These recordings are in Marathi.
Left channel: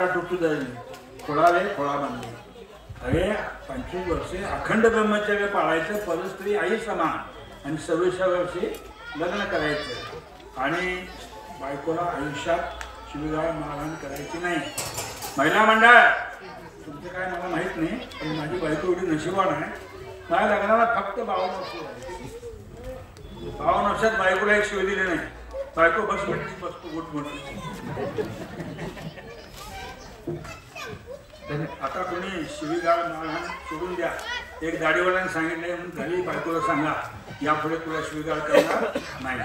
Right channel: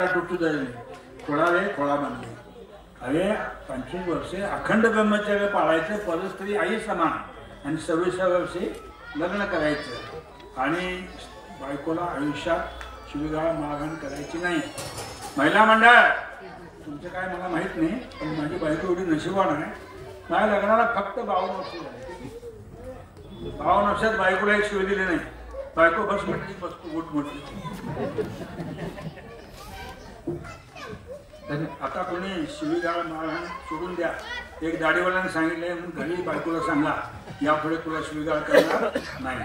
खोळाले खोळा बांधले. अरे 25 वर्षे अखंड ब्रह्मचर्य पाळायचं, परस्त्री आई समान, आणि 26व्या वर्षी लग्न करायचं आणि बायकोला आयुष्यात शिवीगाळ मारहाण करायची नाही. महिला मंडळ तुमचं काय मला माहित नाही, पण माझी बायको एवढी नशिबान आहे. माझ्या लग्नाला फक्त 52 वर्ष झाली. 52 वर्षात बायकोला एक शिव दिली नाही. बायको बस मोठी बसतो गुट मोठी. आता कोणी शिवीगाळ मारहाण सोडून द्या. एक दाढीवाल्याने सांगितले, घरी बायकोला सांगा यापुढे तुला शिवीगाळ करणार नाही,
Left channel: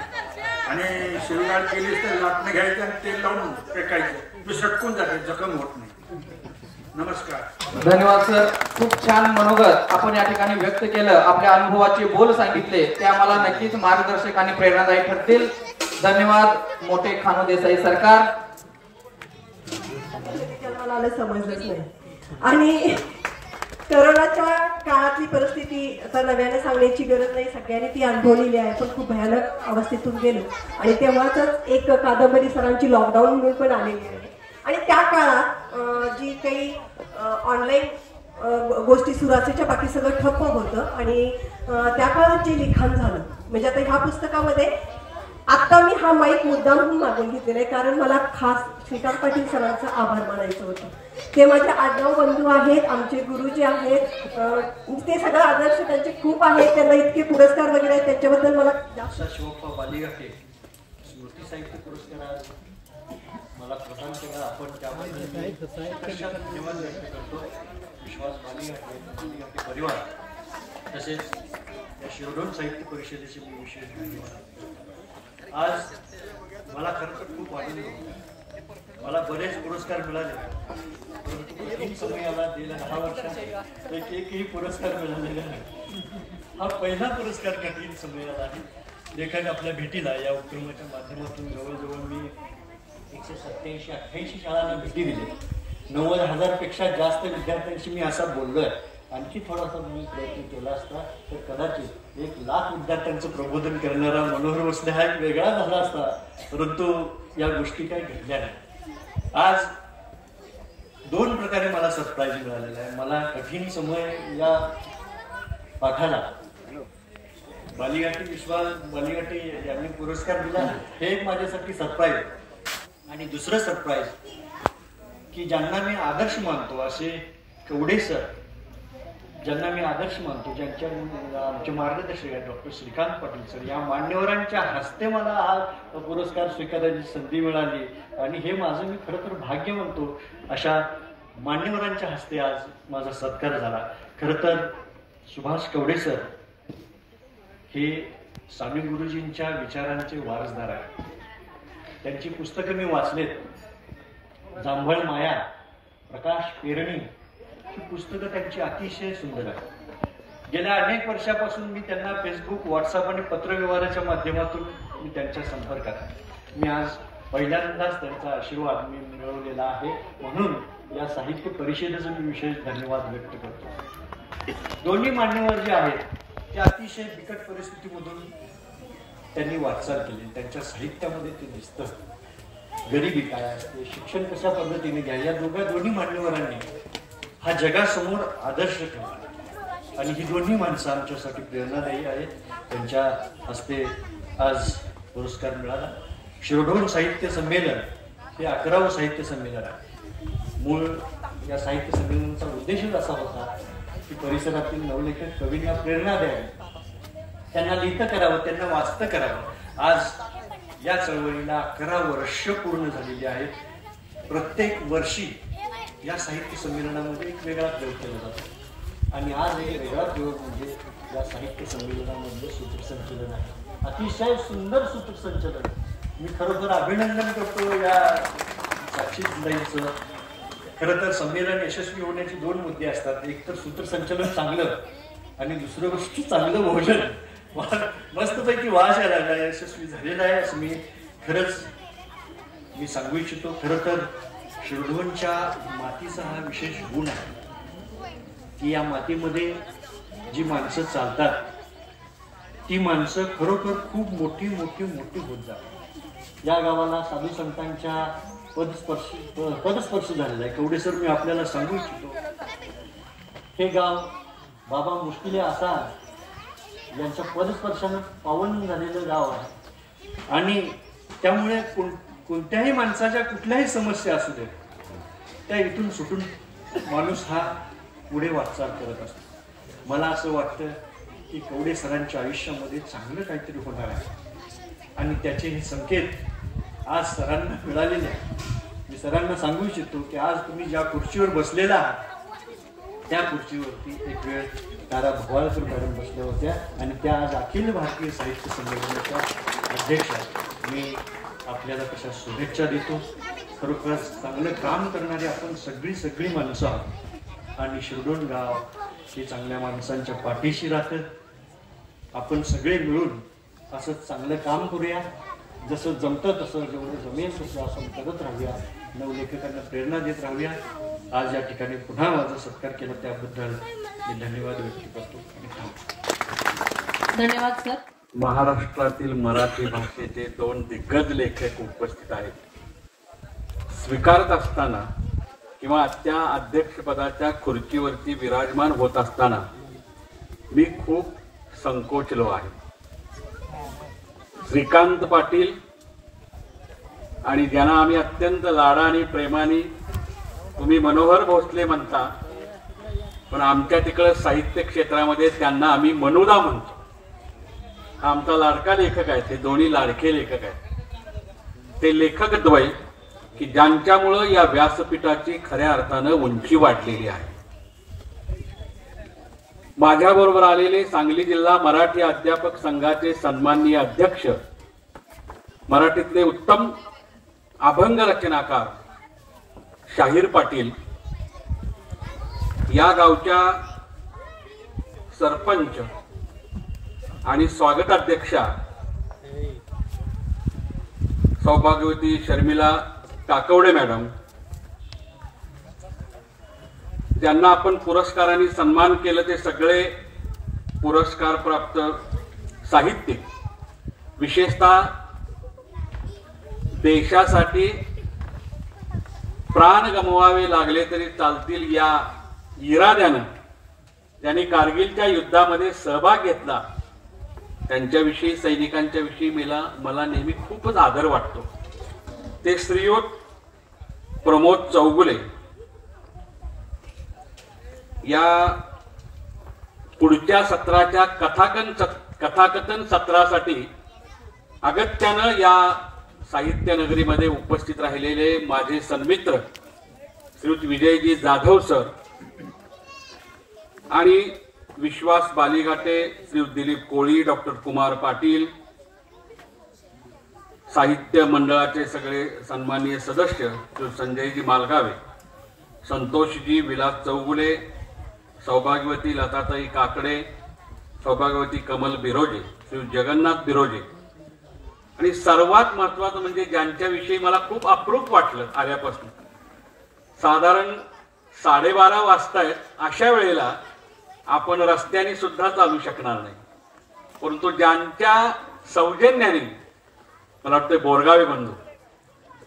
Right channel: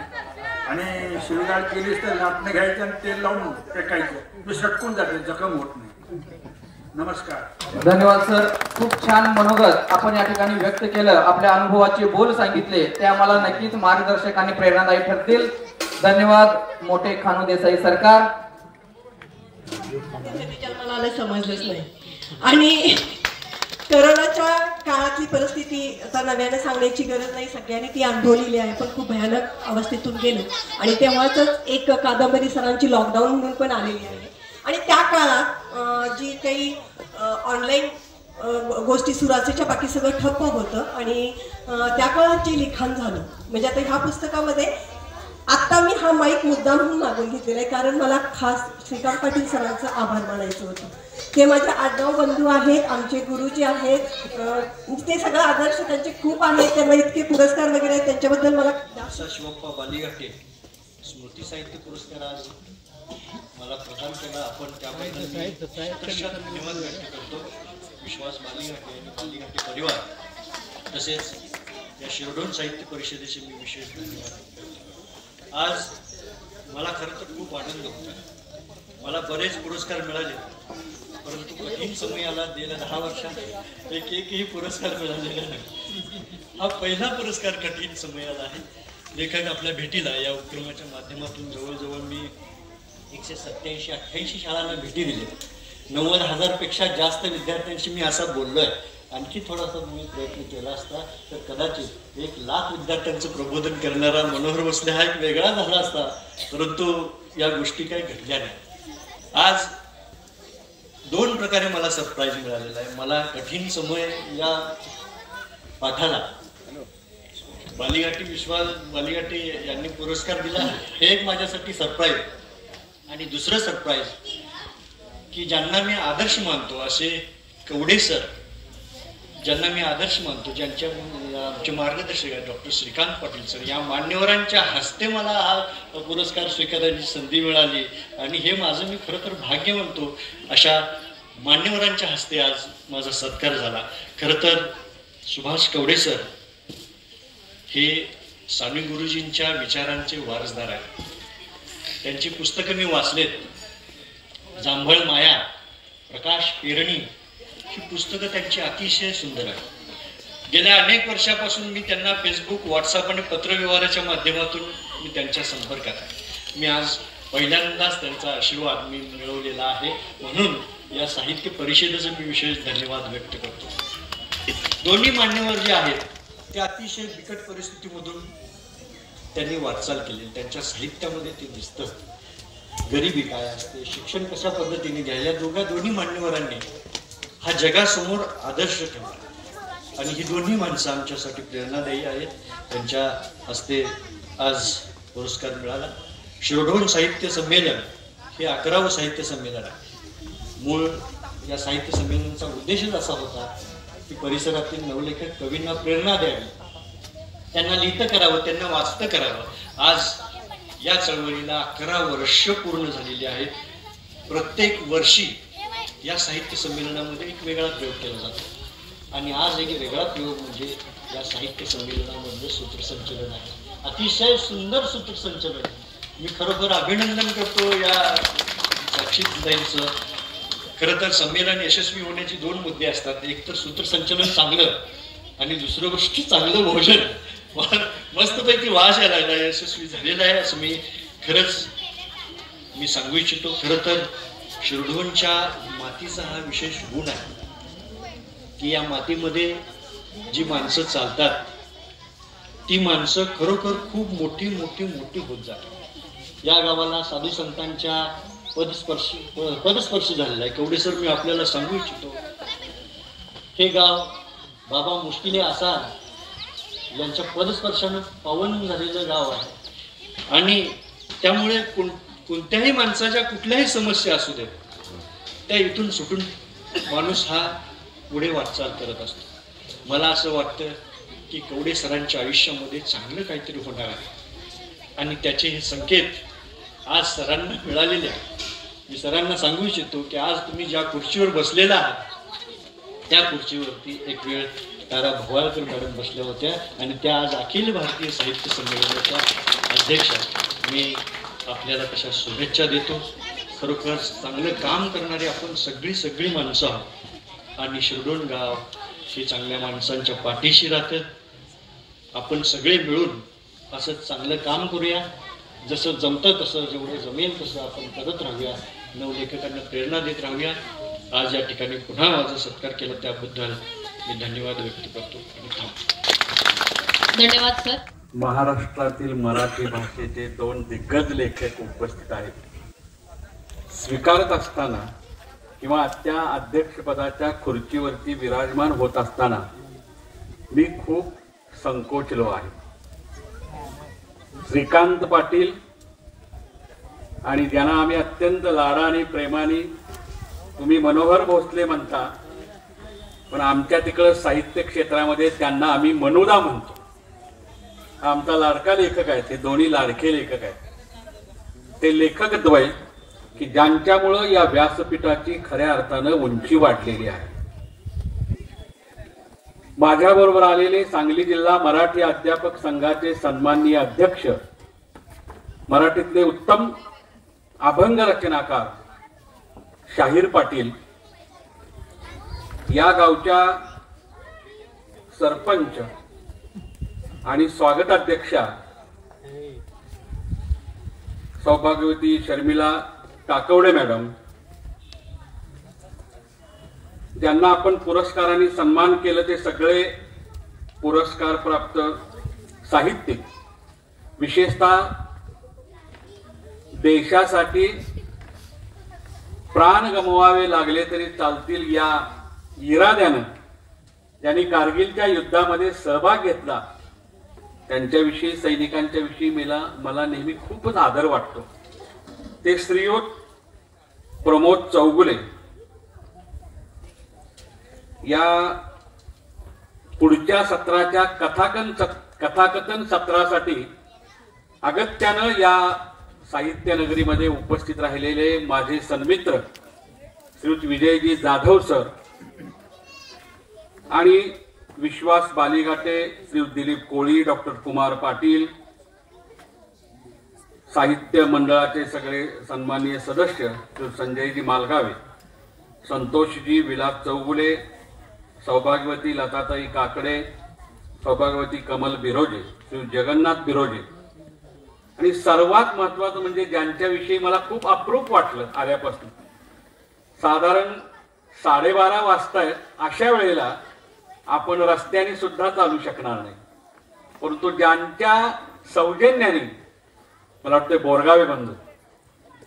आणि शिवीगाळ केलीच तर लाटणे घ्यायचं आणि तेल लावून फेकायचं. मी सटकून जाते, जखम होत नाही. नमस्कार. धन्यवाद सर. खूप छान मनोगत आपण या ठिकाणी व्यक्त केलं. आपल्या अनुभवाचे बोल सांगितले ते आम्हाला नक्कीच मार्गदर्शक आणि प्रेरणादायी ठरतील. धन्यवाद. मोठे खानू देसाई सरकार. मला आलं समजलंच नाही. आणि कोरोनाच्या काळातली परिस्थिती आता नव्याने सांगण्याची गरज नाही, सगळ्यांनी ती अनुभवलेली आहे. पण खूप भयानक अवस्थेतून गेलो आणि तेव्हाच एक कादंबरी सरांची लॉकडाऊन म्हणून पण आलेली आहे. आणि त्या काळात जी काही ऑनलाईन गोष्टी सुरू असायच्या, बाकी सगळं ठप्प होतं. आणि त्या काळात जे लिखाण झालं, म्हणजे आता ह्या पुस्तकामध्ये आत्ता मी हा माईक मुद्दाम म्हणून मागून घेतलेला आहे, कारण मला खास श्रीकांत पाटील सरांचा आभार मानायचं होतं. ते माझे आडनाव बंधू आहेत, आमचे गुरुजी आहेत. ते सगळं आदर्श त्यांचे खूप आहेत. त्यांना इतके पुरस्कार वगैरे आहेत, त्यांच्याबद्दल मला शिवप्पा बालिघाटे स्मृती साहित्य पुरस्कार आज मला प्रदान केला. आपण त्याबद्दल धन्यवाद व्यक्त करतो. विश्वास बालिघाटे परिवार तसेच या शिरढोण साहित्य परिषदेचे मी विशेष धन्यवाद. आज मला खरं तर खूप आनंद होता. मला बरेच पुरस्कार मिळाले, परंतु कठीण समयाला गेल्या 10 वर्षात एकही पुरस्कार मिळालेला नाही. हा पहिला पुरस्कार कठीण समयाला आहे. लेखक आपल्या भेटीला या उपक्रमाच्या माध्यमातून जवळजवळ मी 187-88 शाळांना भेटी दिल्या. 90,000 पेक्षा जास्त विद्यार्थ्यांशी मी असा बोललोय. आणखी थोडासा मी प्रयत्न केला असता तर कदाचित 1,00,000 विद्यार्थ्यांचं प्रबोधन करणारा मनोहर भोसले हा एक वेगळा झाला असता. परंतु या गोष्टी काही घडल्या नाही. आज 2 प्रकारे मला सरप्राईज मिळालेला आहे. मला कठीण समय या पाठाला विश्वास बालिघाटे यांनी पुरस्कार दिला, हे एक माझ्यासाठी सरप्राईज. आणि दुसरं सरप्राईज की ज्यांना मी आदर्श मानतो असे कवडे सर, ज्यांना मी आदर्श मानतो, ज्यांच्या आमचे मार्गदर्शक आहेत डॉक्टर श्रीकांत पाटील सर, या मान्यवरांच्या हस्ते मला हा पुरस्कार स्वीकारायची संधी मिळाली. आणि हे माझं मी खरं तर भाग्य मानतो. अशा मान्यवरांच्या हस्ते आज माझा सत्कार झाला. खरं तर सुभाष कवडे सर हे स्वामी गुरुजींच्या विचारांचे वारसदार आहेत. त्यांची पुस्तकं मी वाचलेत. जांभळ माया, प्रकाश पेरणी ही पुस्तकं त्यांची अतिशय सुंदर आहेत. गेल्या अनेक वर्षापासून मी त्यांना फेसबुक, व्हॉट्सअप आणि पत्रव्यवहाराच्या माध्यमातून मी त्यांच्या संपर्कात आहे. मी आज पहिल्यांदाच त्यांचा आशीर्वाद मी मिळवलेला आहे, म्हणून या साहित्य परिषदेचं मी विशेष धन्यवाद व्यक्त करतो. दोन्ही मान्यवर जे आहेत ते अतिशय बिकट परिस्थितीमधून त्यांनी वाटचाल केली. त्यांच्या साहित्यामध्ये ते दिसतं. गरिबी काय असते, शिक्षण कशा पद्धतीने द्या, या दोन्ही मान्यवरांनी हा जगासमोर आदर्श ठेवला. आणि ही दोन्ही माणसं आमच्यासाठी प्रेरणादायी आहेत. त्यांच्या हस्ते आज पुरस्कार मिळाला. शिरढोण साहित्य संमेलन हे 11वं साहित्य संमेलन आहे. मूळ या साहित्य संमेलनाचा उद्देशच असा होता की परिसरातील नवलेखक कवींना प्रेरणा द्यावी, त्यांना लिहितं करावं, त्यांना वाचतं करावं. आज या चळवळीला 11 वर्ष पूर्ण झालेली आहेत. प्रत्येक वर्षी या साहित्य संमेलनामध्ये एक वेगळा प्रयोग केला जातो. आणि आज एक वेगळा प्रयोग म्हणजे या साहित्य संमेलनामधलं सूत्रसंचलन आहे. अतिशय सुंदर सूत्रसंचलन. मी खरोखर अभिनंदन करतो या साक्षीदाईंचं. खरं तर संमेलन यशस्वी होण्याचे 2 मुद्दे असतात. एक तर सूत्रसंचलन चांगलं आणि दुसरं गोष्ट चांगलं भोजन. मस्तपैकी वास यायला लागला, यशस्वी झालेला आहे असं मी खरंच सांगू इच्छितो. खरं तर शिरढोणच्या मातीचा हा विशेष गुण आहे की या मातीमध्ये जी माणसं चालतात ती माणसं खरोखर खूप मोठी होत जातात. या गावाला साधू संतांच्या पदस्पर्श झालेला आहे. कवडे सर, मी आपल्याला सांगू इच्छितो, हे गाव बाबा मुश्किले आसार यांच्या पदस्पर्शानं पावन झालेलं गाव आहे आणि त्यामुळे कोणत्याही माणसाच्या कुठल्याही समस्या असू देत, त्या इथून सुटून माणूस हा पुढे वाटचाल करत असतो. मला असं वाटतं की कवडे सरांच्या आयुष्यामध्ये चांगलं काहीतरी होणार आहे आणि त्याचे हे संकेत आज सरांना मिळालेले आहेत. मी सरांना सांगू इच्छितो की आज तुम्ही ज्या खुर्चीवर बसलेला आहात त्या खुर्चीवरती एक वेळ तारा भवाळकर मॅडम बसल्या होत्या आणि त्या आज अखिल भारतीय साहित्य संमेलनाच्या अध्यक्ष आहेत. मी आपल्याला तशा शुभेच्छा देतो. खरोखर चांगलं काम करणारे आपण सगळी माणसं आहोत आणि शिरडोण गाव हे चांगल्या माणसांच्या पाठीशी राहतं. आपण सगळे मिळून असं चांगलं काम करूया. जसं जमतं तसं, जेवढं जमेल तसं आपण करत राहूया. नवलेखकांना प्रेरणा देत राहूया. आज या ठिकाणी पुन्हा माझा सत्कार केला त्याबद्दल मी धन्यवाद व्यक्त करतो आणि थांबतो. धन्यवाद सर. महाराष्ट्रातील मराठी भाषेचे 2 दिग्गज लेखक उपस्थित आहेत. स्वीकारत असताना किंवा त्या अध्यक्षपदाच्या खुर्चीवरती विराजमान होत असताना मी खूप संकोचलो आहे. श्रीकांत पाटील आणि ज्यांना आम्ही अत्यंत लाडाने प्रेमाने तुम्ही मनोहर भोसले म्हणता, पण आमच्या तिकडं साहित्य क्षेत्रामध्ये त्यांना आम्ही मनुदा म्हणतो. हा आमचा लाडका लेखक आहे. ते दोन्ही लाडके लेखक आहेत. ते लेखक द्वय की ज्यांच्यामुळं या व्यासपीठाची खऱ्या अर्थानं उंची वाढलेली आहे. माझ्याबरोबर आलेले सांगली जिल्हा मराठी अध्यापक संघाचे सन्माननीय अध्यक्ष, मराठीतले उत्तम अभंग रचनाकार शाहीर पाटील, या गावच्या सरपंच आणि स्वागताध्यक्षा सौभाग्यवती शर्मिला टाकवडे मॅडम, ज्यांना आपण पुरस्कारांनी सन्मान केलं, ते सगळे पुरस्कार प्राप्त साहित्यिक, विशेषतः देशासाठी प्राण गमवावे लागले तरी चालतील या इराद्यानं ज्यांनी कारगिलच्या युद्धामध्ये सहभाग घेतला, त्यांच्याविषयी, सैनिकांच्या विषयी मला नेहमी खूपच आदर वाटतो. ते श्रीयुत प्रमोद चौगुले या पुढच्या सत्राच्या कथाकथन सत्रासाठी अगत्यानं या साहित्य नगरीमध्ये उपस्थित राहिलेले माझे सन्मित्र श्रीयुत विजयजी जाधव सर आणि विश्वास बालिघाटे, श्रीयुत दिलीप कोळी, डॉक्टर कुमार पाटील, साहित्य मंडळाचे सगळे सन्माननीय सदस्य श्रीयुत संजयजी मालगावे, संतोषजी विलास चौगुले, सौभाग्यवती लताताई काकडे, सौभाग्यवती कमल बिरोजे, श्रीयुत जगन्नाथ बिरोजे, आणि सर्वात महत्वाचं म्हणजे ज्यांच्याविषयी मला खूप अप्रूप वाटलं आल्यापासून, साधारण 12:30 वाजतायत, अशा वेळेला आपण रस्त्याने सुद्धा चालू शकणार नाही, परंतु ज्यांच्या सौजन्याने, मला वाटतं बोरगावे बंधू,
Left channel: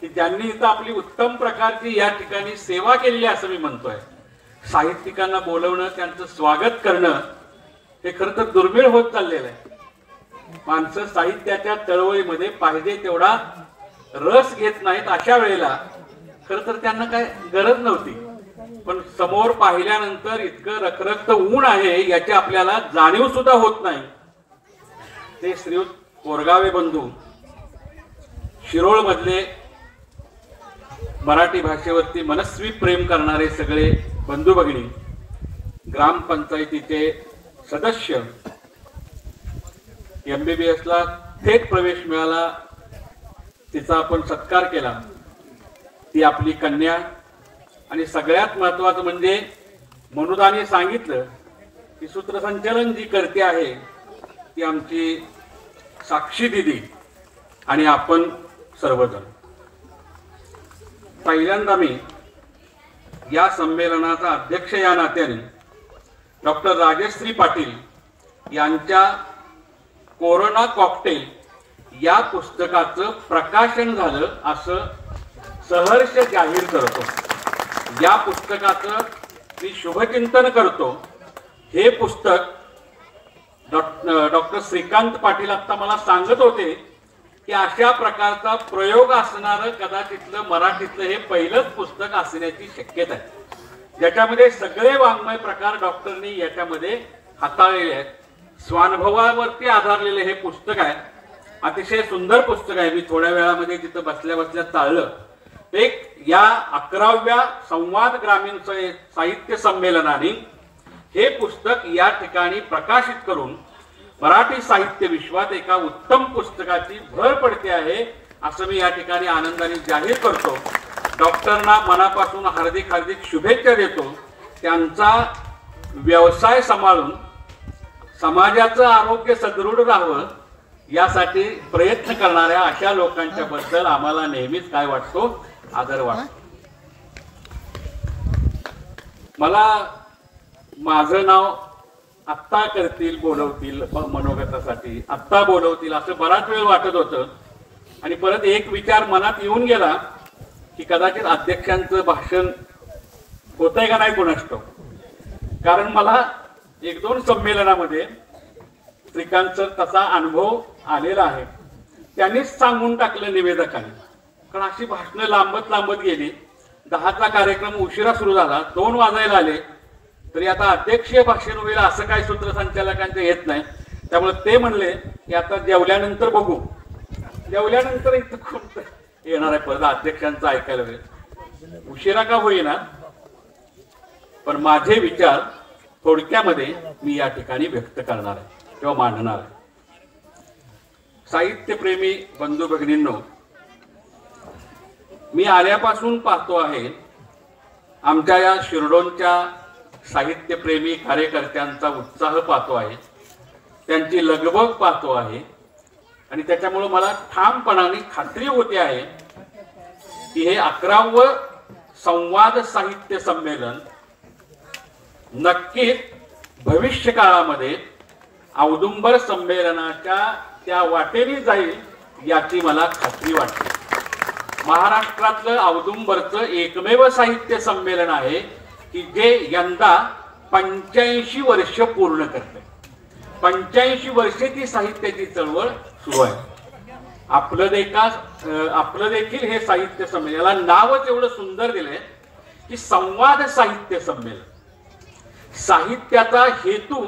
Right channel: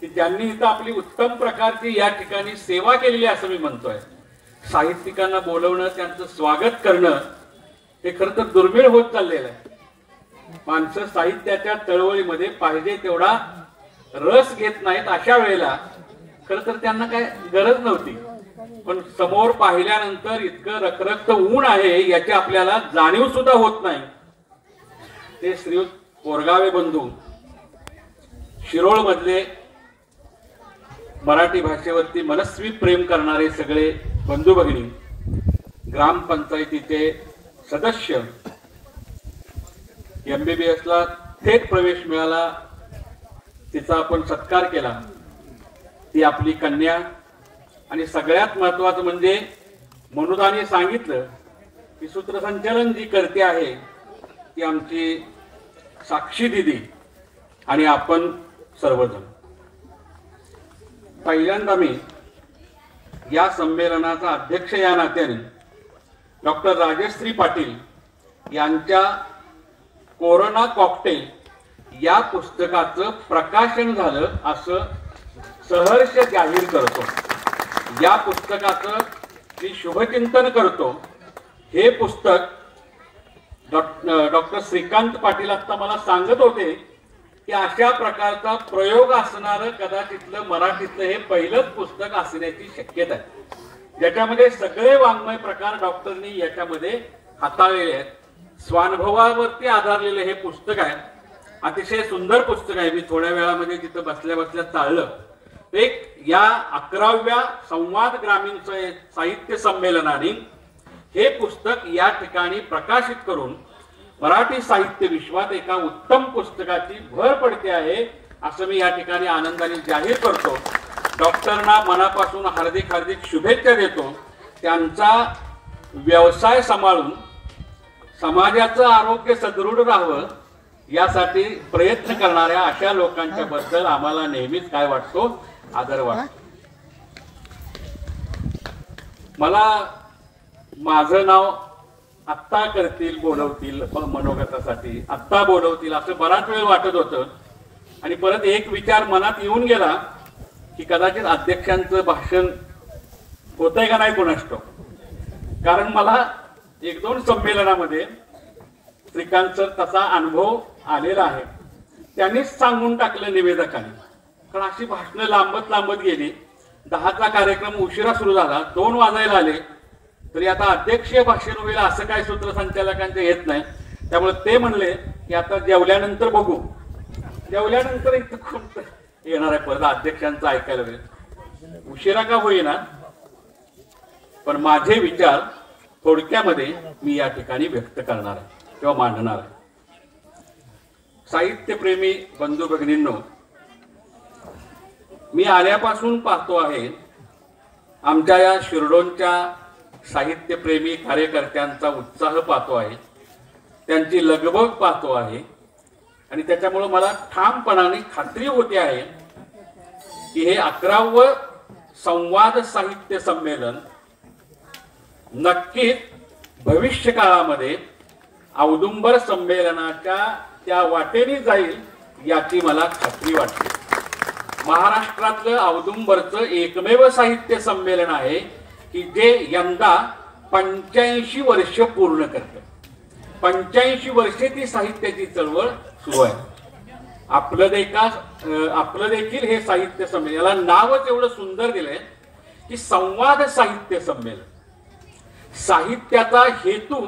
की ज्यांनी इथं आपली उत्तम प्रकारची या ठिकाणी सेवा केलेली असं मी म्हणतोय. साहित्यिकांना बोलवणं, त्यांचं स्वागत करणं हे खरं तर दुर्मिळ होत चाललेलं आहे. माणसं साहित्याच्या चळवळीमध्ये पाहिजे तेवढा रस घेत नाहीत. अशा वेळेला खरं तर त्यांना काय गरज नव्हती, पण समोर पाहिल्यानंतर इतकं रखरखत ऊन आहे याची आपल्याला जाणीव सुद्धा होत नाही. ते श्रीयुत बोरगावे बंधू, शिरोळ मधले मराठी भाषेवरती मनस्वी प्रेम करणारे सगळे बंधू भगिनी, ग्रामपंचायतीचे सदस्य, MBBS ला थेट प्रवेश मिळाला, तिचा आपण सत्कार केला, ती आपली कन्या, आणि सगळ्यात महत्वाचं म्हणजे मनुदाने सांगितलं की सूत्रसंचालन जी करते आहे ती आमची साक्षी दिदी आणि आपण सर्वजण. पहिल्यांदा मी या संमेलनाचा अध्यक्ष या नात्याने डॉक्टर राजश्री पाटील यांच्या कोरोना कॉकटेल या पुस्तकाचं प्रकाशन झालं असं सहर्ष जाहीर करतो. या पुस्तकाचं मी शुभचिंतन करतो. हे पुस्तक डॉक्टर श्रीकांत पाटील आता मला सांगत होते की अशा प्रकारचा प्रयोग असणारं कदाचितलं मराठीतलं हे पहिलंच पुस्तक असण्याची शक्यता आहे, ज्याच्यामध्ये सगळे वाङ्मय प्रकार डॉक्टरनी याच्यामध्ये हाताळलेले आहेत. स्वानुभवावरती आधारलेलं हे पुस्तक आहे. अतिशय सुंदर पुस्तक आहे. मी थोड्या वेळामध्ये तिथं बसल्या बसल्या चाललं. एक या 11व्या संवाद ग्रामीण साहित्य संमेलनाने हे पुस्तक या ठिकाणी प्रकाशित करून मराठी साहित्य विश्वात एका उत्तम पुस्तकाची भर पडते आहे असं मी या ठिकाणी आनंदाने जाहीर करतो. डॉक्टरना मनापासून हार्दिक हार्दिक शुभेच्छा देतो. त्यांचा व्यवसाय सांभाळून समाजाचं आरोग्य सदृढ राहावं यासाठी प्रयत्न करणाऱ्या अशा लोकांच्या बद्दल आम्हाला नेहमीच काय वाटतो, आदर वाटतो. मला माझं नाव आत्ता करतील, बोलवतील मनोगतासाठी, आत्ता बोलवतील असं बराच वेळ वाटत होतं. आणि परत एक विचार मनात येऊन गेला की कदाचित अध्यक्षांचं भाषण होतंय का नाही कोणास ठाऊक. कारण मला 1-2 संमेलनामध्ये श्रीकांत सर तसा अनुभव आलेला आहे. त्यांनीच सांगून टाकलं निवेदकांनी. कारण अशी भाषणं लांबत गेली. 10चा कार्यक्रम उशिरा सुरू झाला, 2 वाजायला आले तरी आता अध्यक्षीय भाषण होईल असं काय सूत्रसंचालकांच्या येत नाही. त्यामुळे ते म्हणले की आता जेवल्यानंतर बघू. जेवल्यानंतर इथं खूप येणार आहे परत अध्यक्षांचं ऐकायला वेळ. उशिरा का होईना पण माझे विचार थोडक्यामध्ये मी या ठिकाणी व्यक्त करणार आहे किंवा मांडणार आहे. साहित्यप्रेमी बंधू भगिनींनो, मी आल्यापासून पाहतो आहे आमच्या या शिरडोनच्या साहित्यप्रेमी कार्यकर्त्यांचा उत्साह पाहतो आहे, त्यांची लगबग पाहतो आहे. आणि त्याच्यामुळे मला ठामपणाने खात्री होते आहे की हे 11वं संवाद साहित्य संमेलन नक्कीच भविष्य काळामध्ये औदुंबर संमेलनाच्या त्या वाटेने जाईल याची मला खात्री वाटते. महाराष्ट्रातलं औदुंबरचं एकमेव साहित्य संमेलन आहे की जे यंदा 85 वर्ष पूर्ण करते. 85 वर्षे ती साहित्याची चळवळ सुरू आहे. आपलं देखील हे साहित्य संमेलन, याला नावच एवढं सुंदर दिलंय की संवाद साहित्य संमेलन. साहित्याचा हेतू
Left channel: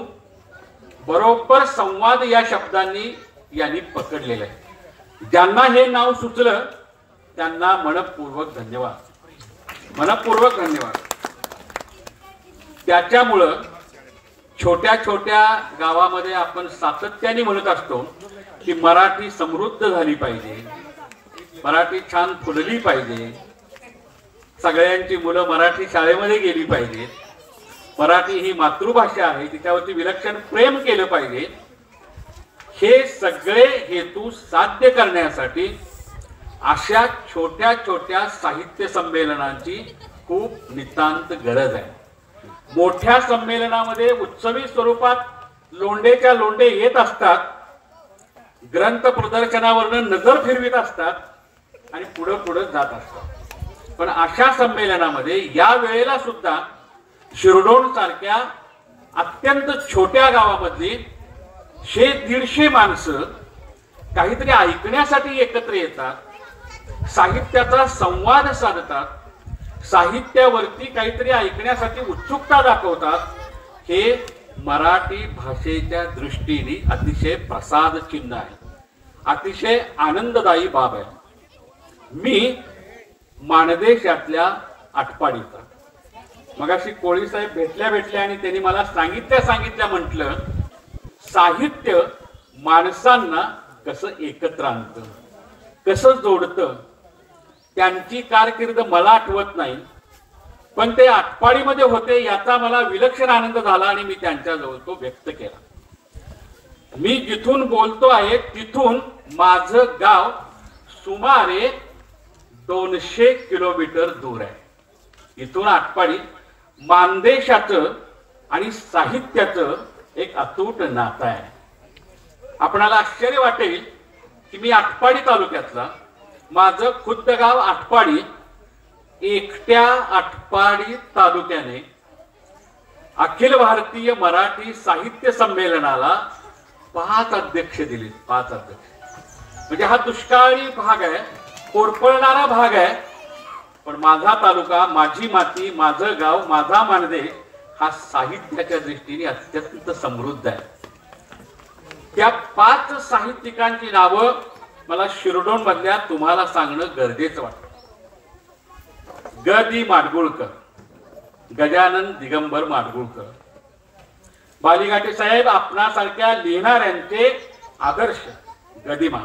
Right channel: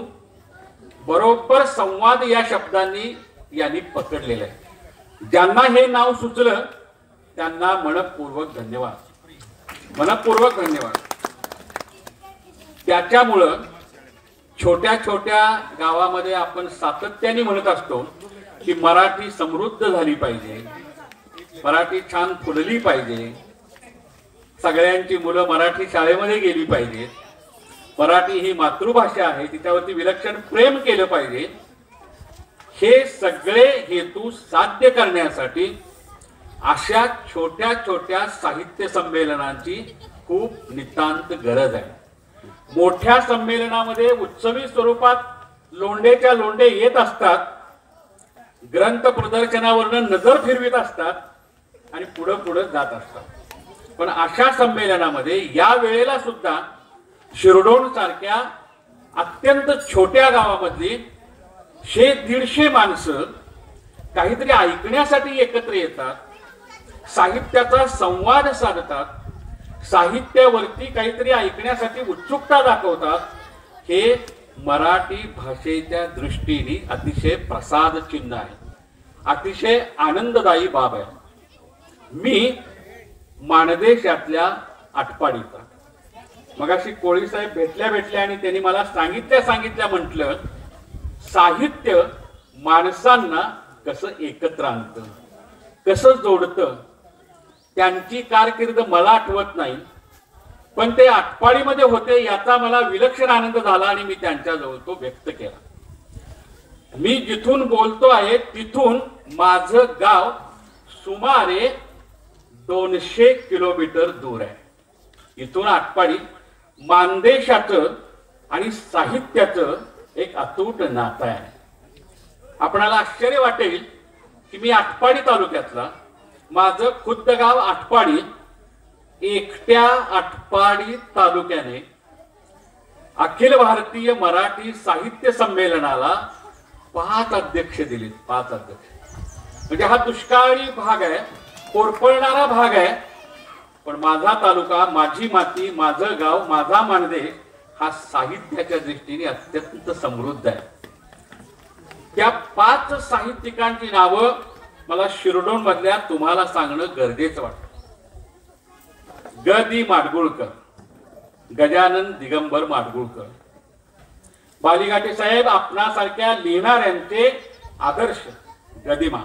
बरोबर संवाद या शब्दांनी यांनी पकडलेलं आहे. ज्यांना हे नाव सुचलं त्यांना मनपूर्वक धन्यवाद, मनपूर्वक धन्यवाद. त्याच्यामुळं छोट्या छोट्या गावामध्ये आपण सातत्याने म्हणत असतो की मराठी समृद्ध झाली पाहिजे, मराठी छान फुलली पाहिजे, सगळ्यांची मुलं मराठी शाळेमध्ये गेली पाहिजेत, मराठी ही मातृभाषा आहे तिच्यावरती विलक्षण प्रेम केलं पाहिजे. हे सगळे हेतू साध्य करण्यासाठी अशा छोट्या छोट्या साहित्य संमेलनांची खूप नितांत गरज आहे. मोठ्या संमेलनामध्ये उत्सवी स्वरूपात लोंढेच्या लोंढे येत असतात, ग्रंथ प्रदर्शनावरनं नजर फिरवित असतात आणि पुढं पुढं जात असतात. पण अशा संमेलनामध्ये या वेळेला सुद्धा शिरडोन सारख्या अत्यंत छोट्या गावामधली 100-150 माणसं काहीतरी ऐकण्यासाठी एकत्र येतात, साहित्याचा संवाद साधतात, साहित्यावरती काहीतरी ऐकण्यासाठी उत्सुकता दाखवतात. हे मराठी भाषेच्या दृष्टीने अतिशय प्रसाद चिन्ह आहे, अतिशय आनंददायी बाब आहे. मी माणदेशातल्या आटपाडीचा, मगाशी कोळी साहेब भेटल्या आणि त्यांनी मला सांगितल्या म्हटलं साहित्य माणसांना कसं एकत्र आणतं, कसं जोडतं. त्यांची कारकीर्द मला आठवत नाही पण ते आटपाडीमध्ये होते याचा मला विलक्षण आनंद झाला आणि मी त्यांच्याजवळ तो व्यक्त केला. मी जिथून बोलतो आहे तिथून माझं गाव सुमारे 200 किलोमीटर दूर आहे. इथून आटपाडी मानदेशाचं आणि साहित्याचं एक अतूट नातं आहे. आपणाला आश्चर्य वाटेल की मी आटपाडी तालुक्यातला, माझं खुद्द गाव आटपाडी एकट्या आटपाडी तालुक्याने अखिल भारतीय मराठी साहित्य संमेलनाला 5 अध्यक्ष दिले. 5 अध्यक्ष म्हणजे हा दुष्काळी भाग आहे, कोरपळणारा भाग आहे. पण माझा तालुका, माझी माती, माझं गाव, माझा मानदे हा साहित्याच्या दृष्टीने अत्यंत समृद्ध आहे. त्या 5 साहित्यिकांची नावं मला शिरडोन मधल्या तुम्हाला सांगणं गरजेचं वाटतं. ग दी माडगुळकर, गजानन दिगंबर माडगुळकर. बालीघाटे साहेब आपणासारख्या लिहिणाऱ्यांचे आदर्श गदिमा.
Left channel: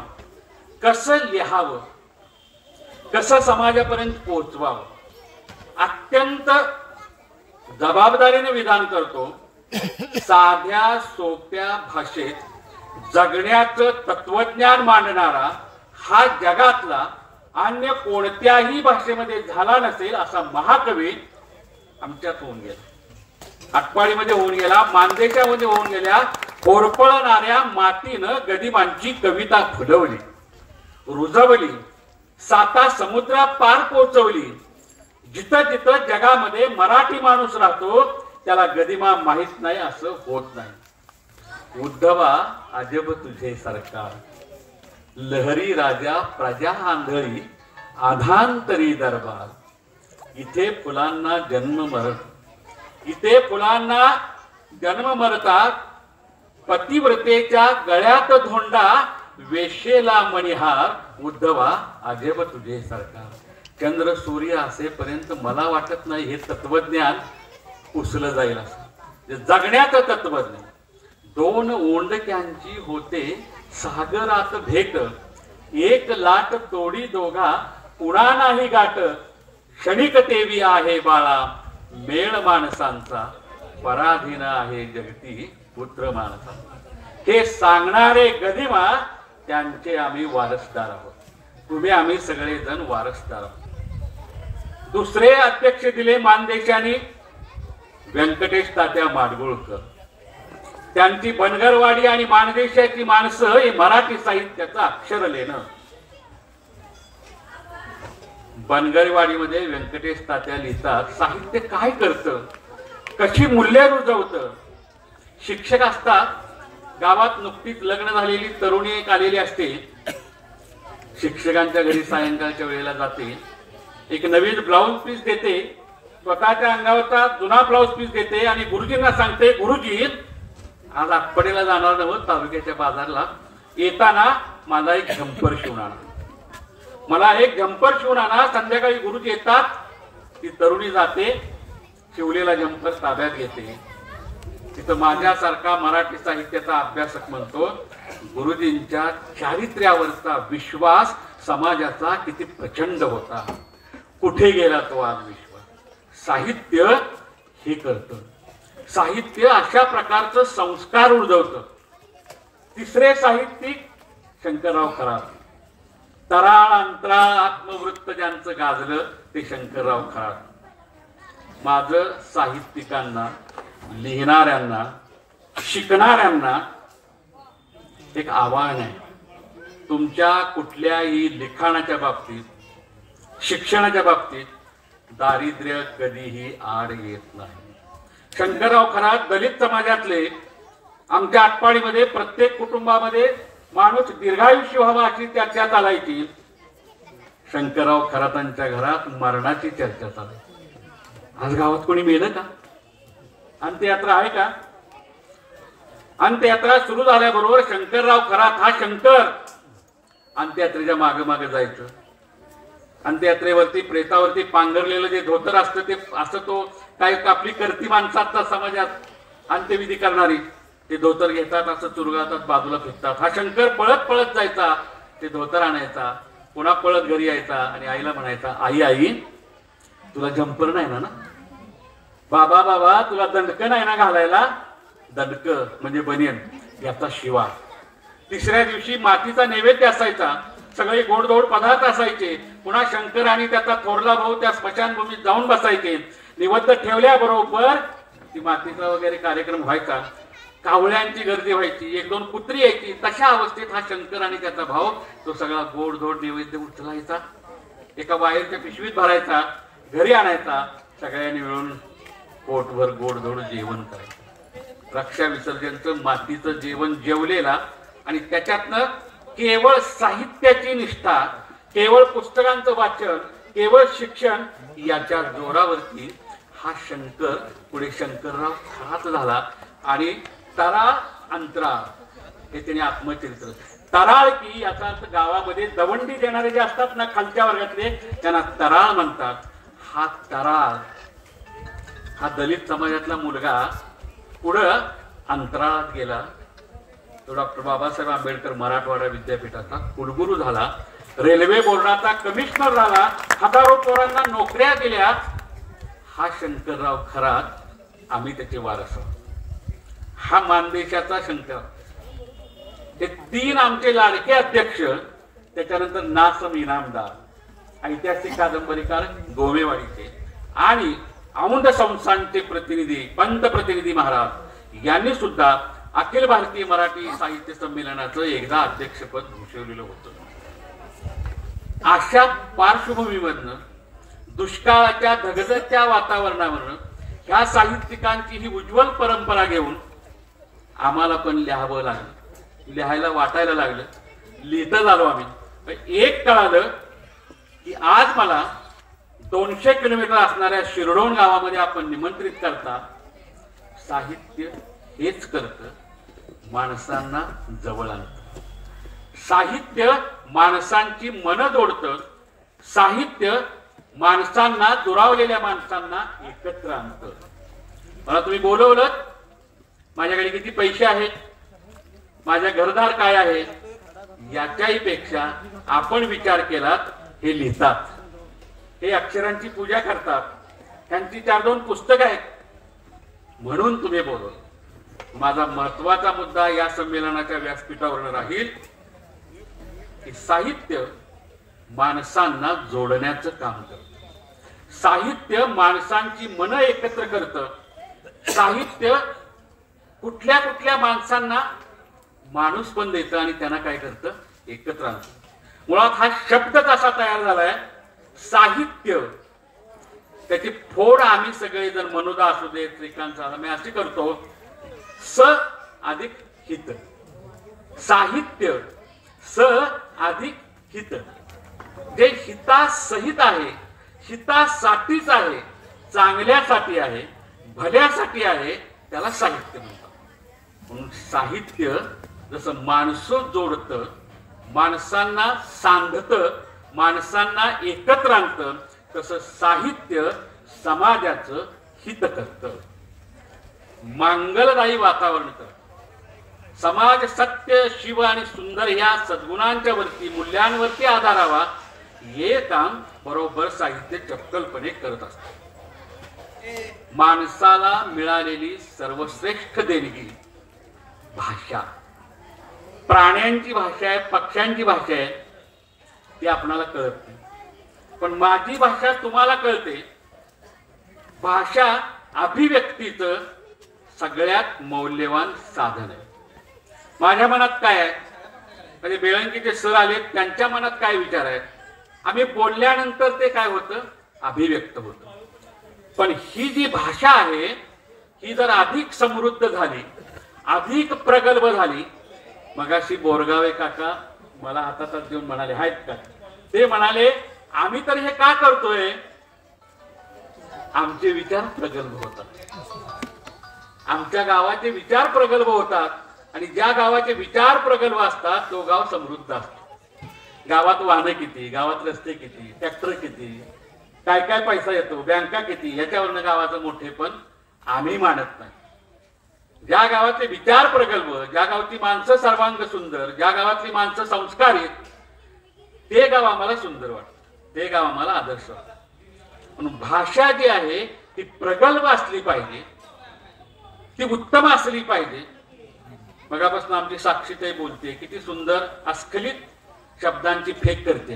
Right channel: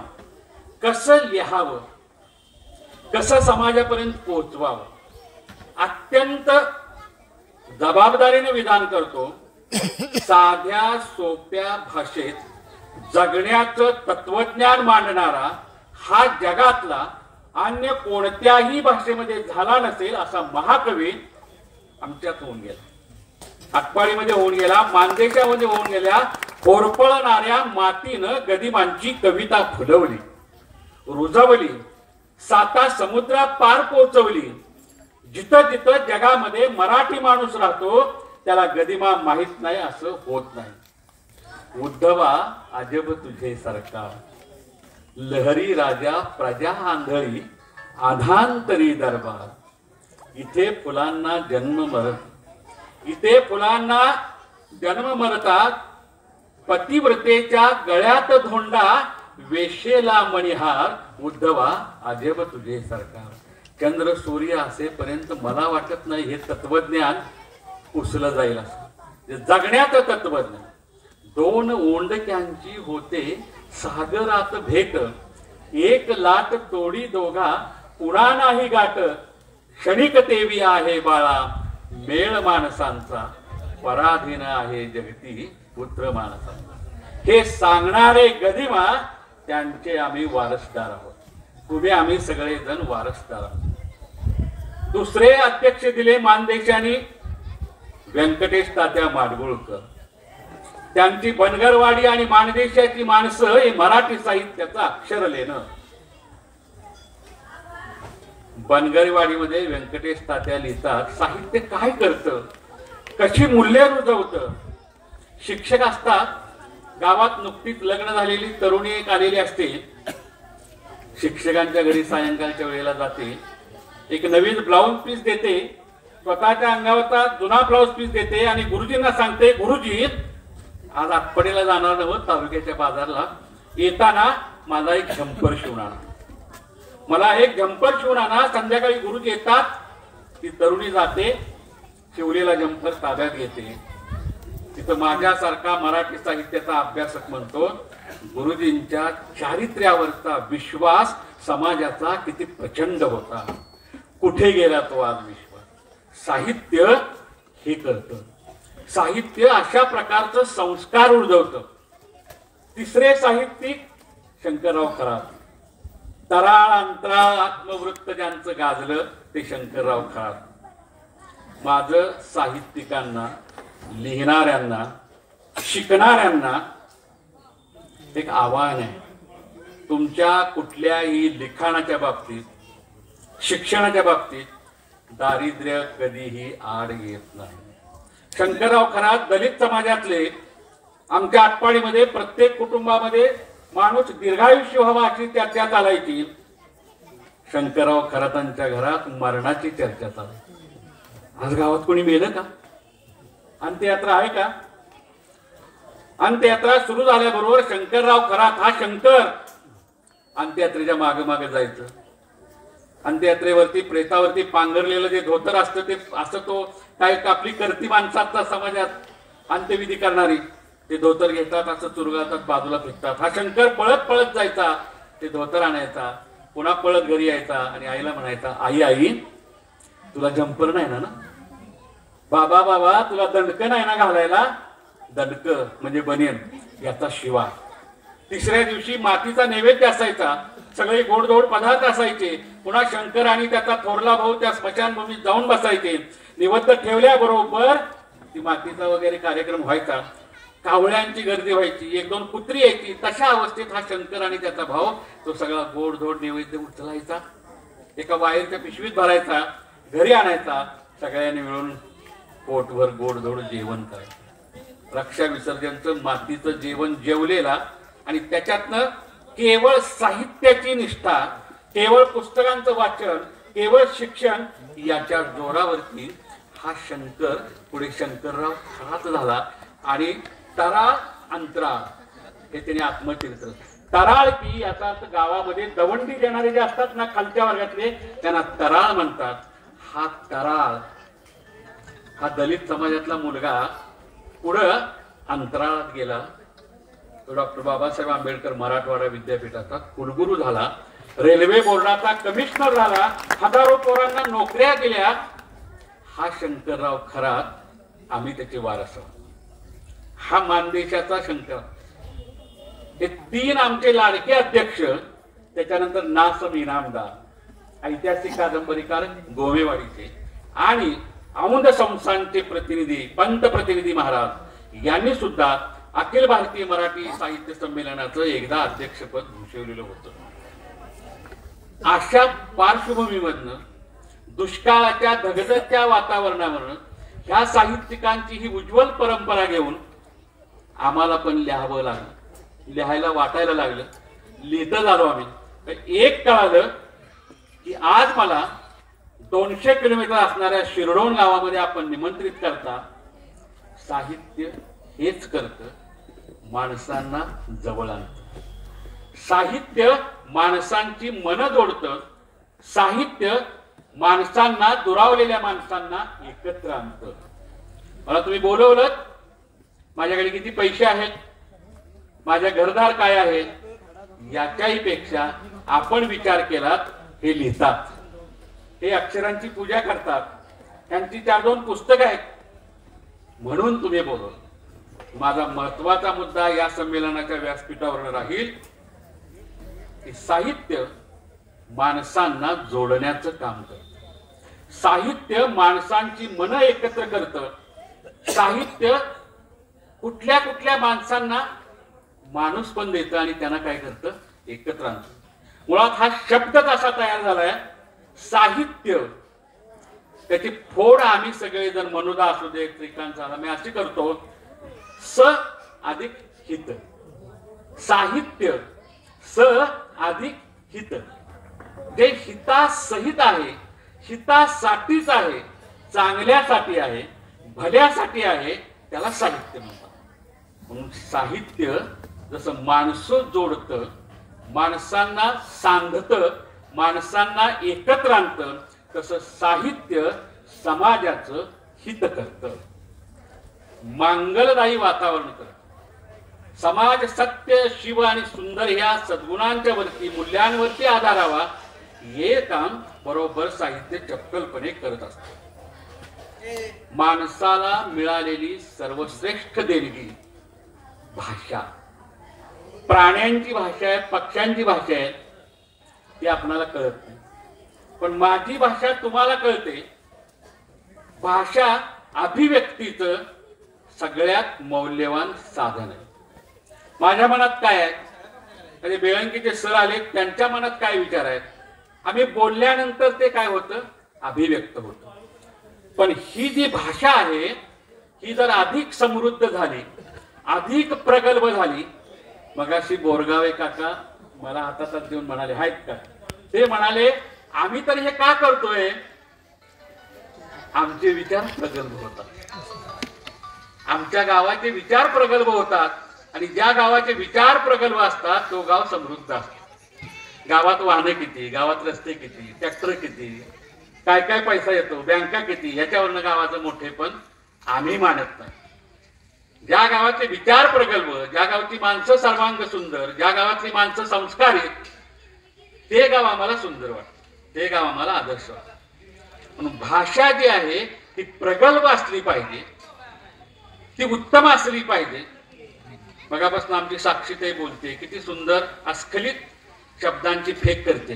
कसं लिहावं, कसं समाजापर्यंत पोहोचवावं, अत्यंत जबाबदारीने विधान करतो. साध्या सोप्या भाषेत जगण्याचं तत्वज्ञान मांडणारा हा जगातला अन्य कोणत्याही भाषेमध्ये झाला नसेल असा महाकवी आमच्यात होऊन गेला. आटपाडीमध्ये होऊन गेला, मानदेशामध्ये होऊन गेल्या. होरपळणाऱ्या मातीनं गदिमांची कविता फुलवली, रुजवली, 7 समुद्रा पार पोहोचवली. जिथं जिथं जगामध्ये मराठी माणूस राहतो त्याला गदिमा माहित नाही असं होत नाही. उद्धवा अजब तुझे सरकार, लहरी राजा प्रजा आंधळी, आधांतरी दरबार. इथे फुलांना जन्म मरत, इथे फुलांना जन्म मरतात. पतिव्रतेच्या गळ्यात धोंडा, वेशेला मणिहार. उद्धवा अजब तुझे सरकार. चंद्र सूर्य असेपर्यंत मला वाटत नाही हे तत्वज्ञान पुसलं जाईल असं. जगण्याचं तत्वज्ञान. 2 ओंडक्यांची होते सागरात भेट, एक लाट तोडी दोघा पुणा नाही गाठ. क्षणिक तेवी आहे बाळा, मेळ माणसांचा, पराधीन आहे जगती पुत्र माणसांचा. हे सांगणारे गदिमा त्यांचे आम्ही वारसदार आहोत. तुम्ही आम्ही सगळेजण वारसदार आहोत. दुसरे अध्यक्ष दिले मानदेशाने व्यंकटेश तात्या माडगुळकर. त्यांची बनगरवाडी आणि मानदेशाची माणसं हे मराठी साहित्याचं अक्षर लेणं. बनगरवाडीमध्ये व्यंकटेश तात्या लिहितात, साहित्य काय करतं, कशी मूल्य रुजवतं. शिक्षक असतात, गावात नुकतीच लग्न झालेली तरुणी एक आलेली असते. शिक्षकांच्या घरी सायंकाळच्या वेळेला जाते, एक नवीन ब्लाउज पीस देते, स्वतःच्या अंगावरचा जुना ब्लाउज पीस देते आणि गुरुजींना सांगते, गुरुजी आज आटपाडीला जाणार नव्हत तालुक्याच्या बाजारला, येताना माझा एक झंपर शिवून आणा, मला एक झंपर शिवून आणा. संध्याकाळी गुरुजी येतात, ती तरुणी जाते, शिवलेला झंपर ताब्यात घेते. तिथं माझ्यासारखा मराठी साहित्याचा अभ्यासक म्हणतो, गुरुजींच्या चारित्र्यावरचा विश्वास समाजाचा किती प्रचंड होता. कुठे गेला तो आज विश्वास. साहित्य हे करतं. साहित्य अशा प्रकारचं संस्कार उर्जवतं. तिसरे साहित्यिक शंकरराव खरात. तराळ अंतराळ आत्मवृत्त ज्यांचं गाजलं ते शंकरराव खरात. माझं साहित्यिकांना, लिहिणाऱ्यांना, शिकणाऱ्यांना एक आव्हान आहे. तुमच्या कुठल्याही लिखाणाच्या बाबतीत, शिक्षणाच्या बाबतीत दारिद्र्य कधीही आड येत नाही. शंकरराव खरात दलित समाजातले. आमच्या आटपाडीमध्ये प्रत्येक कुटुंबामध्ये माणूस दीर्घायुष्य व्हावा अशी चर्चा चालायची. शंकरराव खरातांच्या घरात मरणाची चर्चा चालायची. आज गावात कोणी मेलं का? अंत्ययात्रा आहे का? अंत्ययात्रा सुरू झाल्याबरोबर शंकरराव खरात हा शंकर अंत्ययात्रेच्या मागे मागे जायचं. अंत्ययात्रेवरती प्रेतावरती पांघरलेलं जे धोतर असतं ते असं, तो काय आपली करती माणसाचा समाजात अंत्यविधी करणारी ते धोतर घेतात, असं चुरगाळतात, बाजूला फेकतात. हा शंकर पळत पळत जायचा, ते धोतर आणायचा, पुन्हा पळत घरी यायचा आणि आईला म्हणायचा, आई आई तुला जंपर नाही ना? बाबा बाबा तुला दंडक नाही ना घालायला? दंडक म्हणजे बनियन, याचा शिवा. तिसऱ्या दिवशी मातीचा नैवेद्य असायचा, सगळे गोडधोड पदार्थ असायचे. पुन्हा शंकर आणि त्याचा थोरला भाऊ त्या स्मशानभूमीत जाऊन बसायचे. निवद्द ठेवल्याबरोबर ती मातीचा वगैरे कार्यक्रम व्हायचा. कावळ्यांची गर्दी व्हायची, 1-2 कुत्री यायची. तशा अवस्थेत हा शंकर आणि त्याचा भाऊ तो सगळा गोडधोड नैवेद्य उचलायचा, एका वायरच्या पिशवीत भरायचा, घरी आणायचा, सगळ्यांनी मिळून पोटभर गोडधोड जेवण करायचं. रक्षा विसर्जनचं मातीचं जेवण जेवलेला आणि त्याच्यातनं केवळ साहित्याची निष्ठा, केवळ पुस्तकांचं वाचन, केवळ शिक्षण याच्या जोरावरती हा शंकर पुढे शंकरराव खराच झाला. आणि तराळ अंतराळ हे त्याने आत्मचरित्र. तराळ की याचा अर्थ गावामध्ये दवंडी देणारे जे असतात ना खालच्या वर्गातले, त्यांना तराळ म्हणतात. हा तराळ हा दलित समाजातला मुलगा पुढं अंतराळात गेला. तो डॉक्टर बाबासाहेब आंबेडकर मराठवाडा विद्यापीठाचा कुलगुरू झाला, रेल्वे बोर्डाचा कमिशनर झाला, हजारो पोरांना नोकऱ्या केल्या. हा शंकरराव खरात, आम्ही त्याचे वारस आहोत. हा मानदेशाचा शंकर. हे 3 आमचे लाडके अध्यक्ष, त्याच्यानंतर नासम इनामदार, ऐतिहासिक कादंबरीकार गोमेवाडीचे आणि औंध संस्थानचे प्रतिनिधी पंतप्रतिनिधी महाराज यांनी सुद्धा अखिल भारतीय मराठी साहित्य संमेलनाचं एकदा अध्यक्षपद भूषवलेलं होतं. अशा पार्श्वभूमीमधनं दुष्काळाच्या धगधगत्या वातावरणावरनं ह्या साहित्यिकांची ही उज्ज्वल परंपरा घेऊन आम्हाला पण लिहावं लागलं, लिहायला वाटायला लागलं, लिहितं झालो आम्ही. पण एक कळालं की आज मला 200 किलोमीटर असणाऱ्या शिरडोण गावामध्ये आपण निमंत्रित करता. साहित्य हेच करतं, माणसांना जवळ आणतं. साहित्य माणसांची मनं जोडतं. साहित्य माणसांना, दुरावलेल्या माणसांना एकत्र आणतं. मला तुम्ही बोलवलं, माझ्याकडे किती पैसे आहेत, माझ्या घरदार काय आहेत, याच्याही पेक्षा आपण विचार केलात हे लिहितात, हे अक्षरांची पूजा करतात, त्यांची 4-2 पुस्तकं आहेत म्हणून तुम्ही बोलवलं. माझा महत्वाचा मुद्दा या संमेलनाच्या व्यासपीठावर राहील की साहित्य माणसांना जोडण्याचं काम करतं. साहित्य माणसांची मनं एकत्र करतं. साहित्य कुठल्या कुठल्या माणसांना माणूस पण देतं आणि त्यांना काय करतं, एकत्र आणतं. मुळात हा शब्दच असा तयार झालाय साहित्य. त्याची फोड आम्ही सगळेजण, मनोदा असू दे, श्रीकांत साधा, मी अशी करतो, स अधिक हित. साहित्य स अधिक हित, जे हितासहित आहे, हितासाठीच आहे, चांगल्यासाठी आहे, भल्यासाठी आहे, त्याला साहित्य म्हणतात. म्हणून साहित्य जसं माणसं जोडतं, माणसांना सांधतं, माणसांना एकत्र आणतं, तसं साहित्य समाजाचं हित करतं, मांगलदायी वातावरण करतं. समाज सत्य, शिव आणि सुंदर ह्या सद्गुणांच्या वरती, मूल्यांवरती आधारावा, हे काम बरोबर साहित्य चपकलपणे करत असतं. माणसाला मिळालेली सर्वश्रेष्ठ देणगी भाषा. प्राण्यांची भाषा आहे, पक्ष्यांची भाषा आहे, ती आपणाला कळत नाही, पण माझी भाषा तुम्हाला कळते. भाषा अभिव्यक्तीचं सगळ्यात मौल्यवान साधन आहे. माझ्या मनात काय आहे, म्हणजे बेळंकीचे सर आले, त्यांच्या मनात काय विचार आहेत, आम्ही बोलल्यानंतर ते काय होतं, अभिव्यक्त होतं. पण ही जी भाषा आहे ही जर अधिक समृद्ध झाली, अधिक प्रगल्भ झाली. मगाशी बोरगावे काका मला हातात देऊन म्हणाले, आहेत का, ते म्हणाले आम्ही तर हे का करतोय, आमचे विचार प्रगल्भ होतात, आमच्या गावाचे विचार प्रगल्भ होतात. आणि ज्या गावाचे विचार प्रगल्भ असतात तो गाव समृद्ध असतो. गावात वाहनं किती, गावात रस्ते किती, ट्रॅक्टर किती, काय काय पैसा येतो, बँका किती, याच्यावरनं गावाचं मोठेपण आम्ही मानत नाही. ज्या गावाचे विचार प्रगल्भ, ज्या गावची माणसं सर्वांग सुंदर, ज्या गावातली माणसं संस्कारित, ते गाव आम्हाला सुंदर वाटतं, ते गाव आम्हाला आदर्श वाटतं. म्हणून भाषा जी आहे ती प्रगल्भ असली पाहिजे, ती उत्तम असली पाहिजे. मगापासून आमची साक्षीताई बोलते, किती सुंदर अस्खलित शब्दांची फेक करते.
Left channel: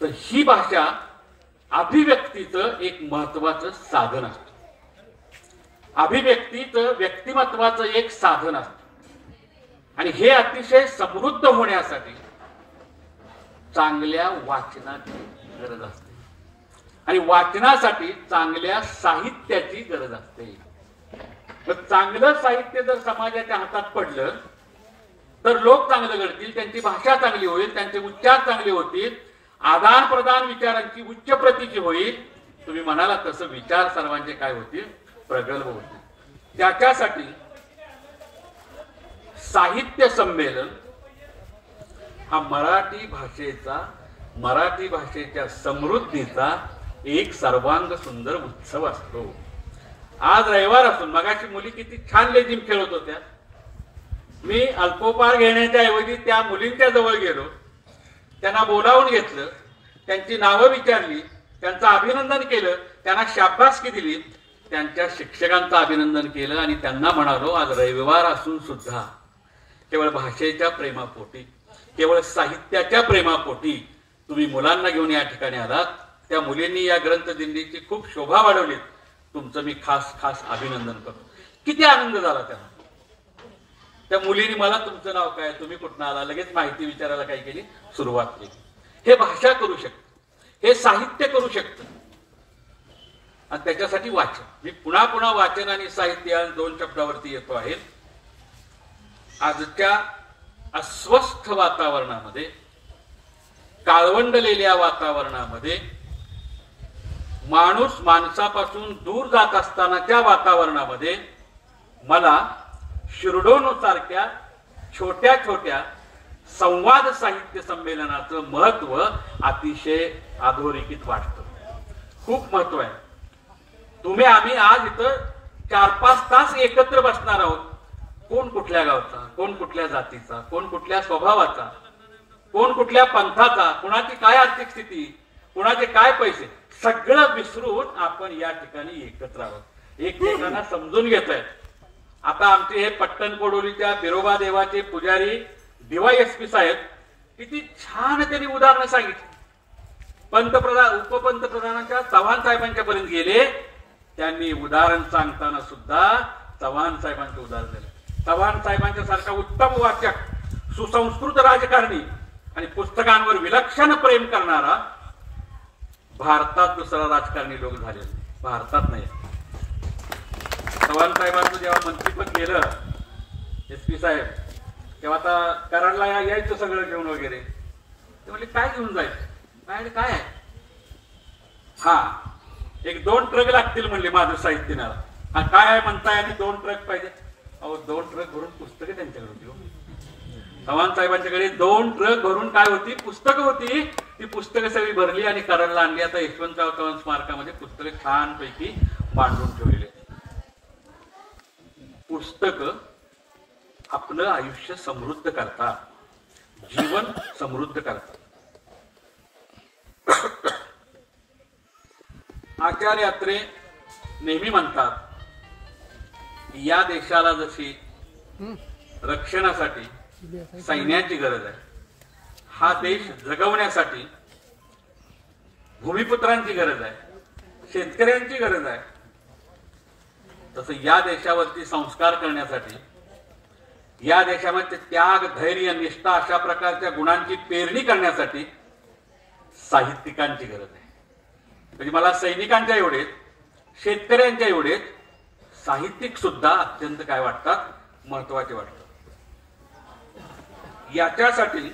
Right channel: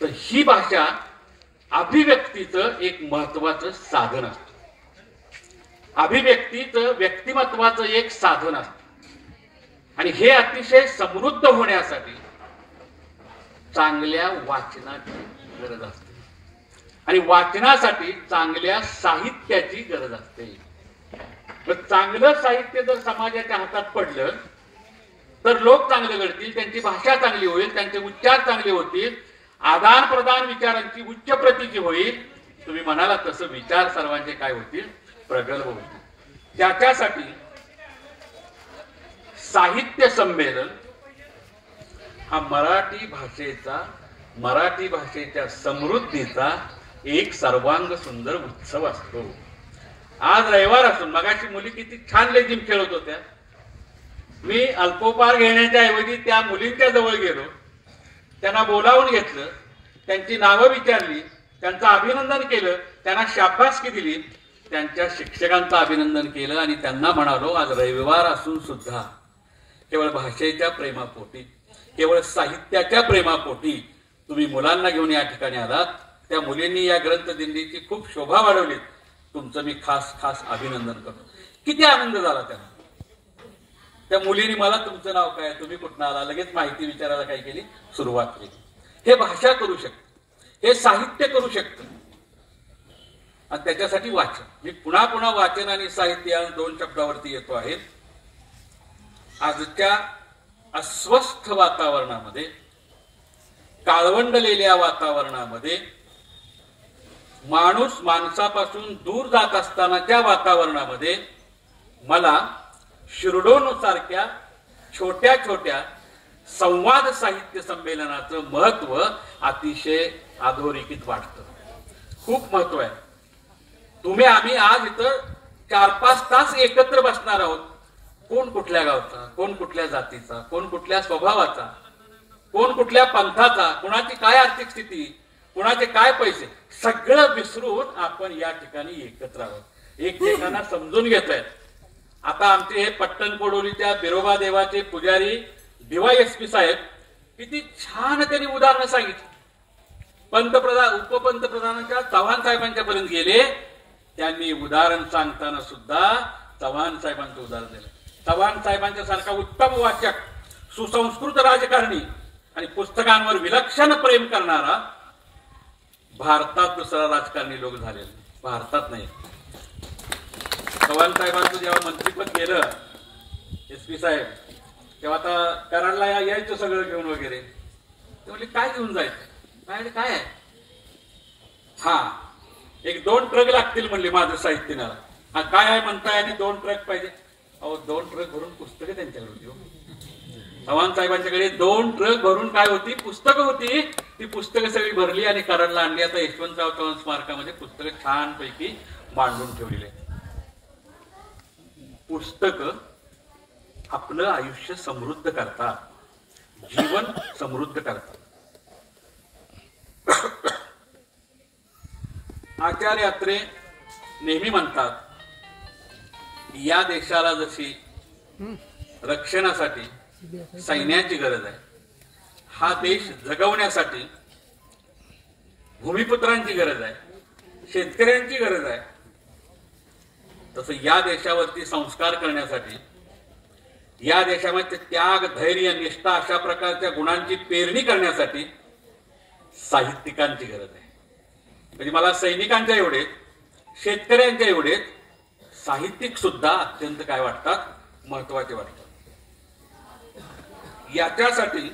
तर ही भाषा अभिव्यक्तीचं एक महत्वाचं साधन असतं, अभिव्यक्तीचं व्यक्तिमत्वाचं एक साधन असतं. आणि हे अतिशय समृद्ध होण्यासाठी चांगल्या वाचनाची गरज असते. आणि वाचनासाठी चांगल्या साहित्याची गरज असते. पण चांगलं साहित्य जर समाजाच्या हातात पडलं तर लोक चांगलं घडतील, त्यांची भाषा चांगली होईल, त्यांचे उच्चार चांगले होतील, आदान प्रदान विचारांची उच्च प्रतीची होईल. तुम्ही म्हणाला तसं विचार सर्वांचे काय होतील, प्रगल्भ होतील. त्याच्यासाठी साहित्य संमेलन हा मराठी भाषेच्या समृद्धीचा एक सर्वांग सुंदर उत्सव असतो. आज रविवार असून मगाशी मुली किती छान लेझिम खेळत होत्या. मी अल्पोपहार घेण्याच्या ऐवजी त्या मुलींच्या जवळ गेलो, त्यांना बोलावून घेतलं, त्यांची नावं विचारली, त्यांचं अभिनंदन केलं, त्यांना शाबासकी दिली, त्यांच्या शिक्षकांचं अभिनंदन केलं आणि त्यांना म्हणालो आज रविवार असून सुद्धा केवळ भाषेच्या प्रेमापोटी, केवळ साहित्याच्या प्रेमापोटी तुम्ही मुलांना घेऊन या ठिकाणी आलात. त्या मुलींनी या ग्रंथदिंडीची खूप शोभा वाढवली. तुमचं मी खास खास अभिनंदन करतो. किती आनंद झाला त्यांना. त्या मुलीने मला तुमचं नाव काय, तुम्ही कुठं आला, लगेच माहिती विचारायला काय केली, सुरुवात केली. हे भाषा करू शकतं, हे साहित्य करू शकतं आणि त्याच्यासाठी वाचन. मी पुन्हा पुन्हा वाचन आणि साहित्य या दोन शब्दावरती येतो आहे. आजच्या अस्वस्थ वातावरणामध्ये, काळवंडलेल्या वातावरणामध्ये, माणूस माणसापासून दूर जात असतानाच्या वातावरणामध्ये मला शिरडोन सारख्या छोट्या छोट्या संवाद साहित्य संमेलनाचं महत्व अतिशय अधोरेखित वाटतं. खूप महत्व आहे. आम्ही आज इथं 4-5 तास एकत्र बसणार आहोत. कोण कुठल्या गावचा, कोण कुठल्या जातीचा, कोण कुठल्या स्वभावाचा, कोण कुठल्या पंथाचा, कुणाची काय आर्थिक स्थिती, कुणाचे काय पैसे, सगळं विसरून आपण या ठिकाणी एकत्र आहोत. एकमेकांना समजून घेतोय. आता आमचे हे पट्टण कोडोलीच्या बिरोबा देवाचे पुजारी DYSP साहेब किती छान त्यांनी उदाहरणं सांगितली. उपपंतप्रधानांच्या चव्हाण साहेबांच्या पर्यंत गेले. त्यांनी उदाहरण सांगताना सुद्धा चव्हाण साहेबांचं उदाहरण दिलं. चव्हाण साहेबांच्या सारखा उत्तम वाचक, सुसंस्कृत राजकारणी आणि पुस्तकांवर विलक्षण प्रेम करणारा भारतात दुसरा राजकारणी लोक झालेला, भारतात नाही. चव्हाण साहेबांचं जेव्हा मंत्रीपद गेलं SP साहेब, तेव्हा आता कराडला यायचं सगळं घेऊन वगैरे. ते म्हणले काय घेऊन जायचं, काय आहे, हा 1-2 ट्रक लागतील म्हणले माझं साहित्य न्यायला. हा काय आहे म्हणताय आणि 2 ट्रक पाहिजे. अहो 2 ट्रक भरून पुस्तकं त्यांच्याकडे होती. चव्हाण साहेबांच्याकडे 2 ट्रक भरून काय होती, पुस्तकं होती. ती पुस्तकं सगळी भरली आणि कराडला आणली. आता यशवंतराव चव्हाण स्मारकामध्ये पुस्तकं छानपैकी मांडून ठेवलेले. पुस्तकं आपलं आयुष्य समृद्ध करतात, जीवन समृद्ध करतात. आचार्य अत्रे नेहमी म्हणतात, या देशाला जशी रक्षणासाठी सैन्याची गरज आहे, हा देश जगवण्यासाठी भूमिपुत्रांची गरज आहे, शेतकऱ्यांची गरज आहे, तसं या देशावरती संस्कार करण्यासाठी, या देशामध्ये त्याग, धैर्य, निष्ठा अशा प्रकारच्या गुणांची पेरणी करण्यासाठी साहित्यिकांची गरज आहे. म्हणजे मला सैनिकांच्या एवढेच, शेतकऱ्यांच्या एवढेच साहित्यिक सुद्धा अत्यंत काय वाटतात, महत्वाचे वाटतात. याच्यासाठी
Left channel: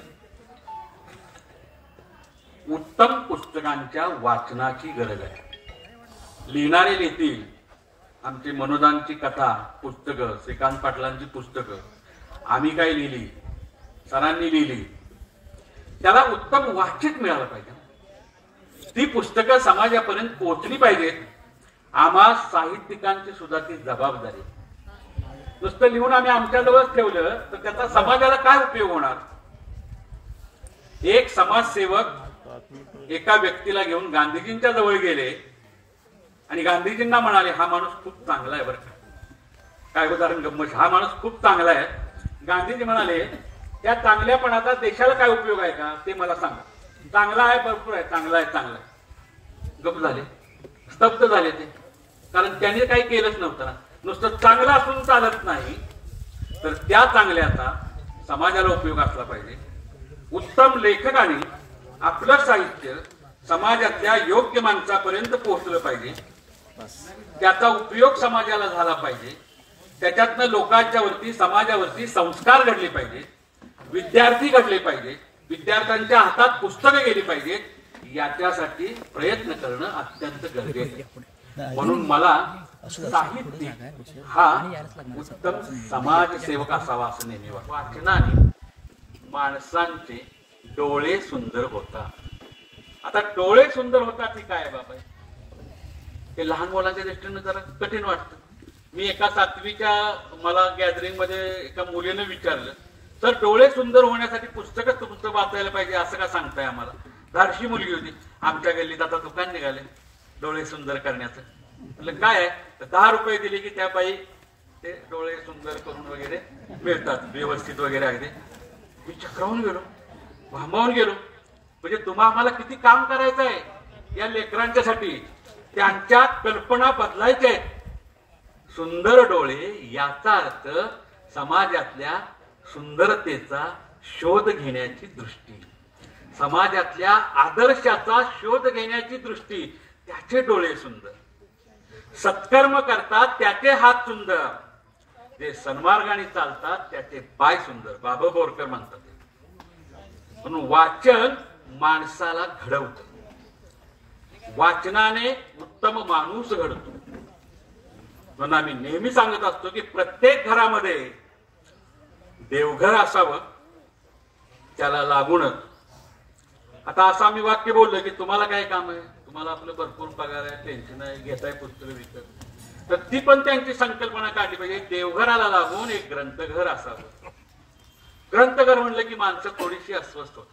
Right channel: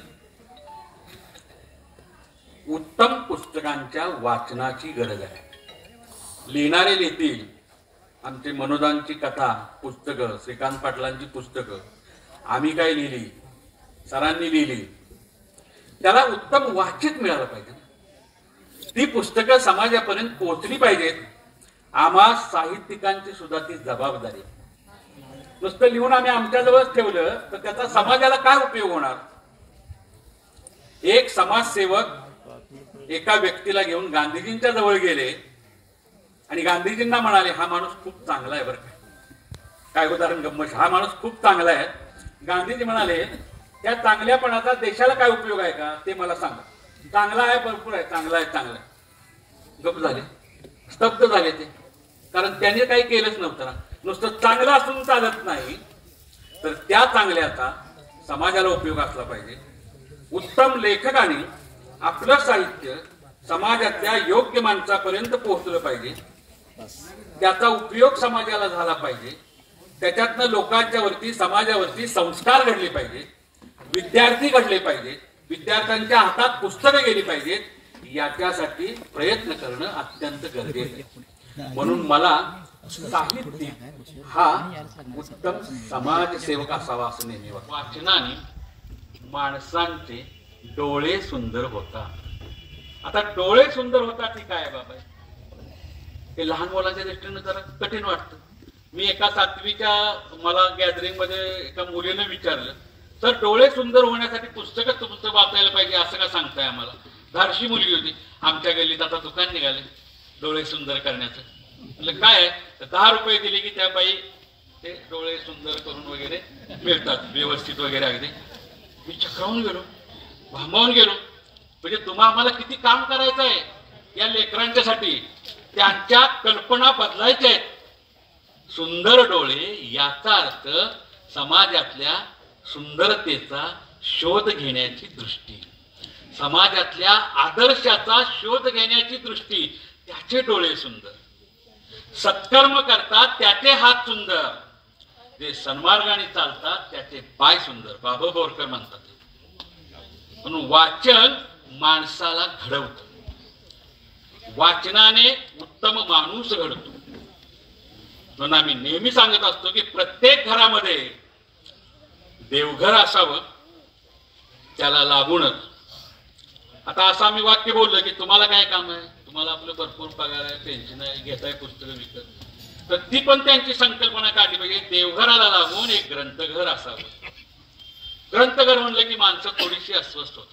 उत्तम पुस्तकांच्या वाचनाची गरज आहे. लिहिणारे लिहितील. आमची मनोदांची कथा पुस्तकं, श्रीकांत पाटलांची पुस्तकं आम्ही काय लिहिली, सरांनी लिहिली, त्याला उत्तम वाचिक मिळालं पाहिजे. ती पुस्तकं समाजापर्यंत पोहोचली पाहिजेत. आम्हा साहित्यिकांची सुद्धा ती जबाबदारी. नुसतं लिहून आम्ही आमच्याजवळच ठेवलं तर त्याचा समाजाला काय उपयोग होणार. एक समाजसेवक एका व्यक्तीला घेऊन गांधीजींच्या जवळ गेले आणि गांधीजींना म्हणाले, हा माणूस खूप चांगला आहे बरं का. काय उदाहरण गंमत, हा माणूस खूप चांगला आहे. गांधीजी म्हणाले, त्या चांगल्यापणाचा देशाला काय उपयोग आहे का ते मला सांगा. चांगला आहे, भरपूर आहे, चांगला आहे, चांगला आहे. गप्प झाले, स्तब्ध झाले ते. कारण त्याने काही केलंच नव्हतं ना. नुसतं चांगलं असून चालत नाही, तर त्या चांगल्याचा समाजाला उपयोग असला पाहिजे. उत्तम लेखकाने आपलं साहित्य समाजातल्या योग्य माणसापर्यंत पोहोचलं पाहिजे, त्याचा उपयोग समाजाला झाला पाहिजे, त्याच्यातनं लोकांच्या वरती समाजावरती संस्कार घडले पाहिजेत, विद्यार्थी घडले पाहिजेत, विद्यार्थ्यांच्या हातात पुस्तकं गेली पाहिजेत, याच्यासाठी प्रयत्न करणं अत्यंत गरजेचं आहे. म्हणून मला साहित्यिक हा उत्तम समाजसेवक असावा असं नेहमी वाटतं. वाचनाने माणसांचे डोळे सुंदर होतात. आता डोळे सुंदर होतात ही काय बाबा, हे लहान मुलांच्या दृष्टीने जरा कठीण वाटतं. मी एका 7वीच्या मला गॅदरिंग मध्ये एका मुलीने विचारलं, तर डोळे सुंदर होण्यासाठी पुस्तकच तुमचं वाचायला पाहिजे असं का सांगताय आम्हाला? धारशी मुलगी होती. आमच्या गल्लीत आता दुकान निघाले डोळे सुंदर करण्याचं. म्हटलं काय आहे? तर 10 रुपये दिले की त्या बाई ते डोळे सुंदर करून वगैरे मिळतात, व्यवस्थित वगैरे अगदी. मी चक्रावून गेलो, भांबावून गेलो. म्हणजे तुम्हा आम्हाला किती काम करायचं आहे या लेकरांच्यासाठी, त्यांच्या कल्पना बदलायच्या आहेत. सुंदर डोळे याचा अर्थ समाजातल्या सुंदरतेचा शोध घेण्याची दृष्टी, समाजातल्या आदर्शाचा शोध घेण्याची दृष्टी. त्याचे डोळे सुंदर, सत्कर्म करतात त्याचे हात सुंदर, जे सन्मार्गाने चालतात त्याचे पाय सुंदर. बाबा बोरकर म्हणतात. म्हणून वाचन माणसाला घडवतं. वाचनाने उत्तम माणूस घडतो. म्हणून आम्ही नेहमी सांगत असतो की प्रत्येक घरामध्ये देवघर असावं, त्याला लागूनच. आता असं आम्ही वाक्य बोललो की तुम्हाला काय काम आहे, तुम्हाला आपलं भरपूर पगार आहे, टेन्शन आहे, घेताय पुस्तकं विकत, तर ती पण त्यांची संकल्पना काढली पाहिजे. देवघराला लागून एक ग्रंथघर असावं. ग्रंथघर म्हणलं की माणसं थोडीशी अस्वस्थ होत.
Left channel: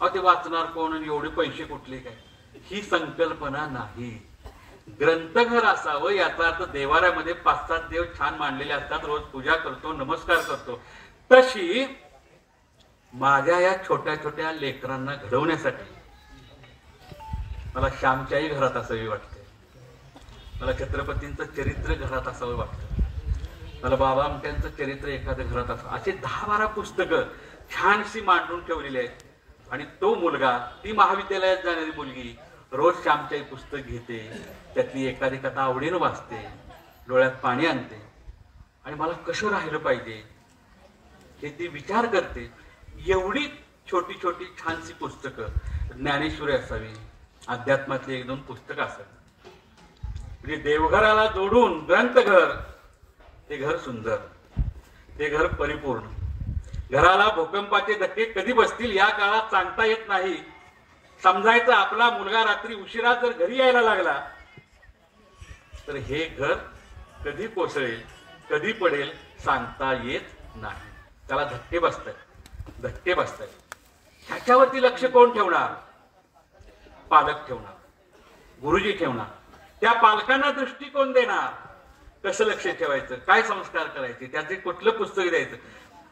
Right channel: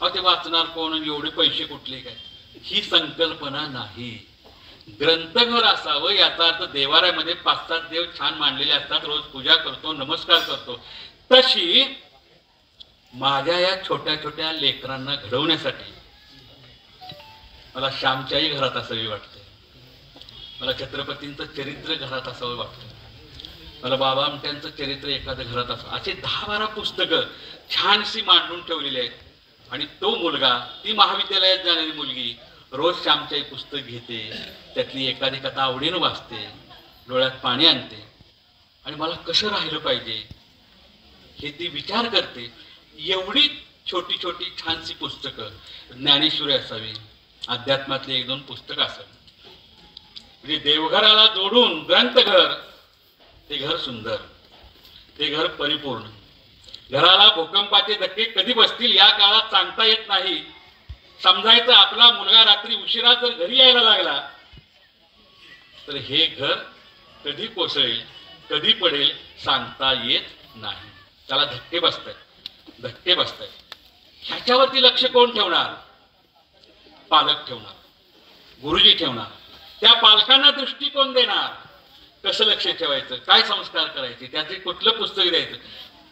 अहो ते वाचणार कोण आणि एवढे पैसे कुठले काय, ही संकल्पना नाही. ग्रंथघर असावं याचा अर्थ देवाऱ्यामध्ये 5-7 देव छान मांडलेले असतात, रोज पूजा करतो, नमस्कार करतो. तशी माझ्या या छोट्या छोट्या लेकरांना घडवण्यासाठी मला श्यामच्याही घरात असावी वाटते, मला छत्रपतींचं चरित्र घरात असावं वाटतं, मला बाबा आमट्यांचं चरित्र एखादं घरात असावं. असे 10-12 पुस्तकं छानशी मांडून ठेवलेली आहेत. आणि तो मुलगा, ती महाविद्यालयात जाणारी मुलगी रोज श्यामच्याही पुस्तक घेते, त्यातली एखादी कथा आवडीनं वाचते, डोळ्यात पाणी आणते आणि मला कसं राहिलं पाहिजे हे ती विचार करते. एवढी छोटी छोटी छानशी पुस्तकं, ज्ञानेश्वरी असावी, अध्यात्मातली 1-2 पुस्तकं असावी. म्हणजे देवघराला जोडून ग्रंथघर, ते घर सुंदर, ते घर परिपूर्ण. घराला भूकंपाचे धक्के कधी बसतील या काळात सांगता येत नाही. समजायचं आपला मुलगा रात्री उशिरा जर घरी यायला लागला तर हे घर कधी कोसळेल, कधी पडेल सांगता येत नाही. त्याला धक्के बसतायत. ह्याच्यावरती लक्ष कोण ठेवणार? पालक ठेवणार, गुरुजी ठेवणार. त्या पालकांना दृष्टिकोन देणार, कसं लक्ष ठेवायचं, काय संस्कार करायचे, त्याचे कुठलं पुस्तक द्यायचं.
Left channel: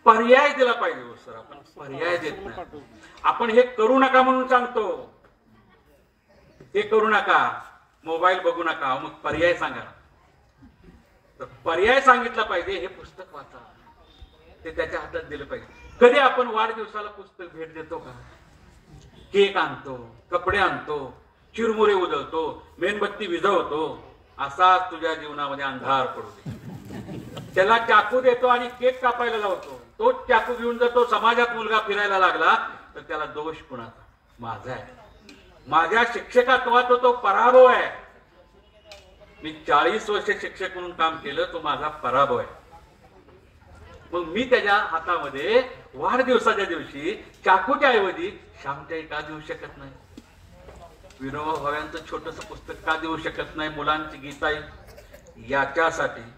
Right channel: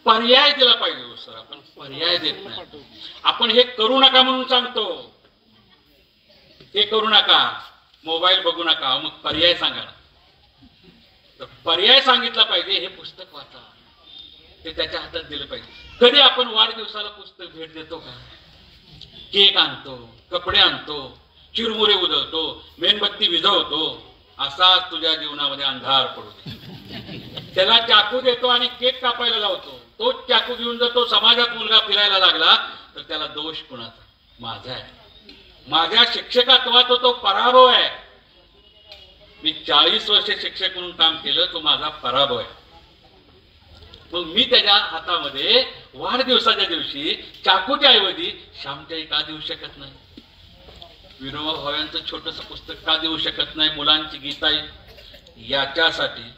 पर्याय दिला पाहिजे. हो सर, आपण पर्याय देत नाही. आपण हे करू नका म्हणून सांगतो, हे करू नका, मोबाईल बघू नका, मग पर्याय सांगा ना. तर पर्याय सांगितला पाहिजे, हे पुस्तक वाचा, ते त्याच्या हातात दिलं पाहिजे. कधी आपण वाढदिवसाला पुस्तक भेट देतो का? केक आणतो, कपडे आणतो, चिरमुरे उधळतो, मेणबत्ती विझवतो, असाच तुझ्या जीवनामध्ये अंधार पडू दे. त्याला चाकू देतो आणि केक कापायला लावतो. तोच चाकू घेऊन जर तो समाजात मुलगा फिरायला लागला तर त्याला दोष कुणाचा? माझा आहे. माझ्या शिक्षकत्वाचा तो पराभव आहे. मी 40 वर्ष शिक्षक म्हणून काम केलं, तो माझा पराभव आहे. मग मी त्याच्या हातामध्ये वाढदिवसाच्या दिवशी चाकूच्या ऐवजी श्यामच्याही का देऊ शकत नाही? विनोबा भाव्यांचं छोटस पुस्तक का देऊ शकत नाही? मुलांची गीता. याच्यासाठी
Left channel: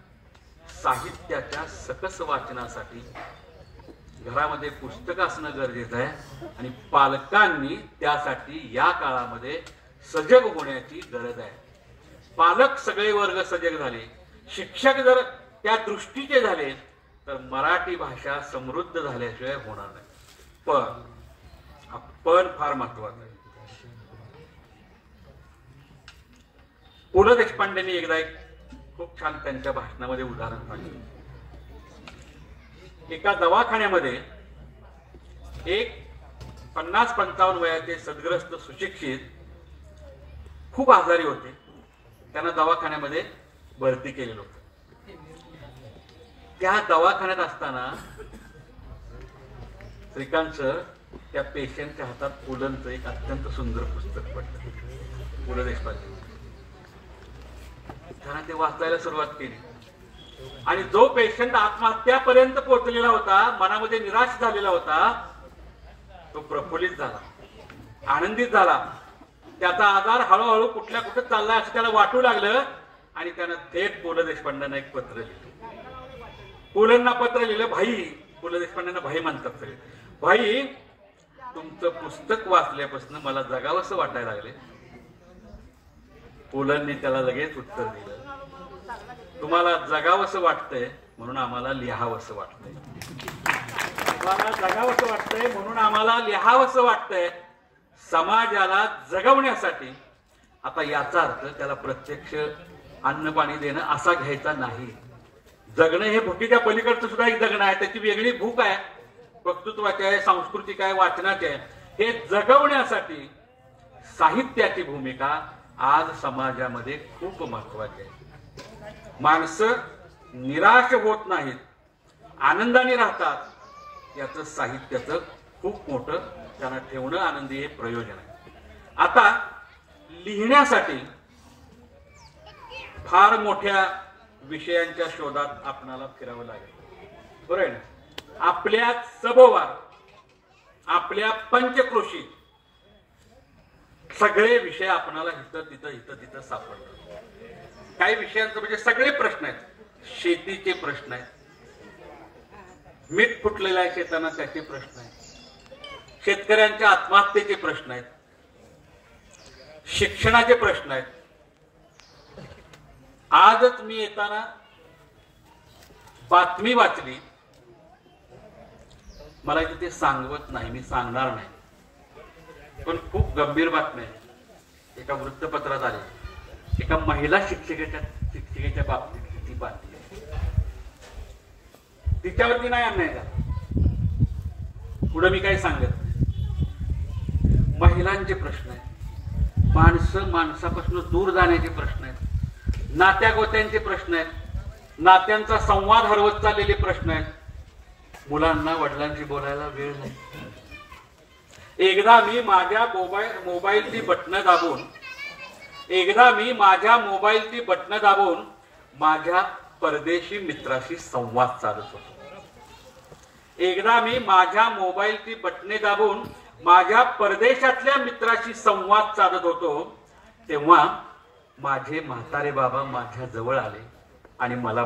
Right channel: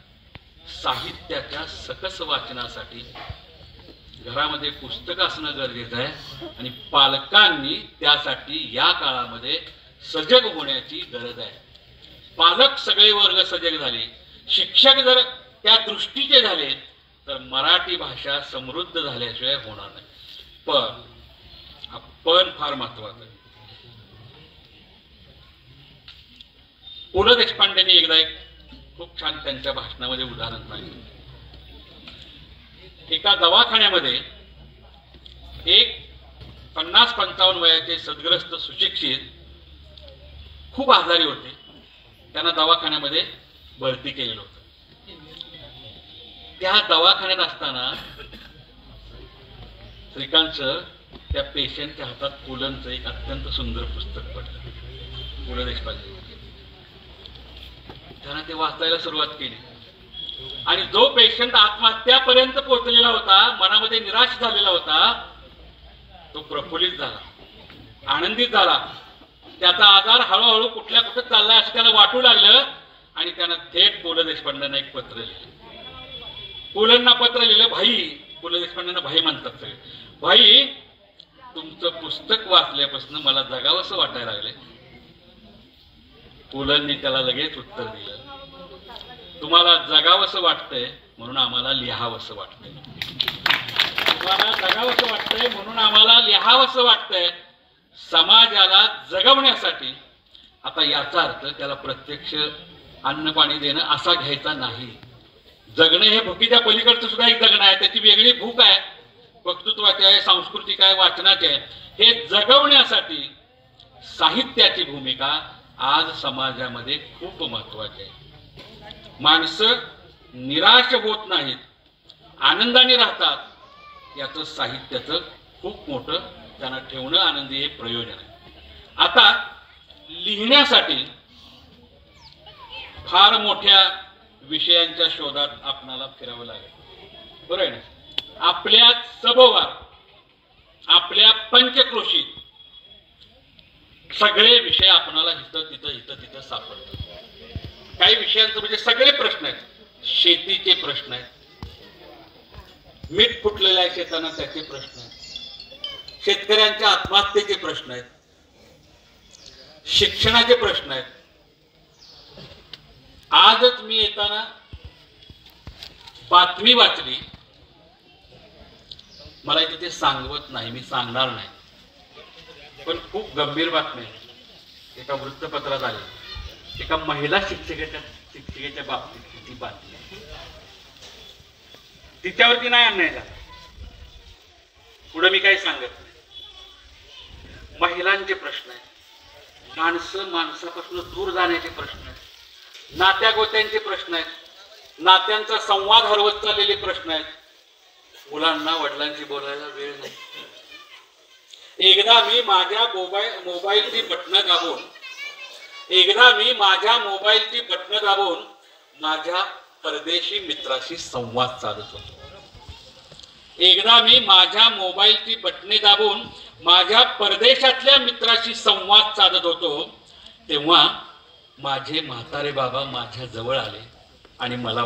साहित्याच्या सकस वाचनासाठी घरामध्ये पुस्तक असणं गरजेचं आहे आणि पालकांनी त्यासाठी या काळामध्ये सजग होण्याची गरज आहे. पालक सगळे वर्ग सजग झाले, शिक्षक जर त्या दृष्टीचे झाले तर मराठी भाषा समृद्ध झाल्याशिवाय होणार नाही. पण फार महत्वाचं आहे. पु ल देशपांडेंनी एकदा एक खूप छान त्यांच्या भाषणामध्ये उदाहरण सांगितलं. एका दवाखान्यामध्ये एक 50-55 वयाचे सद्ग्रस्त सुशिक्षित खूप आजारी होते. त्यांना दवाखान्यामध्ये भरती केलेलं होतं. त्या दवाखान्यात असताना श्रीकांत सर त्या पेशंटच्या हातात पुलंचं एक अत्यंत सुंदर पुस्तक पडलं, पु ल देशपांडे. त्यांना ते वाचायला सुरुवात केली आणि जो पेशंट आत्महत्यापर्यंत पोहोचलेला होता, मनामध्ये निराश झालेला होता, तो प्रफुल्लित झाला, आनंदित झाला. त्याचा आजार हळूहळू कुठल्या कुठे चाललाय असं त्याला वाटू लागलं आणि त्यानं थेट पु ल देशपांडेंना एक पत्र लिहिलं. पुलंना पत्र लिहिलं. भाई, पु ल देशपांडेंना भाई म्हणतात सगळे. भाई, तुमचं पुस्तक वाचल्यापासून मला जगावंसं वाटायला लागले. पुलंनी त्याला लगेच उत्तर दिलं, तुम्हाला जगावंसं वाटतंय म्हणून आम्हाला लिहावंसं वाटतंय. तुम्हाला जगावंसं वाटतंय म्हणून आम्हाला लिहावंसं वाटतंय. समाजाला जगवण्यासाठी. आता याचा अर्थ त्याला प्रत्यक्ष अन्न पाणी देणं असा घ्यायचा नाही. जगणं हे भुकीच्या पलीकडचं सुद्धा एक जगणं आहे. त्याची वेगळी भूक आहे, वक्तृत्वाची आहे, सांस्कृतिक आहे, वाचनाची आहे. हे जगवण्यासाठी साहित्याची भूमिका आज समाजामध्ये खूप महत्वाची आहे. माणसं निराश होत नाहीत, आनंदाने राहतात. याचं साहित्याचं खूप मोठं त्यांना ठेवणं आनंदी हे प्रयोजन आहे. आता लिहिण्यासाठी फार मोठ्या विषयांच्या शोधात आपणाला फिरावं लागेल, बरोबर आहे ना. आपल्या सभोवार, आपल्या पंचक्रोशीत सगळे विषय आपणाला इथं तिथं सापडतात. काही विषयांचं म्हणजे सगळे प्रश्न आहेत. शेतीचे प्रश्न आहेत, मीठ फुटलेलं आहे शेताना त्याचे प्रश्न आहेत, शेतकऱ्यांच्या आत्महत्येचे प्रश्न आहेत, शिक्षणाचे प्रश्न आहेत. आजच मी येताना बातमी वाचली, मला इथे ते सांगवत नाही, मी सांगणार नाही, पण खूप गंभीर बातमी आहे. एका वृत्तपत्रात आली, एका महिला शिक्षिकेच्या बाबतीत बातमी. तिच्यावरती नाही अन्याय, पुढे मी काही सांगत नाही. महिलांचे प्रश्न आहेत, माणसं माणसापासून दूर जाण्याचे प्रश्न आहेत, नात्या गोत्यांचे प्रश्न आहेत, नात्यांचा संवाद हरवत चाललेले प्रश्न आहेत. मुलांना वडिलांशी बोलायला वेळ नाही. एकदा मी माझ्या मोबाईलची बटणं दाबून माझ्या परदेशी मित्राशी संवाद साधत होतो. एकदा मी माझ्या मोबाईलची बटणे दाबून माझ्या परदेशातल्या मित्राशी संवाद साधत होतो, तेव्हा माझे म्हातारे बाबा माझ्या जवळ आले आणि मला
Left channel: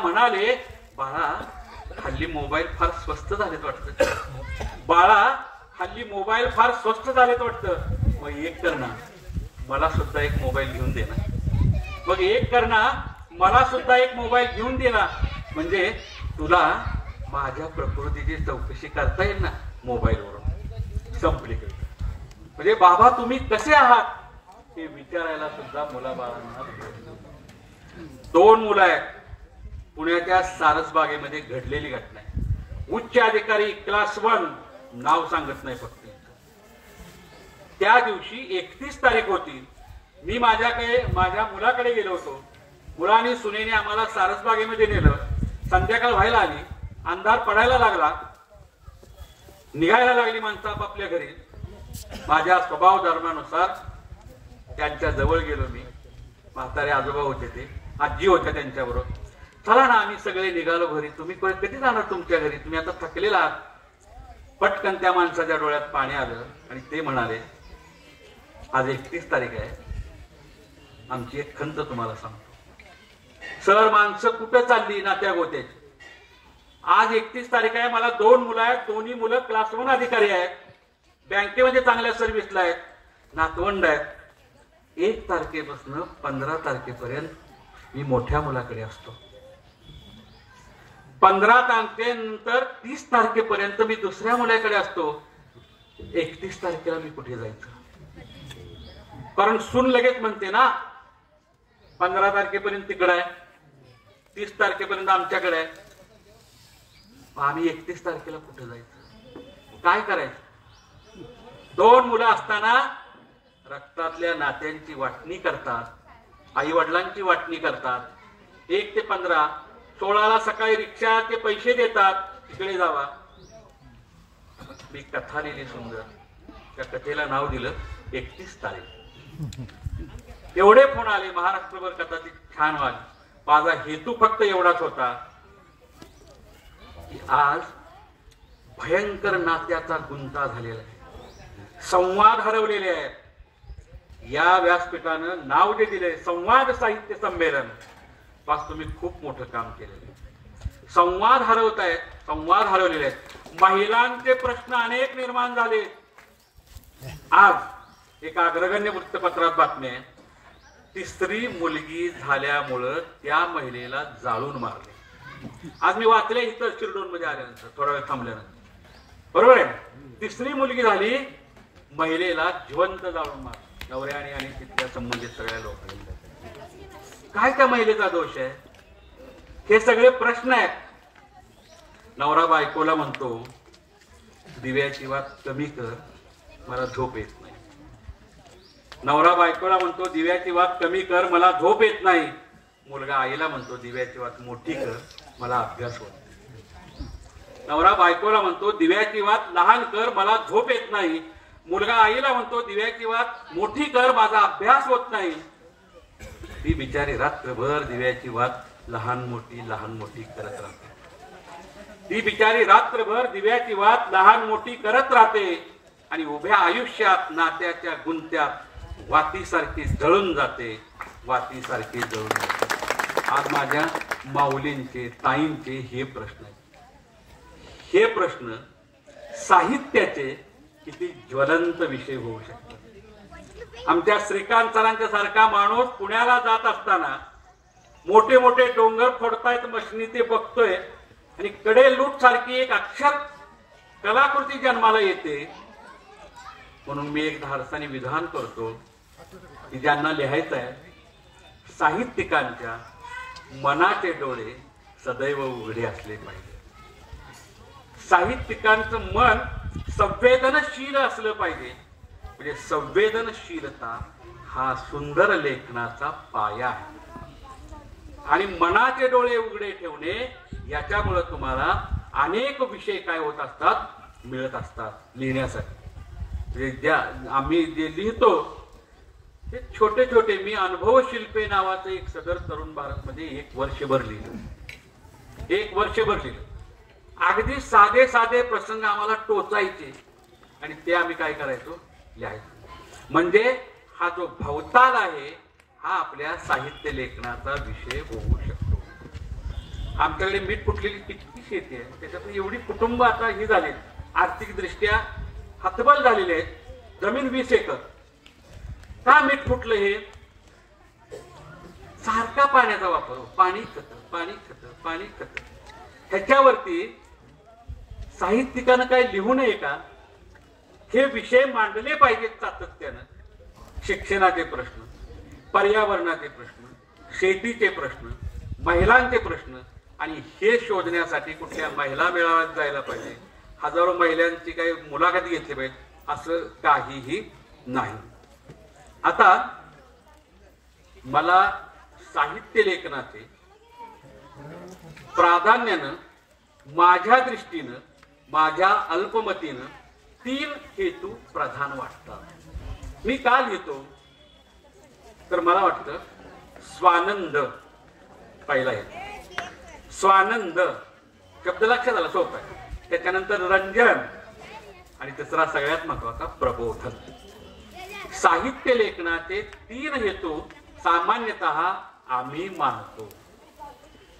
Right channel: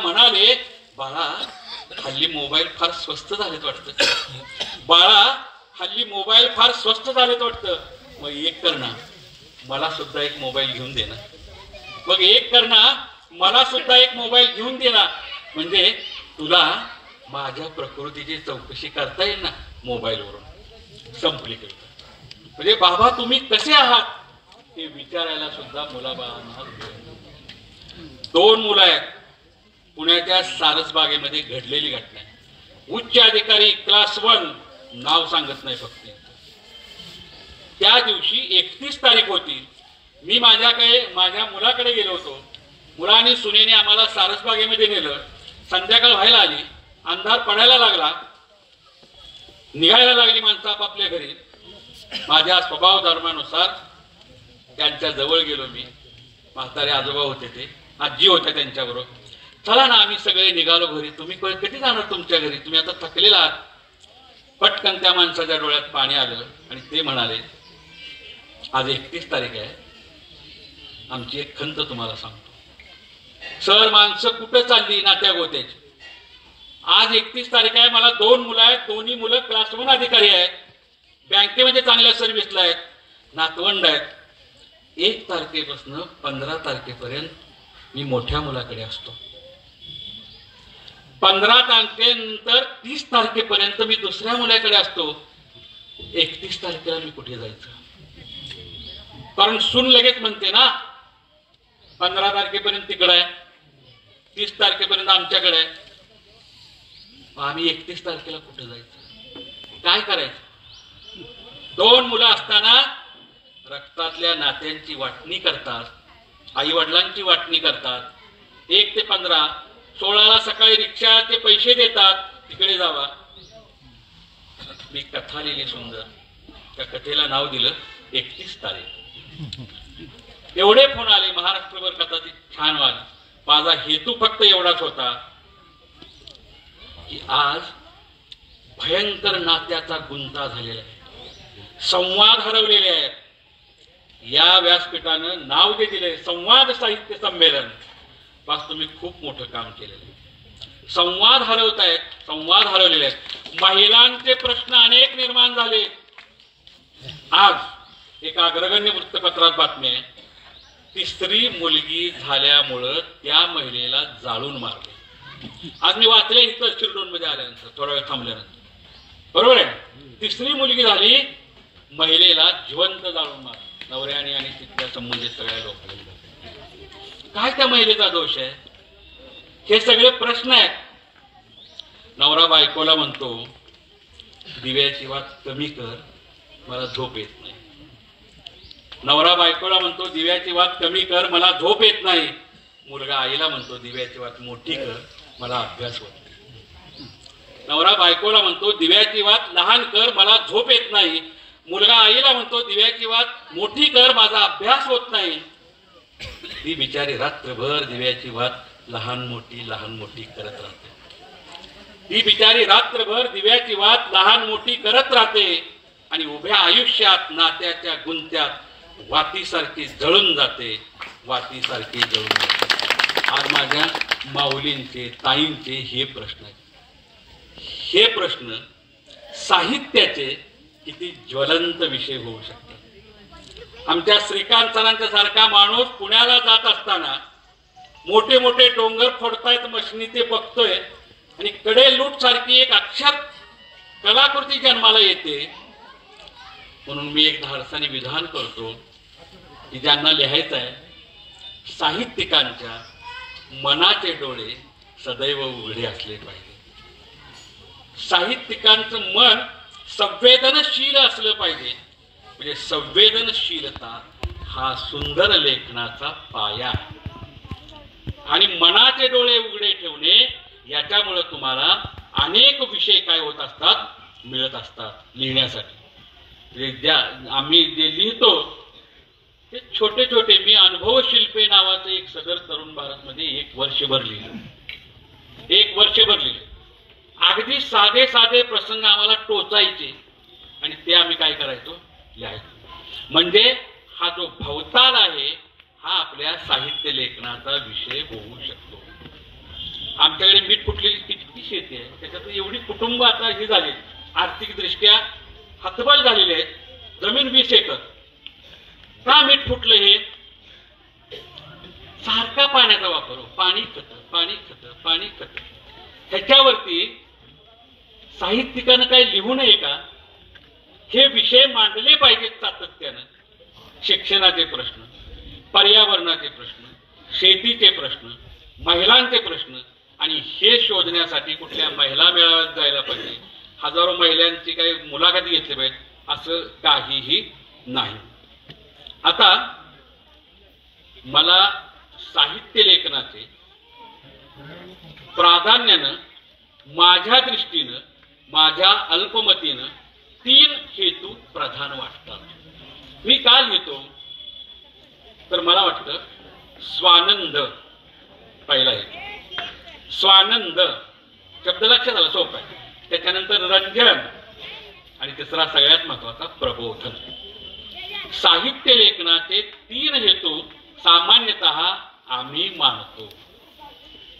म्हणाले, बाळा, हल्ली मोबाईल फार स्वस्त झालेत वाटतं. मग एक कर ना, मला सुद्धा एक मोबाईल घेऊन दे ना. म्हणजे तुला माझ्या प्रकृतीची चौकशी करता येईल ना मोबाईलवरून. संपली कविता. म्हणजे बाबा तुम्ही कसे आहात हे विचारायला सुद्धा मुलाबाळांना. 2 मुलं आहेत. पुण्याच्या सारसबागेमध्ये घडलेली घटना आहे. उच्च अधिकारी क्लास 1, नाव सांगत नाही फक्त. त्या दिवशी 31 तारीख होती. मी माझ्या मुलाकडे गेलो होतो. मुलाने सुनेने आम्हाला सारसबागेमध्ये नेलं. संध्याकाळ व्हायला आली, अंधार पडायला लागला, निघायला लागली माणसं आपापल्या घरी. माझ्या स्वभाव धर्मानुसार त्यांच्या जवळ गेलो मी. म्हातारे आजोबा होते, ते आजी होत्या त्यांच्याबरोबर. चला ना, आम्ही सगळे निघालो घरी. तुम्ही कधी जाणार तुमच्या घरी, तुम्ही आता थकलेला आहात. पटकन त्या माणसाच्या डोळ्यात पाणी आलं आणि ते म्हणाले, आज 31 तारीख आहे, आमची एक खंत तुम्हाला सांगतो. सर, माणसं कुठे चालली नात्या गोत्याची. आज 31 तारीख आहे, मला 2 मुलं आहेत. दोन्ही मुलं क्लास 1 अधिकारी आहेत, बँकेमध्ये चांगल्या सर्व्हिसला आहेत, नातवंड आहेत. 1 तारखेपासून 15 तारखेपर्यंत मी मोठ्या मुलाकडे असतो. 15 तारखेनंतर 30 तारखेपर्यंत मी दुसऱ्या मुलाकडे असतो. 31 तारखेला मी कुठे जायचं? कारण सून लगेच म्हणते ना, 15 तारखेपर्यंत तिकडे आहे, 30 तारखेपर्यंत आमच्याकडे आहे. आम्ही 31 तारखेला कुठे जायचं? काय करायचं? 2 मुलं असताना रक्तातल्या नात्यांची वाटणी करतात, आई वडिलांची वाटणी करतात. 1 ते 15, 16ला सकाळी रिक्षाचे पैसे देतात, तिकडे जावा. मी कथा लिहिली सुंदर, त्या कथेला नाव दिलं 31 तारीख. एवढे फोन आले, महाराष्ट्रभर कथा ती छान वाली. माझा हेतू फक्त एवढाच होता की आज भयंकर नात्याचा गुंता झालेला आहे, संवाद हरवलेले आहेत. या व्यासपीठानं नाव जे दिले संवाद साहित्य संमेलन, पास तुम्ही खूप मोठं काम केलेलं आहे. संवाद हरवतायत, संवाद हरवलेले आहेत. महिलांचे प्रश्न अनेक निर्माण झाले. आज एका अग्रगण्य वृत्तपत्रात बातमी आहे, 3री मुलगी झाल्यामुळं त्या महिलेला जाळून मारले. आज मी वाचले इथं शिरडोन मध्ये आल्यानंतर, थोडा वेळ थांबल्यानंतर. बरोबर आहे, 3री मुलगी झाली, महिलेला जिवंत जाळून मारले नवऱ्याने आणि तिथल्या संबंधित सगळ्या लोकांनी. काय त्या महिलेचा दोष आहे? हे सगळे प्रश्न आहेत. नवरा बायकोला म्हणतो दिव्याची वात कमी कर, मला झोप येत नाही. नवरा बायकोला म्हणतो दिव्याची वात कमी कर, मला झोप येत नाही. मुलगा आईला म्हणतो दिव्याची वात मोठी कर, मला अभ्यास होत नाही. नवरा बायकोला म्हणतो दिव्याची वात लहान कर, मला झोप येत नाही. मुलगा आईला म्हणतो दिव्याची वात मोठी कर, माझा अभ्यास होत नाही. ती बिचारी रात्रभर दिव्याची वात लहान मोठी करत राहते. ती बिचारी रात्रभर दिव्याची वात लहान मोठी करत राहते आणि उभ्या आयुष्यात नात्याच्या गुंत्यात वातीसारखी जळून जाते, वातीसारखी जळून जाते. आज माझ्या माऊलींचे, ताईंचे हे प्रश्न आहेत. हे प्रश्न साहित्याचे किती ज्वलंत विषय होऊ शकतात. आमच्या श्रीकांत सरांच्या सारखा माणूस पुण्याला जात असताना मोठे मोठे डोंगर फोडतायत मशनी ते बघतोय आणि कडे लूट सारखी एक अक्षर कलाकृती जन्माला येते. म्हणून मी एक धाडसाने विधान करतो की ज्यांना लिहायचं आहे, साहित्यिकांच्या मनाचे डोळे सदैव उघडे असले पाहिजे. साहित्यिकांचं मन संवेदनशील असलं पाहिजे. म्हणजे संवेदनशीलता हा सुंदर लेखनाचा पाया आहे. आणि मनाचे डोळे उघडे ठेवणे याच्यामुळे तुम्हाला अनेक विषय काय होत असतात, मिळत असतात लिहिण्यासाठी. म्हणजे आम्ही जे लिहितो ते छोटे छोटे, मी अनुभव शिल्पे नावाचं एक सदर तरुण भारतमध्ये 1 वर्षभर लिहिलं. 1 वर्षभर लिहिलं. अगदी साधे साधे प्रसंग आम्हाला टोचायचे आणि ते आम्ही काय करायचो, लिहायचो. म्हणजे हा जो भवताल आहे हा आपल्या साहित्य लेखनाचा विषय होऊ शकतो. आमच्याकडे मीठ फुटलेली किती शेती आहे, त्याच्यात एवढी कुटुंब आता ही झाली, आर्थिक दृष्ट्या हतबल झालेले आहेत. जमीन 20 एकर. का मीठ फुटलं? हे सारखा पाण्याचा वापर, पाणी खत. ह्याच्यावरती साहित्यिकानं काय लिहू नये का? हे विषय मांडले पाहिजेत सातत्यानं. शिक्षणाचे प्रश्न, पर्यावरणाचे प्रश्न, शेतीचे प्रश्न, महिलांचे प्रश्न. आणि हे शोधण्यासाठी कुठल्या महिला मेळाव्यात जायला पाहिजे, हजारो महिलांची काही मुलाखती घेतली पाहिजे, असं काहीही नाही. आता मला साहित्य लेखनाचे प्राधान्यानं माझ्या दृष्टीनं, माझ्या अल्पमतीनं 3 हेतू प्रधान वाटतात. मी का लिहितो तर मला वाटतं स्वानंद पहिला हेतू. स्वानंद शब्द लक्षात आला, सोपं आहे. त्याच्यानंतर रंजन आणि तिसरा सगळ्यात महत्वाचा प्रबोधन. साहित्य लेखनाचे 3 हेतू सामान्यतः आम्ही मानतो.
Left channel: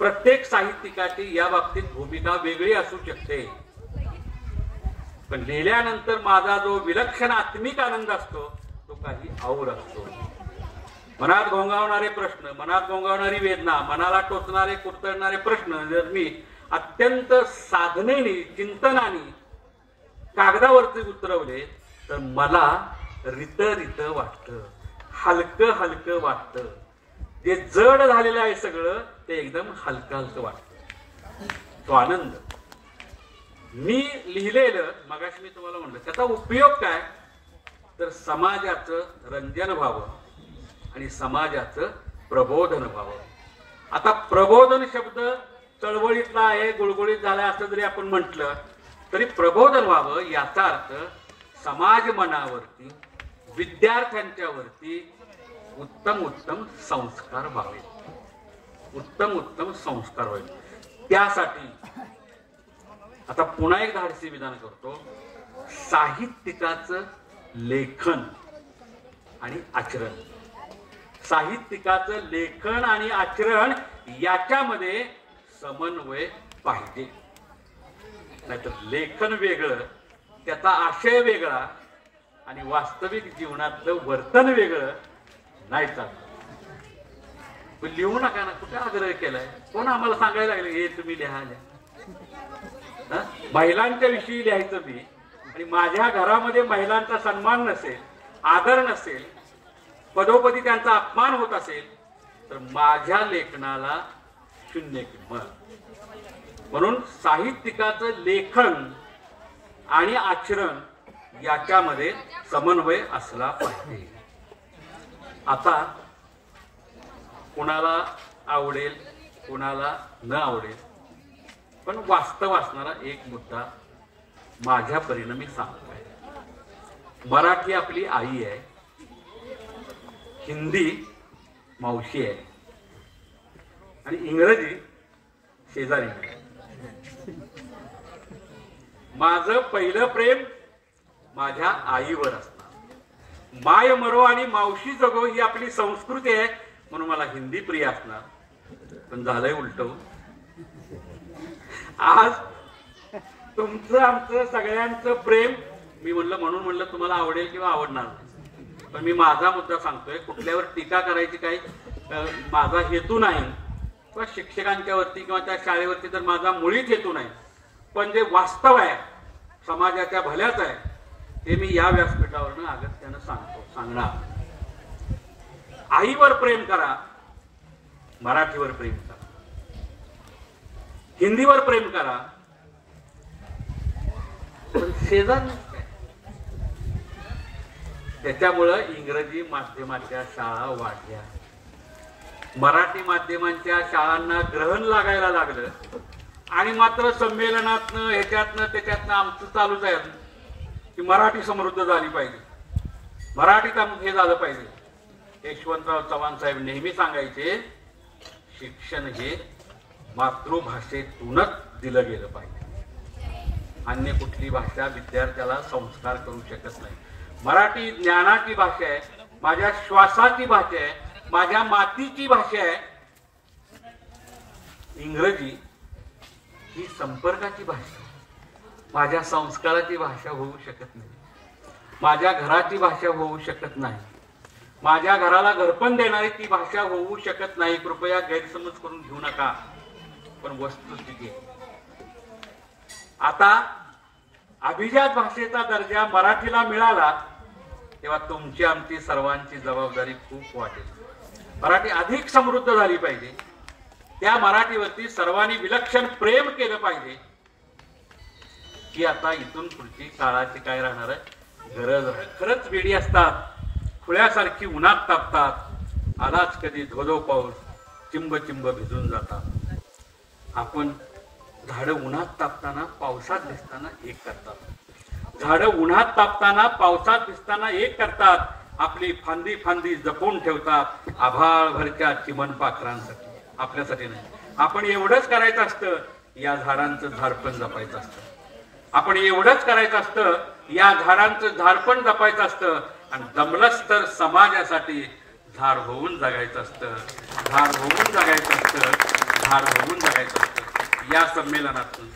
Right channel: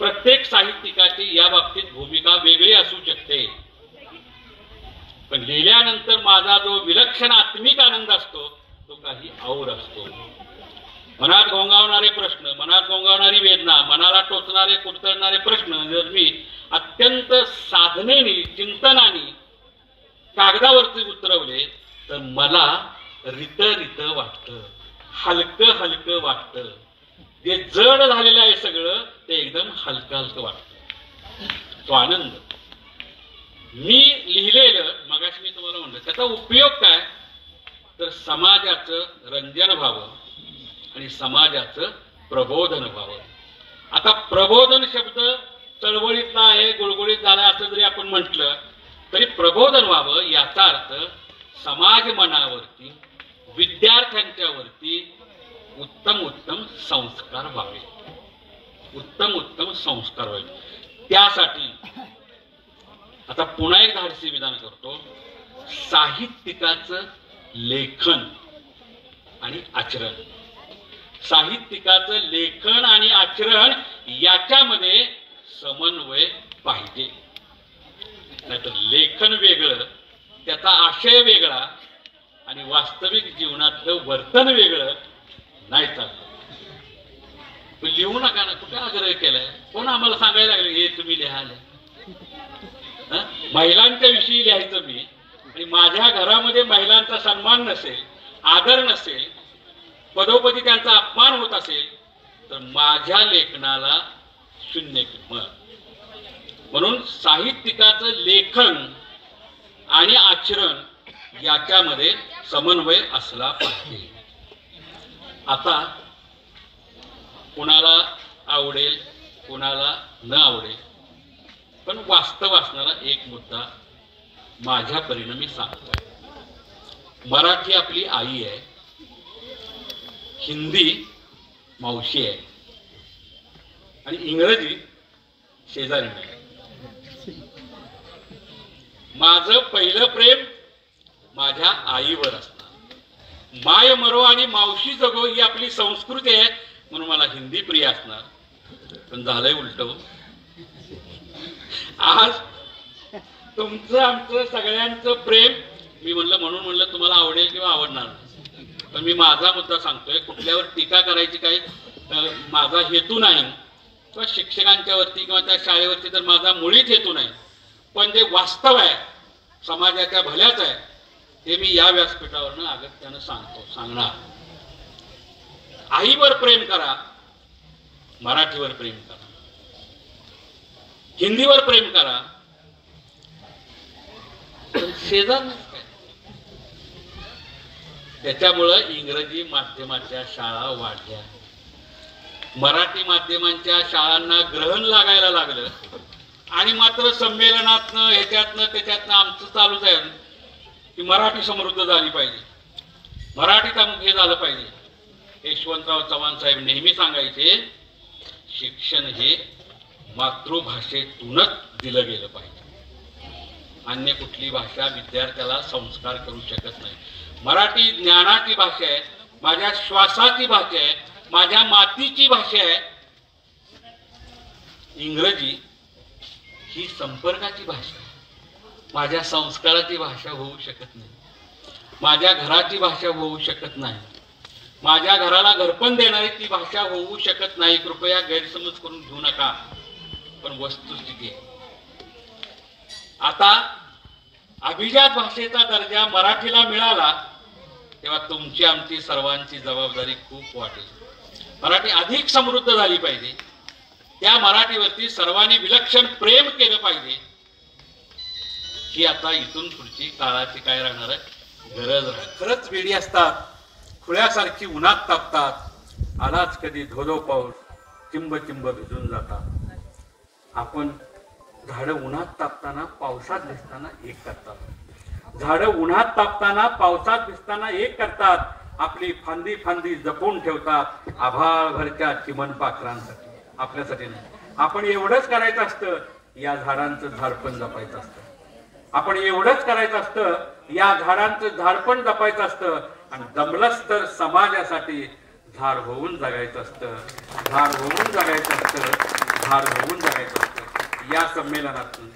प्रत्येक साहित्यिकाची या बाबतीत भूमिका वेगळी असू शकते, पण लिहिल्यानंतर माझा जो विलक्षण आत्मिक आनंद असतो तो काही और असतो. मनात घोंगावणारे प्रश्न, मनात घोंगावणारी वेदना, मनाला टोचणारे कुरतडणारे प्रश्न जर मी अत्यंत साधनेने, चिंतनाने कागदावरती उतरवले तर मला रित वाटतं, हलकं वाटतं. जे जड झालेलं आहे सगळं ते एकदम हलकं वाटतं. तो आनंद मी लिहिलेलं, मगाशी मी तुम्हाला म्हणलं, त्याचा उपयोग काय तर समाजाचं रंजन व्हावं आणि समाजाचं प्रबोधन व्हावं. आता प्रबोधन शब्द चळवळीतला आहे, गुळगुळीत झाला असं जरी आपण म्हटलं तरी प्रबोधन व्हावं याचा अर्थ समाज मनावरती, विद्यार्थ्यांच्या वरती उत्तम उत्तम संस्कार व्हावे, उत्तम उत्तम संस्कार व्हावे. त्यासाठी आता पुन्हा एक धाडसी विधान करतो. साहित्यिकाचं लेखन आणि आचरण, साहित्यिकाचं लेखन आणि आचरण याच्यामध्ये समन्वय पाहिजे. नाहीतर लेखन वेगळं, त्याचा आशय वेगळा आणि वास्तविक जीवनातलं वर्तन वेगळं नाही चालणार. लिहू नका ना, कुठे आग्रह केलाय? कोण आम्हाला सांगायला लागले हे तुम्ही लिहायला? महिलांच्या विषयी लिहायचं मी, आणि माझ्या घरामध्ये महिलांचा सन्मान नसेल, आदर नसेल, पदोपदी त्यांचा अपमान होत असेल तर माझ्या लेखनाला शून्य किंमत. म्हणून साहित्यिकाचं लेखन आणि आचरण याच्यामध्ये समन्वय असला पाहिजे. आता कुणाला आवडेल कुणाला न आवडेल, पण वास्तव असणारा एक मुद्दा माझ्या परिणामी सांगतोय. मराठी आपली आई आहे, हिंदी मावशी आहे आणि इंग्रजी शेजारी नाही. माझं पहिलं प्रेम माझ्या आईवर असणार. माय मरो आणि मावशी जगो ही आपली संस्कृती आहे, म्हणून मला हिंदी प्रिय असणार. पण झालंय उलट. आज तुमचं आमचं सगळ्यांचं प्रेम मी म्हणलं म्हणून तुम्हाला आवडेल किंवा आवडणार नाही. पण मी माझा मुद्दा सांगतोय, कुठल्यावर टीका करायची काही माझा हेतू नाही, किंवा शिक्षकांच्या वरती किंवा त्या शाळेवरती तर माझा मुळीच हेतू नाही. पण जे वास्तव आहे, समाजाच्या भल्याच आहे, ते मी या व्यासपीठावरनं अगत्यानं सांगणार. आईवर प्रेम करा, मराठीवर प्रेम करा, हिंदीवर प्रेम करा, पण शेजार काय. त्याच्यामुळं इंग्रजी माध्यमाच्या शाळा वाढल्या, मराठी माध्यमांच्या शाळांना ग्रहण लागायला लागलं. आणि मात्र संमेलनातनं ह्याच्यातनं त्याच्यातनं आमचं चालूच आहे की मराठी समृद्ध झाली पाहिजे, मराठीत अमुक हे झालं पाहिजे. यशवंतराव चव्हाण साहेब नेहमी सांगायचे, शिक्षण हे मातृभाषेतूनच दिलं गेलं पाहिजे. अन्य कुठली भाषा विद्यार्थ्याला संस्कार करू शकत नाही. मराठी ज्ञानाची भाषा आहे, माझ्या श्वासाची भाषा आहे, माझ्या मातीची भाषा आहे. इंग्रजी ही संपर्काची भाषा आहे, माझ्या संस्काराची भाषा होऊ शकत नाही, माझ्या घराची भाषा होऊ शकत नाही, माझ्या घराला घरपण देणारी ती भाषा होऊ शकत नाही. कृपया गैरसमज करून घेऊ नका, पण वस्तुस्थिती आहे. आता अभिजात भाषेचा दर्जा मराठीला मिळाला तेव्हा तुमची आमची सर्वांची जबाबदारी खूप वाटेल. मराठी अधिक समृद्ध झाली पाहिजे, त्या मराठीवरती सर्वांनी विलक्षण प्रेम केलं पाहिजे. ही आता इथून पुढची काळाची काय राहणार आहे गरज आहे. खरंच वेडी असतात, खुळ्यासारखी उन्हात तापतात, आलाच कधी धोधो पाऊस, चिंब चिंब भिजून जातात. आपण झाडं उन्हात तापताना पावसात भिजताना एक करतात, झाडं उन्हात तापताना पावसात भिजताना एक करतात. आपली फांदी फांदी जपून ठेवतात आभाळभरच्या चिमण पाखरांसाठी, आपल्यासाठी नाही. आपण एवढंच करायचं असतं, या झाडांचं झाडपण जपायचं असतं. आपण एवढंच करायचं असतं, या झाडांचं झाडपण जपायचं असतं. आणि जमलंच तर समाजासाठी झाड होऊन जगायचं असतं, झाड होऊन जगायचं असतं, झाड होऊन जगायचं असतं. या संमेलनातून,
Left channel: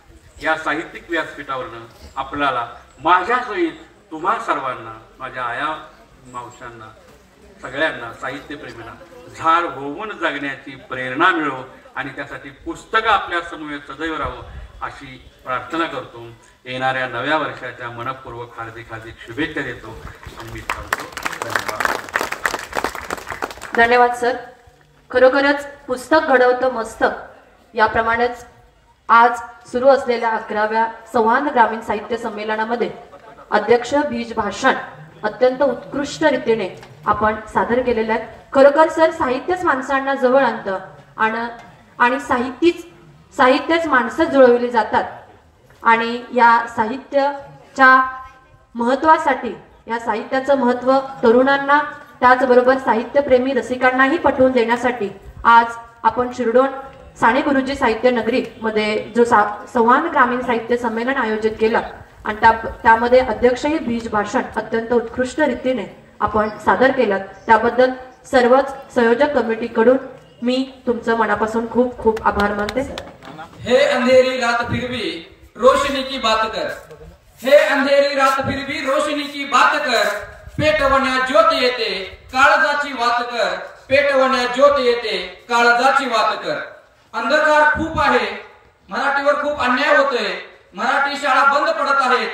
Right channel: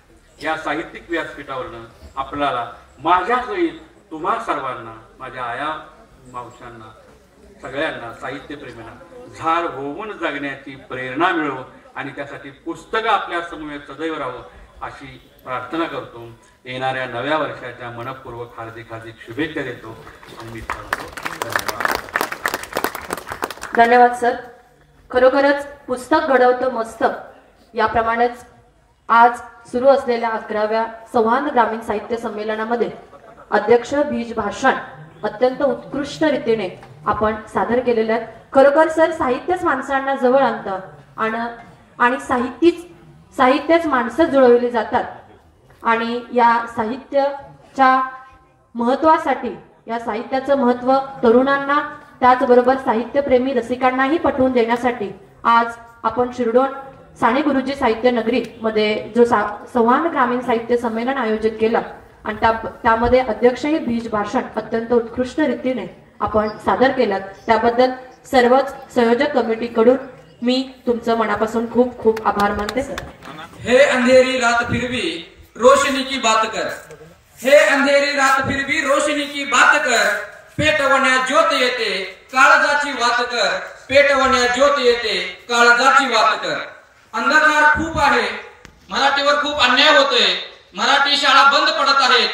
या साहित्यिक व्यासपीठावरनं आपल्याला माझ्यासहित तुम्हा सर्वांना, माझ्या आया मावशांना, सगळ्यांना, साहित्यप्रेमींना झाड होऊन जगण्याची प्रेरणा मिळो आणि त्यासाठी पुस्तकं आपल्या समोर सदैव राहो अशी प्रार्थना करतो. येणाऱ्या नव्या वर्षाच्या मनपूर्वक हार्दिक हार्दिक शुभेच्छा देतो. मी सांगतो धन्यवाद. धन्यवाद सर. खरोखरच पुस्तक घडवतं मस्तक याप्रमाणेच आज सुरू असलेल्या 11व्या संवाद ग्रामीण साहित्य संमेलनामध्ये अध्यक्ष बीज भाषण अत्यंत उत्कृष्ट रीतीने आपण सादर केलेले आहेत. खरोखर सर साहित्यच माणसांना जवळ आणतं आणि साहित्यच माणसं जुळवली जातात. आणि या साहित्याच्या महत्वासाठी, या साहित्याचं महत्व तरुणांना त्याचबरोबर साहित्यप्रेमी रसिकांनाही पटवून देण्यासाठी आज आपण शिरडोन साने गुरुजी साहित्य नगरी मध्ये जो संवाद ग्रामीण साहित्य संमेलन आयोजित केलं आणि त्यामध्ये अध्यक्षही बीज भाषण अत्यंत उत्कृष्ट रीतीने आपण सादर केलं. त्याबद्दल सर्वच संयोजक कमिटीकडून मी तुमचं मनापासून खूप खूप आभार मानते. हे अंधेरी रात फिर भी रोशनी की बात कर, हे अंधेरी रात फिर भी रोशनी की बात कर, पेटवण्या ज्योत येते काळजाची वात कर, पेटवण्या ज्योत येते काळजाची वात कर. अंधकार खूप आहे, मराठीवर खूप अन्याय होतोय, मराठी शाळा बंद पडत आहेत.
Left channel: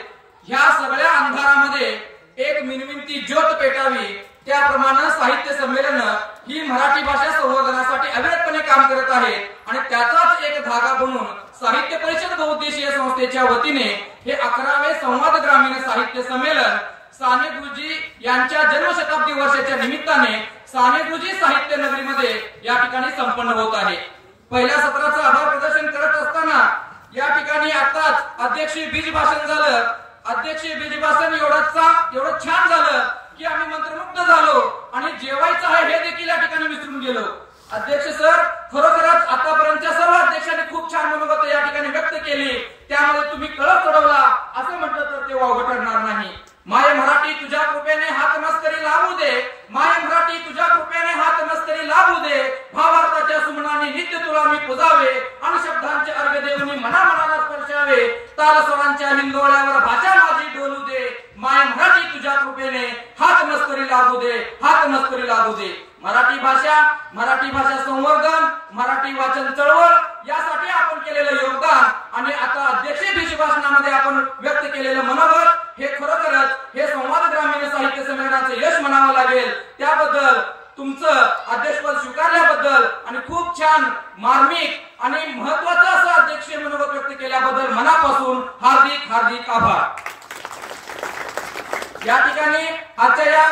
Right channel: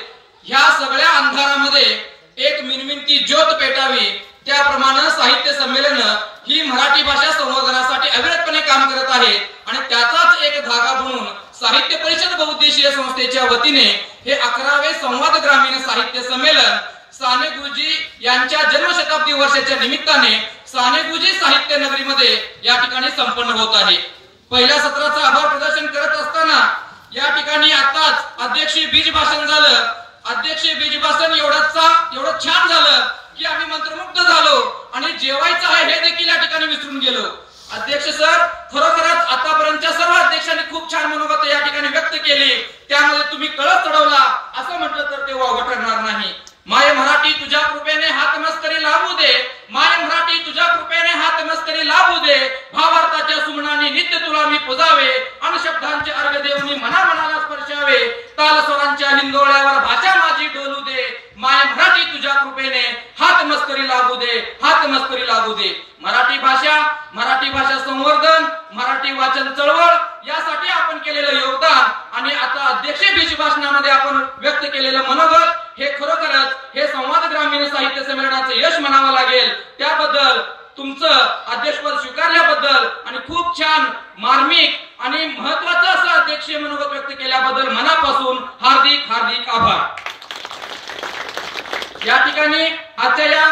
ह्या सगळ्या अंधारामध्ये एक मिनमिनती ज्योत पेटावी, त्याप्रमाणे साहित्य संमेलन ही मराठी भाषा संवर्धनासाठी अविरतपणे काम करत आहे. आणि त्याचाच एक धागा बनून साहित्य परिषद बहुउद्देशीय संस्थेच्या वतीने हे 11वे संवाद ग्रामीण साहित्य संमेलन साने गुरुजी यांच्या जन्मशताब्दी वर्षाच्या निमित्ताने साने गुरुजी साहित्य नगरीमध्ये या ठिकाणी संपन्न होत आहे. पहिल्या सत्राचं आभार प्रदर्शन करत असताना या ठिकाणी आताच अध्यक्षीय बीज भाषण झालं. अध्यक्षीय बीज भाषण एवढं छान झालं की आम्ही मंत्रमुग्ध झालो आणि जेवायचं आहे हे देखील या ठिकाणी विसरून गेलो. अध्यक्ष सर, खरोखरच आतापर्यंतच्या सर्व अध्यक्षांनी खूप छान मनोगत या ठिकाणी व्यक्त केली. त्यामध्ये तुम्ही कळस चढवला असं म्हटलं तर ते वावगं ठरणार नाही. माय मराठी तुझ्या कृपेने हात मस्करी लावू दे, माय मराठी तुझ्या कृपेने हात मस्करी लावू दे, भावार्थाच्या सुमनाने नित्य तुला मी पुजावे, आणि शब्दांचे अर्घ देऊनी मनाला स्पर्शावे, ताल स्वरांच्या हिंदोळ्यावर भाषा माझी डोलू दे, माय मराठी तुझ्या कृपेने हात मस्करी लागू दे, हात मस्करी लागू दे. मराठी भाषा संवर्धन, मराठी वाचन चळवळ यासाठी आपण केलेलं योगदान आणि आता अध्यक्षीय बीज भाषणामध्ये आपण व्यक्त केलेलं मनोगत हे खरोखरच हे संवाद ग्रामीण साहित्य संमेलनाचं यश म्हणावं लागेल. त्याबद्दल तुमचं अध्यक्षपद स्वीकारल्याबद्दल आणि खूप छान मार्मिक आणि महत्वाचं असं अध्यक्षीय मनोगत व्यक्त केल्याबद्दल मनापासून हार्दिक हार्दिक आभार. या ठिकाणी आजच्या या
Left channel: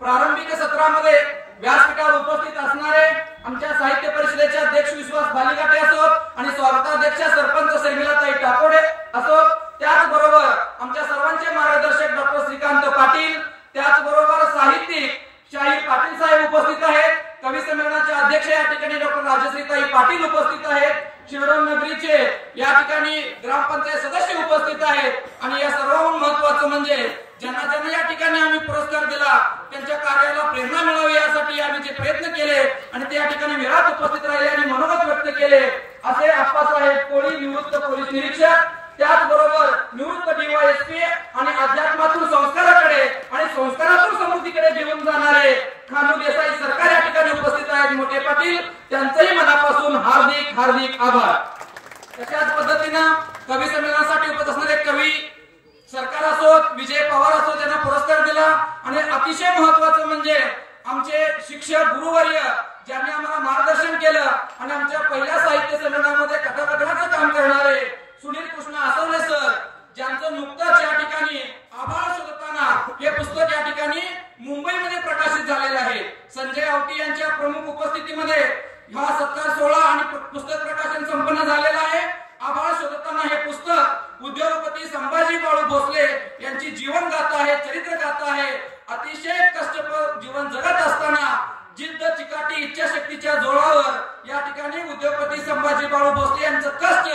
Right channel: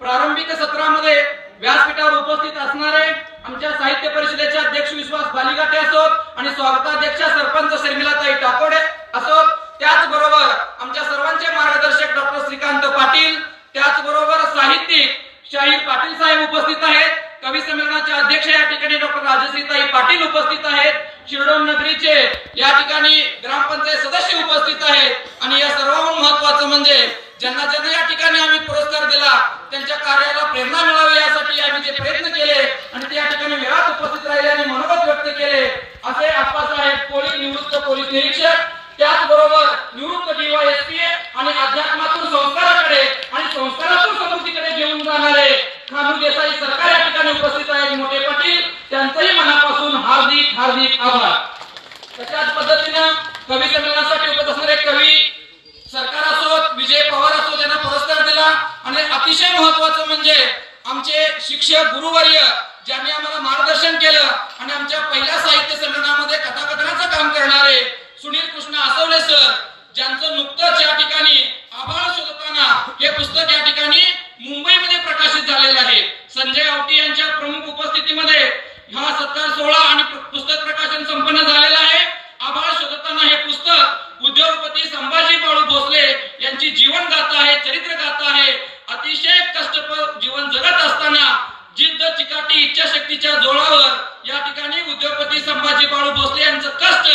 प्रारंभिक सत्रामध्ये व्यासपीठावर उपस्थित असणारे आमच्या साहित्य परिषदेचे अध्यक्ष विश्वास बालिगाटे असोत आणि स्वागताध्यक्षा सरपंच शर्मिलाताई टाकोडे असोत, त्याचबरोबर आमच्या सर्वांचे मार्गदर्शक डॉक्टर श्रीकांत पाटील, त्याचबरोबर साहित्यिक शाहीर पाटील साहेब उपस्थित आहेत. कवी संमेलनाचे अध्यक्ष या ठिकाणी डॉक्टर राजश्रीताई पाटील उपस्थित आहेत. शिरडोन नगरीचे या ठिकाणी ग्रामपंचायत सदस्य उपस्थित आहेत आणि या सर्वांहून महत्वाचं म्हणजे ज्यांना या ठिकाणी आम्ही पुरस्कार दिला त्यांच्या कार्याला प्रेरणा मिळावी यासाठी आम्ही जे प्रयत्न केले आणि ते या ठिकाणी वेळात उपस्थित राहिले आणि मनोगत व्यक्त केले असे आप्पासाहेब कोळी, निवृत्त पोलीस निरीक्षक, त्याचबरोबर निवृत्त DYSP आणि अध्यात्मातून संस्काराकडे आणि संस्कारातून समृद्धीकडे घेऊन जाणारे खानू देसाई सरकार या ठिकाणी उपस्थित आहेत. मोठे पाटील, त्यांचंही मनापासून हार्दिक हार्दिक आभार. तशाच पद्धतीनं कवी संमेलनासाठी उपस्थित असणारे कवी सरकार असोत, विजय पवार असोत, त्यांना पुरस्कार दिला. आणि अतिशय महत्वाचं म्हणजे आमचे शिक्षक गुरुवर्य ज्यांनी आम्हाला मार्गदर्शन केलं आणि आमच्या पहिल्या साहित्य संमेलनामध्ये कथाकथनाचं काम करणारे सुनील कृष्ण आसवले सर, ज्यांचं नुकतंच या ठिकाणी आभाळ शोधताना हे पुस्तक या ठिकाणी मुंबईमध्ये प्रकाशित झालेलं आहे. संजय आवटी यांच्या प्रमुख उपस्थितीमध्ये हा सत्कार सोहळा आणि पुस्तक प्रकाशन संपन्न झालेला आहे. आभाळ शोधताना हे पुस्तक उद्योगपती संभाजी बाळू भोसले यांची जीवन गाथा आहे, चरित्र गाथा आहे. अतिशय कष्टप्रद जीवन जगत असताना जिद्द, चिकाटी, इच्छाशक्तीच्या जोरावर या ठिकाणी उद्योगपती संभाजी बाळू भोसले यांचं कष्ट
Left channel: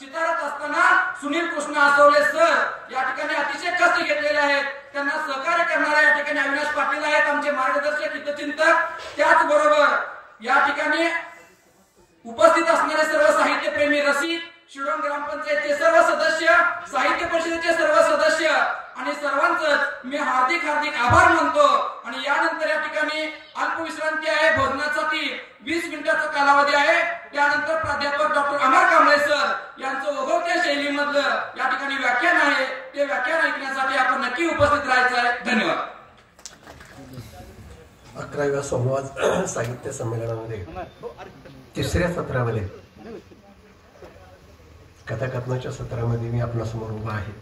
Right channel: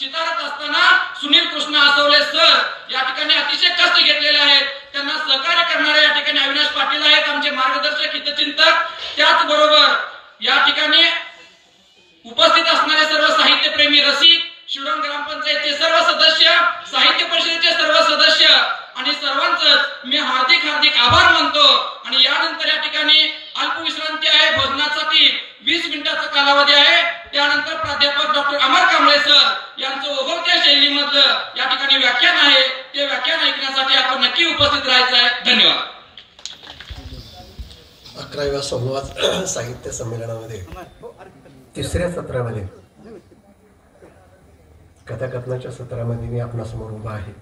चितारत असताना सुनील कृष्ण आसवले सर या ठिकाणी अतिशय कष्ट घेतलेले आहेत. त्यांना सहकार्य करणारे या ठिकाणी अविनाश पाटील आहेत, आमचे मार्गदर्शक हितचिंतक. त्याचबरोबर या ठिकाणी उपस्थित असणारे सर्व साहित्यप्रेमी रसिक, शिरडोन ग्रामपंचायतचे सर्व सदस्य, साहित्य परिषदेचे सर्व सदस्य आणि सर्वांचंच मी हार्दिक हार्दिक आभार मानतो. आणि यानंतर या ठिकाणी अल्पविश्रांती आहे, भोजनासाठी 20 मिनिटाचा कालावधी आहे. त्यानंतर प्राध्यापक डॉक्टर अमर कांबळे सर यांचं ओघवत्या शैलीमधलं या ठिकाणी व्याख्यान आहे. ते व्याख्यान ऐकण्यासाठी आपण नक्की उपस्थित राहायचं आहे. धन्यवाद. 11व्या संवाद साहित्य संमेलनामध्ये तिसऱ्या सत्रामध्ये कथाकथनाच्या सत्रामध्ये मी आपणासमोर उभा आहे.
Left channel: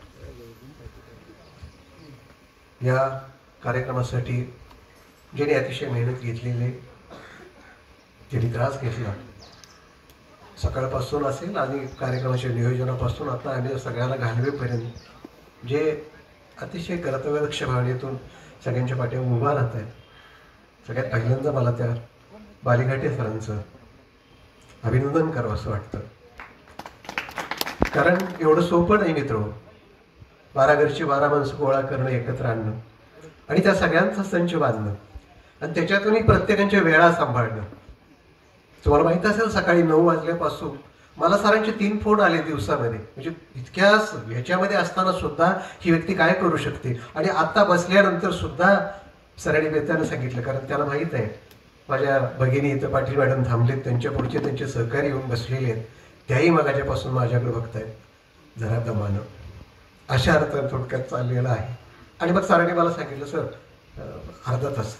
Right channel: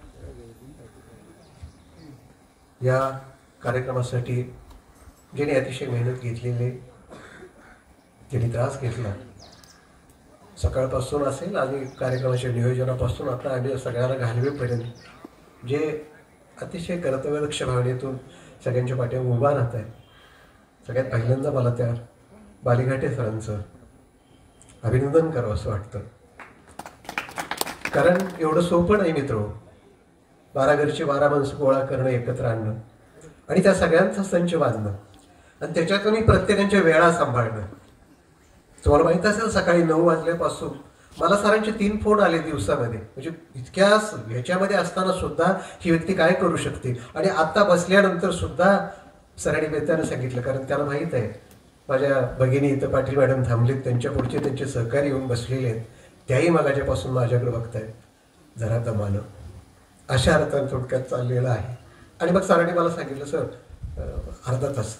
या कार्यक्रमासाठी ज्यांनी अतिशय मेहनत घेतलेली, ज्यांनी त्रास घेतला सकाळपासून असेल आणि कार्यक्रमाच्या नियोजनापासून आता आणि सगळ्यांना घालवेपर्यंत जे अतिशय कर्तव्यदक्ष भावनेतून सगळ्यांच्या पाठीवर उभा राहत आहे, सगळ्यात पहिल्यांदा मला त्या बालिघाटे सरांचं अभिनंदन करावं असं वाटतं. कारण एवढं सोपं नाही मित्र. 12 घरची 12 माणसं गोळा करणं, एकत्र आणणं आणि त्या सगळ्यांचा संच बांधणं आणि त्याच्यातूनही प्रत्येकाच्या वेळा सांभाळणं. तुम्हाला माहित असेल सकाळी 9 वाजल्यापासून मला सरांचे 3 फोन आले दिवसामध्ये. म्हणजे इतक्या ह्याच्यामध्ये असताना सुद्धा ही व्यक्ती काय करू शकते. आणि आता बसल्यानंतर सुद्धा सरांनी बेतानं सांगितलं, कारण त्याला माहीत आहे माझ्या भगिनी इथं पाटील मॅडम थांबलेत, त्यांच्या पुढचे त्यांचे सहकारी येऊन बसलेले आहेत, त्याही मगाच्यापासून माझ्याकडे बघतायत जरा दमानं. अशा अर्थाने थोडक्यात चाललेलं आहे. आणि मग सरांनी मला सांगितलं, सर अर्धा तास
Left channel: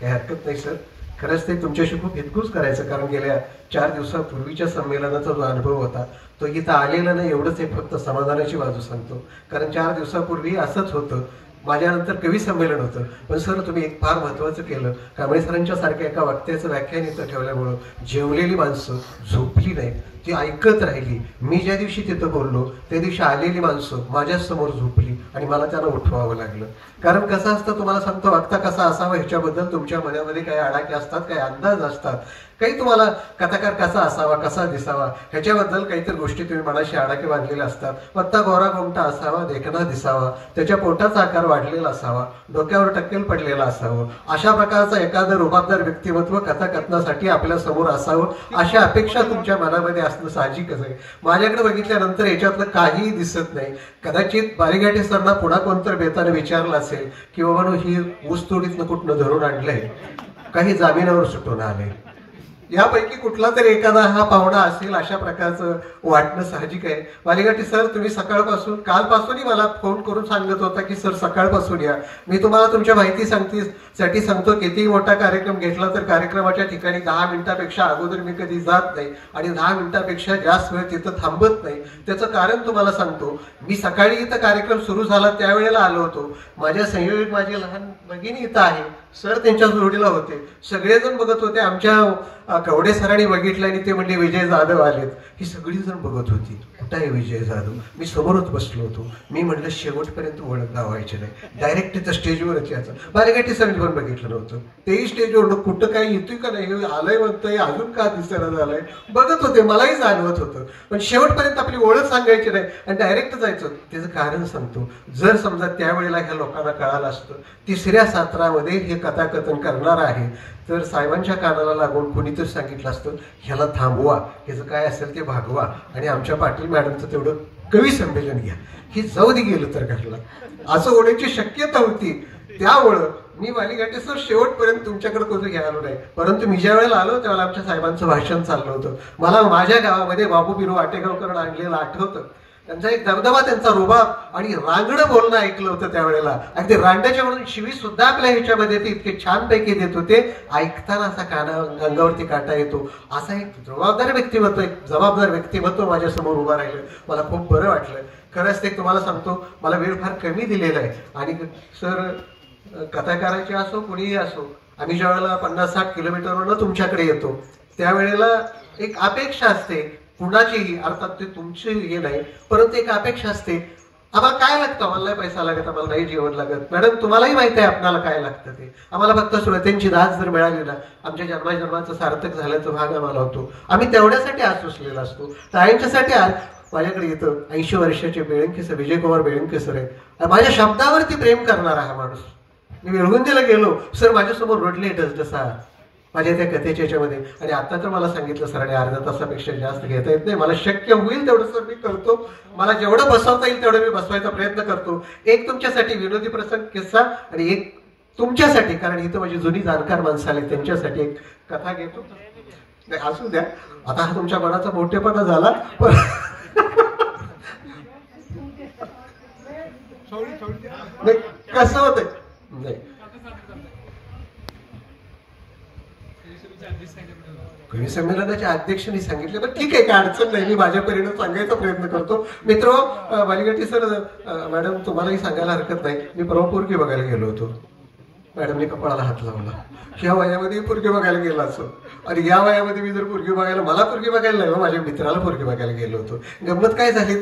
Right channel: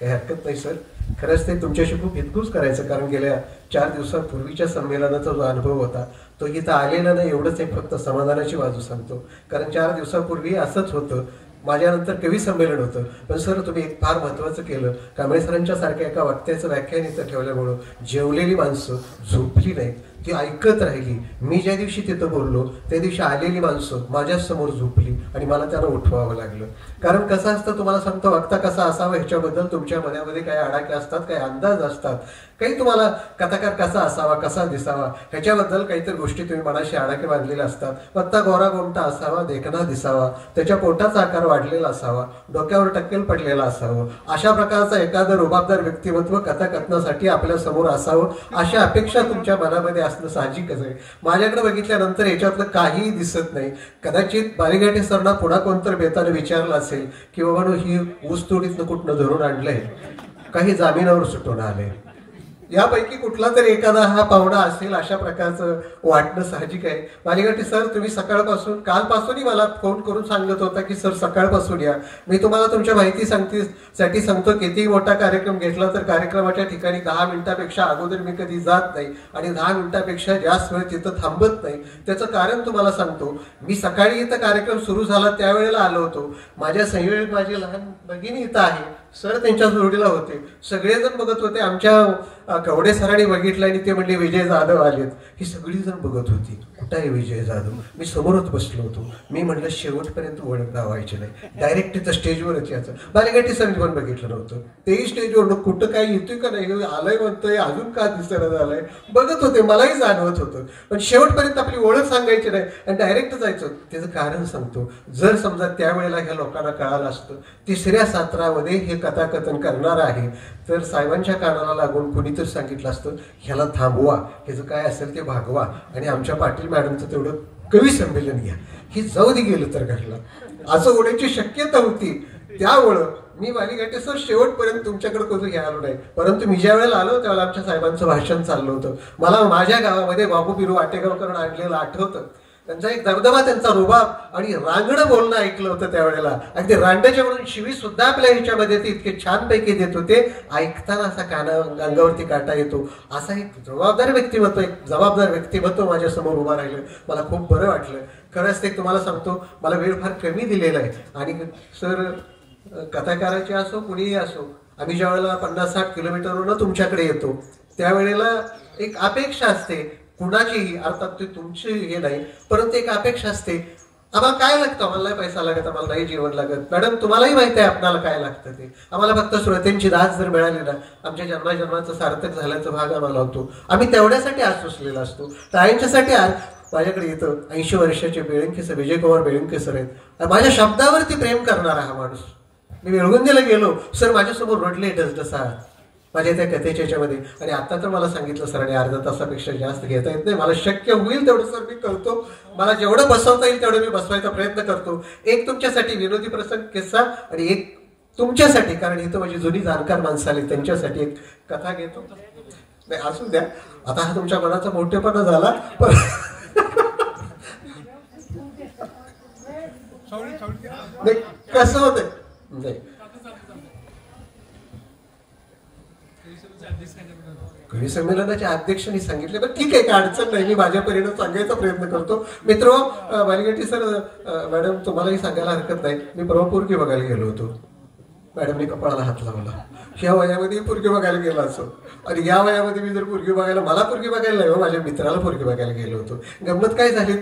काही हरकत नाही सर. खरंच ते तुमच्याशी खूप हितगुज करायचं, कारण गेल्या 4 दिवसापूर्वीच्या संमेलनाचा जो अनुभव होता तो इथं आलेला नाही. एवढंच एक फक्त समाधानाची बाजू सांगतो, कारण 4 दिवसापूर्वी असंच होतं. माझ्यानंतर कवी संमेलन होतं, पण सर तुम्ही एक फार महत्त्वाचं केलं. कांबळे सरांच्या सारख्या एका वक्त्याचं व्याख्यान इथं ठेवल्यामुळं जेवलेली माणसं झोपली नाहीत, ती ऐकत राहिली. मी ज्या दिवशी तिथं बोललो त्या दिवशी आलेली माणसं माझ्यासमोर झोपली आणि मला त्यांना उठवावं लागलं. कारण कसं असतं तुम्हाला सांगतो, वक्ता कसा असावा ह्याच्याबद्दल तुमच्या मनामध्ये काही आडाखे असतात, काही अंदाज असतात, काही तुम्हाला कथाकार कसा असावा, कसा दिसावा ह्याच्याबद्दल काहीतरी गोष्टी तुम्ही मनाशी आडाखे बांधलेल्या असतात. वक्ता गोरा गोमटा असावा, देखणा दिसावा, त्याच्या पोटाचा आकार वाढलेला असावा, डोक्यावर टक्केल पडलेला असावं, अशा प्रकारचं एखादं रुबाबदार व्यक्तिमत्व कथाकथनासाठी आपल्या समोर असावं, अशा अपेक्षा तुमच्या मनामध्ये असणं साहजिकच आहे. माझ्याकडे बघितल्यानंतर याच्यातलं काहीही दिसत नाही. कदाचित बालिघाटे सरना पुन्हा कोणतरी बेताने विचारलं असेल की बाबांनो ही ऊसतोडीतनं कुठनं धरून आणलंय, काही जामिनावर सुटून आलंय, यापैकी कुठला तरी एखादा हा पाहुणा असेल अशा प्रकारचं वाटणं साहजिक आहे. बालिघाटे सर तुम्ही सकाळपासून कालपासूनही मला फोन करून सांगत होता की सर सकाळपासून या. मी तुम्हाला तुमच्या माहितीसाठी सांगतो, कितीही मोठा कार्यक्रम घेतला तर कार्यक्रमाच्या ठिकाणी 10 मिनिटापेक्षा अगोदर मी कधी जात नाही आणि 10 मिनिटापेक्षा जास्त वेळ तिथं थांबत नाही. त्याचं कारण तुम्हाला सांगतो, मी सकाळी इथं कार्यक्रम सुरू झाला त्यावेळेला आलो होतो. माझ्या संयोजक माझी लहान भगिनी इथं आहे, सर त्यांच्या जोडीला होते, सगळेजण बघत होते. आमच्या कवडे सरांनी बघितलं आणि ते म्हणले विजय जाधव आलेत. ही सगळी जण बघत होती, कुठं आहे विजय जाधव. मी समोरच बसलो होतो. मी म्हटलं शेवटपर्यंत ओळख दावायची नाही, डायरेक्ट तिथं स्टेजवरच यायचं. बालिघाटे सरांनी पण बघितलं नव्हतं, तेही स्टेजवर कुठं काही येतोय का नाही, आलंय म्हणतोय, अजून का दिसणं झालंय, बघत होते. मलाही जाणवत होतं, पण शेवटपर्यंत आपली ओळख सांगायची नाही आणि डायरेक्ट जायचं. त्याचं कारण सांगतो, जर समजा त्यावेळेला ह्या लोकांना कळालं असतं 3ऱ्या सत्रामध्ये हे कथाकथन करणार आहे, तर साहेबांच्या कानाला लागून कुणीतरी सांगितलं असतं ह्याला थांबवा, ह्याचं काय असेल ते भागवा आणि आमच्या पाटील मॅडमचं तेवढं कवी संमेलन घ्या, हे जाऊ दे गेलं तर घडलं, असं होण्याची शक्यता होती. त्यामुळं मी बालिघाटे सर शेवटपर्यंत तुमच्याकडे कोणतं घ्यायला नाही. परंतु मी ज्या वेळेला आलो त्यावेळेला आमच्या साहेबांचं भाषण चाललं होतं. मला माझ्या गावामध्ये बाबू बिरू वाटेगावकर आणलेलं आठवतं. त्यांचा एक दबदबा, त्यांचा रुबाब आणि रांगडं बोलणं ऐकलं होतं त्यावेळेला. आणि ते रांड्याच्या म्हणून शिवी सुद्धा आपल्या ह्याच्यामध्ये ते इतके छानपैकी देत होते, ऐकताना असा अंगावरती काटा येतो. असा एक जबाबदार व्यक्तिमत्व माझ्या समोर उभं राहिलं. मला खूप बरं वाटलं. खरंच ते तुम्हाला सांगतो, मला वेळ फार कमी दिलेला आहे. आणि सर कथाकाराचे असो कुणीही असो, आम्ही ज्या वेळेला 50-60 किलोमीटरवरून तुमच्याकडे येतो त्यावेळेला एक अपेक्षा असते कुणाचीही, अर्थात ते तुमची हे नाही, परंतु एक अपेक्षा असते. आम्हाला काय लागतं, आम्हाला नाही पैसा लागत, आम्हाला नाही जेवण लागत. मॅडम तुम्हालाही माहिती आहे आपल्याला काय लागतं ते. आम्हाला फक्त श्रोत्यांची दाद जर मिळाली ना, आमच्या जन्माजन्माचं सार्थक झाल्याचा भाग आम्हाला होतो. आम्ही तेवढ्यासाठी आज सुचलेला असतो. त्यांच्यासाठी आज माझ्याकडे येतं 80 वर्षाचे बेळंके सर, विजयकुमार बेळंके सर आहेत. माझ्या शब्दावरती प्रेम करणारा हा माणूस. मी वेळगुंजेला गेलो, सर माझ्यासमोर रडले डसडसा माझ्या त्या कथेच्या याच्यामध्ये. आणि आता तर मला सांगितलं सरांनी अर्ध्या तासापेक्षा जास्त घेता येत नाही, मला शक्य होईल तेवढं सर मी करतो. मला जेवढं बसवता येईल तेवढं मी बसवायचा प्रयत्न करतो. एक तुमच्यासाठी विनोदी प्रसंग किस्सा आणि एक तुमच्यासाठी, कारण इथं माझी जुनी जाणकार माणसं आले त्यांच्यासाठी एक कथा घेतो. नाही असू द्या, आता हा तुमच्या मनाचा मोठेपणा झाला, पण नाही कसं होतंय नाही कवी संमेलनाच्या अध्यक्षांनी सांगितले, पण ठीक आहे, काय अडचण नाही, मी माझ्या परीने सांगायचा प्रयत्न करतो. मित्र बालिघाटे सर, मॅडम तुम्हालाही सांगायला हरकत नाही, मी प्रभुपूरकी बघायला गेलो होतो. मॅडमने कपाळाला हात लावला. ह्या वयामध्ये पोरगी बघायला गेला असं, आणि या वयामध्ये मी जर पोरगी बघायला, मला पोरगी बघायला नाही, माझ्या मित्राला पोरगी बघायला गेलो होतो. गंमत काय झाली,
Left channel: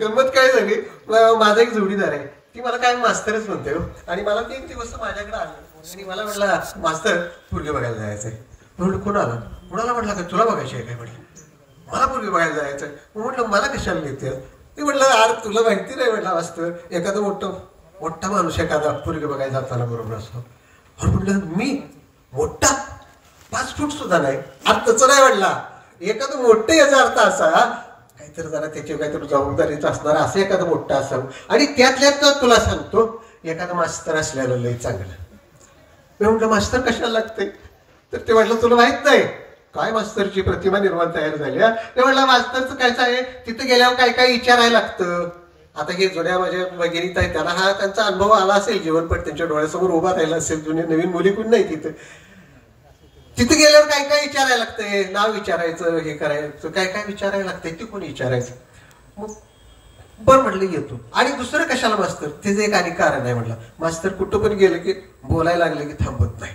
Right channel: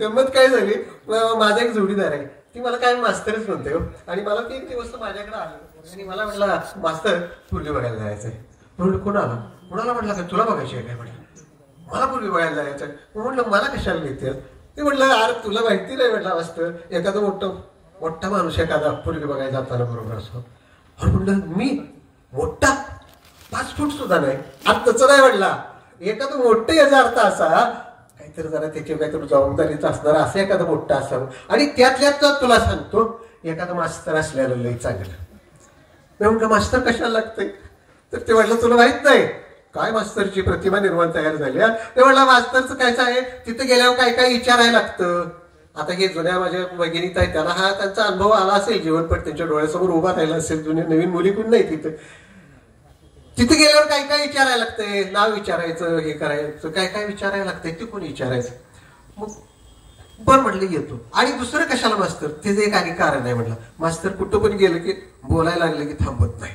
गंमत काय झाली, माझा एक जोडीदार आहे, ती मला काय मास्तरच म्हणते हो. आणि मला 3 दिवस माझ्याकडे आले आणि मला म्हटलं, मास्तर पोरगी बघायला जायचंय. म्हटलं कोणाला? कुणाला? म्हटलं काय तुला बघायची आहे काय? म्हटलं मला पोरगी बघायला जायचंय. म्हटलं मला कशाला घेते? ते म्हटलं अरे तुला माहिती नाही म्हटलं, मास्तर एखादं मोठा माणूस एखादा पोरगी बघायला जाताना बरोबर असतो. आणि म्हटलं मी मोठा 5 फूट सुद्धा नाही. आता तसं नाही म्हटला, एखादं मोठं याचा अर्थ असा काहीतरी जरा त्याची काहीतरी जबाबदारीच असणार, असं एखादं मोठं असावं. आणि त्यातल्यात तुला सांगतो, एखादं मास्तर असलेलं लय चांगलं. मी म्हटलं मास्तर कशाला लागतंय? तर ते म्हटलं तुला माहित नाही काय मास्तरची प्रतिमा निर्माण तयार झाली. ते म्हटलं मास्तरचं कायचं आहे, तिथं गेल्यावर काय काय विचारायला लागतं. आता हे जुन्या माझ्या भगिनीत आहेत, त्यांना हा त्यांचा अनुभव आला असेल, जीवनपट त्यांच्या डोळ्यासमोर उभा राहिला असेल. जुन्या नवीन मुली कोण नाही तिथं गेल्यावर काय काय विचारायला लागतंय, नाव विचारायचं, हे करायचं, काय काय विचारायला लागतंय, ते कोणी विचारायचं. मग बरं म्हटलं येतो. आणि दुसरं कशाला मास्तर, ते एक आणि कारण आहे. म्हटलं मास्तर कुठं पण गेलं की बोलायला लागलं की थांबत नाही.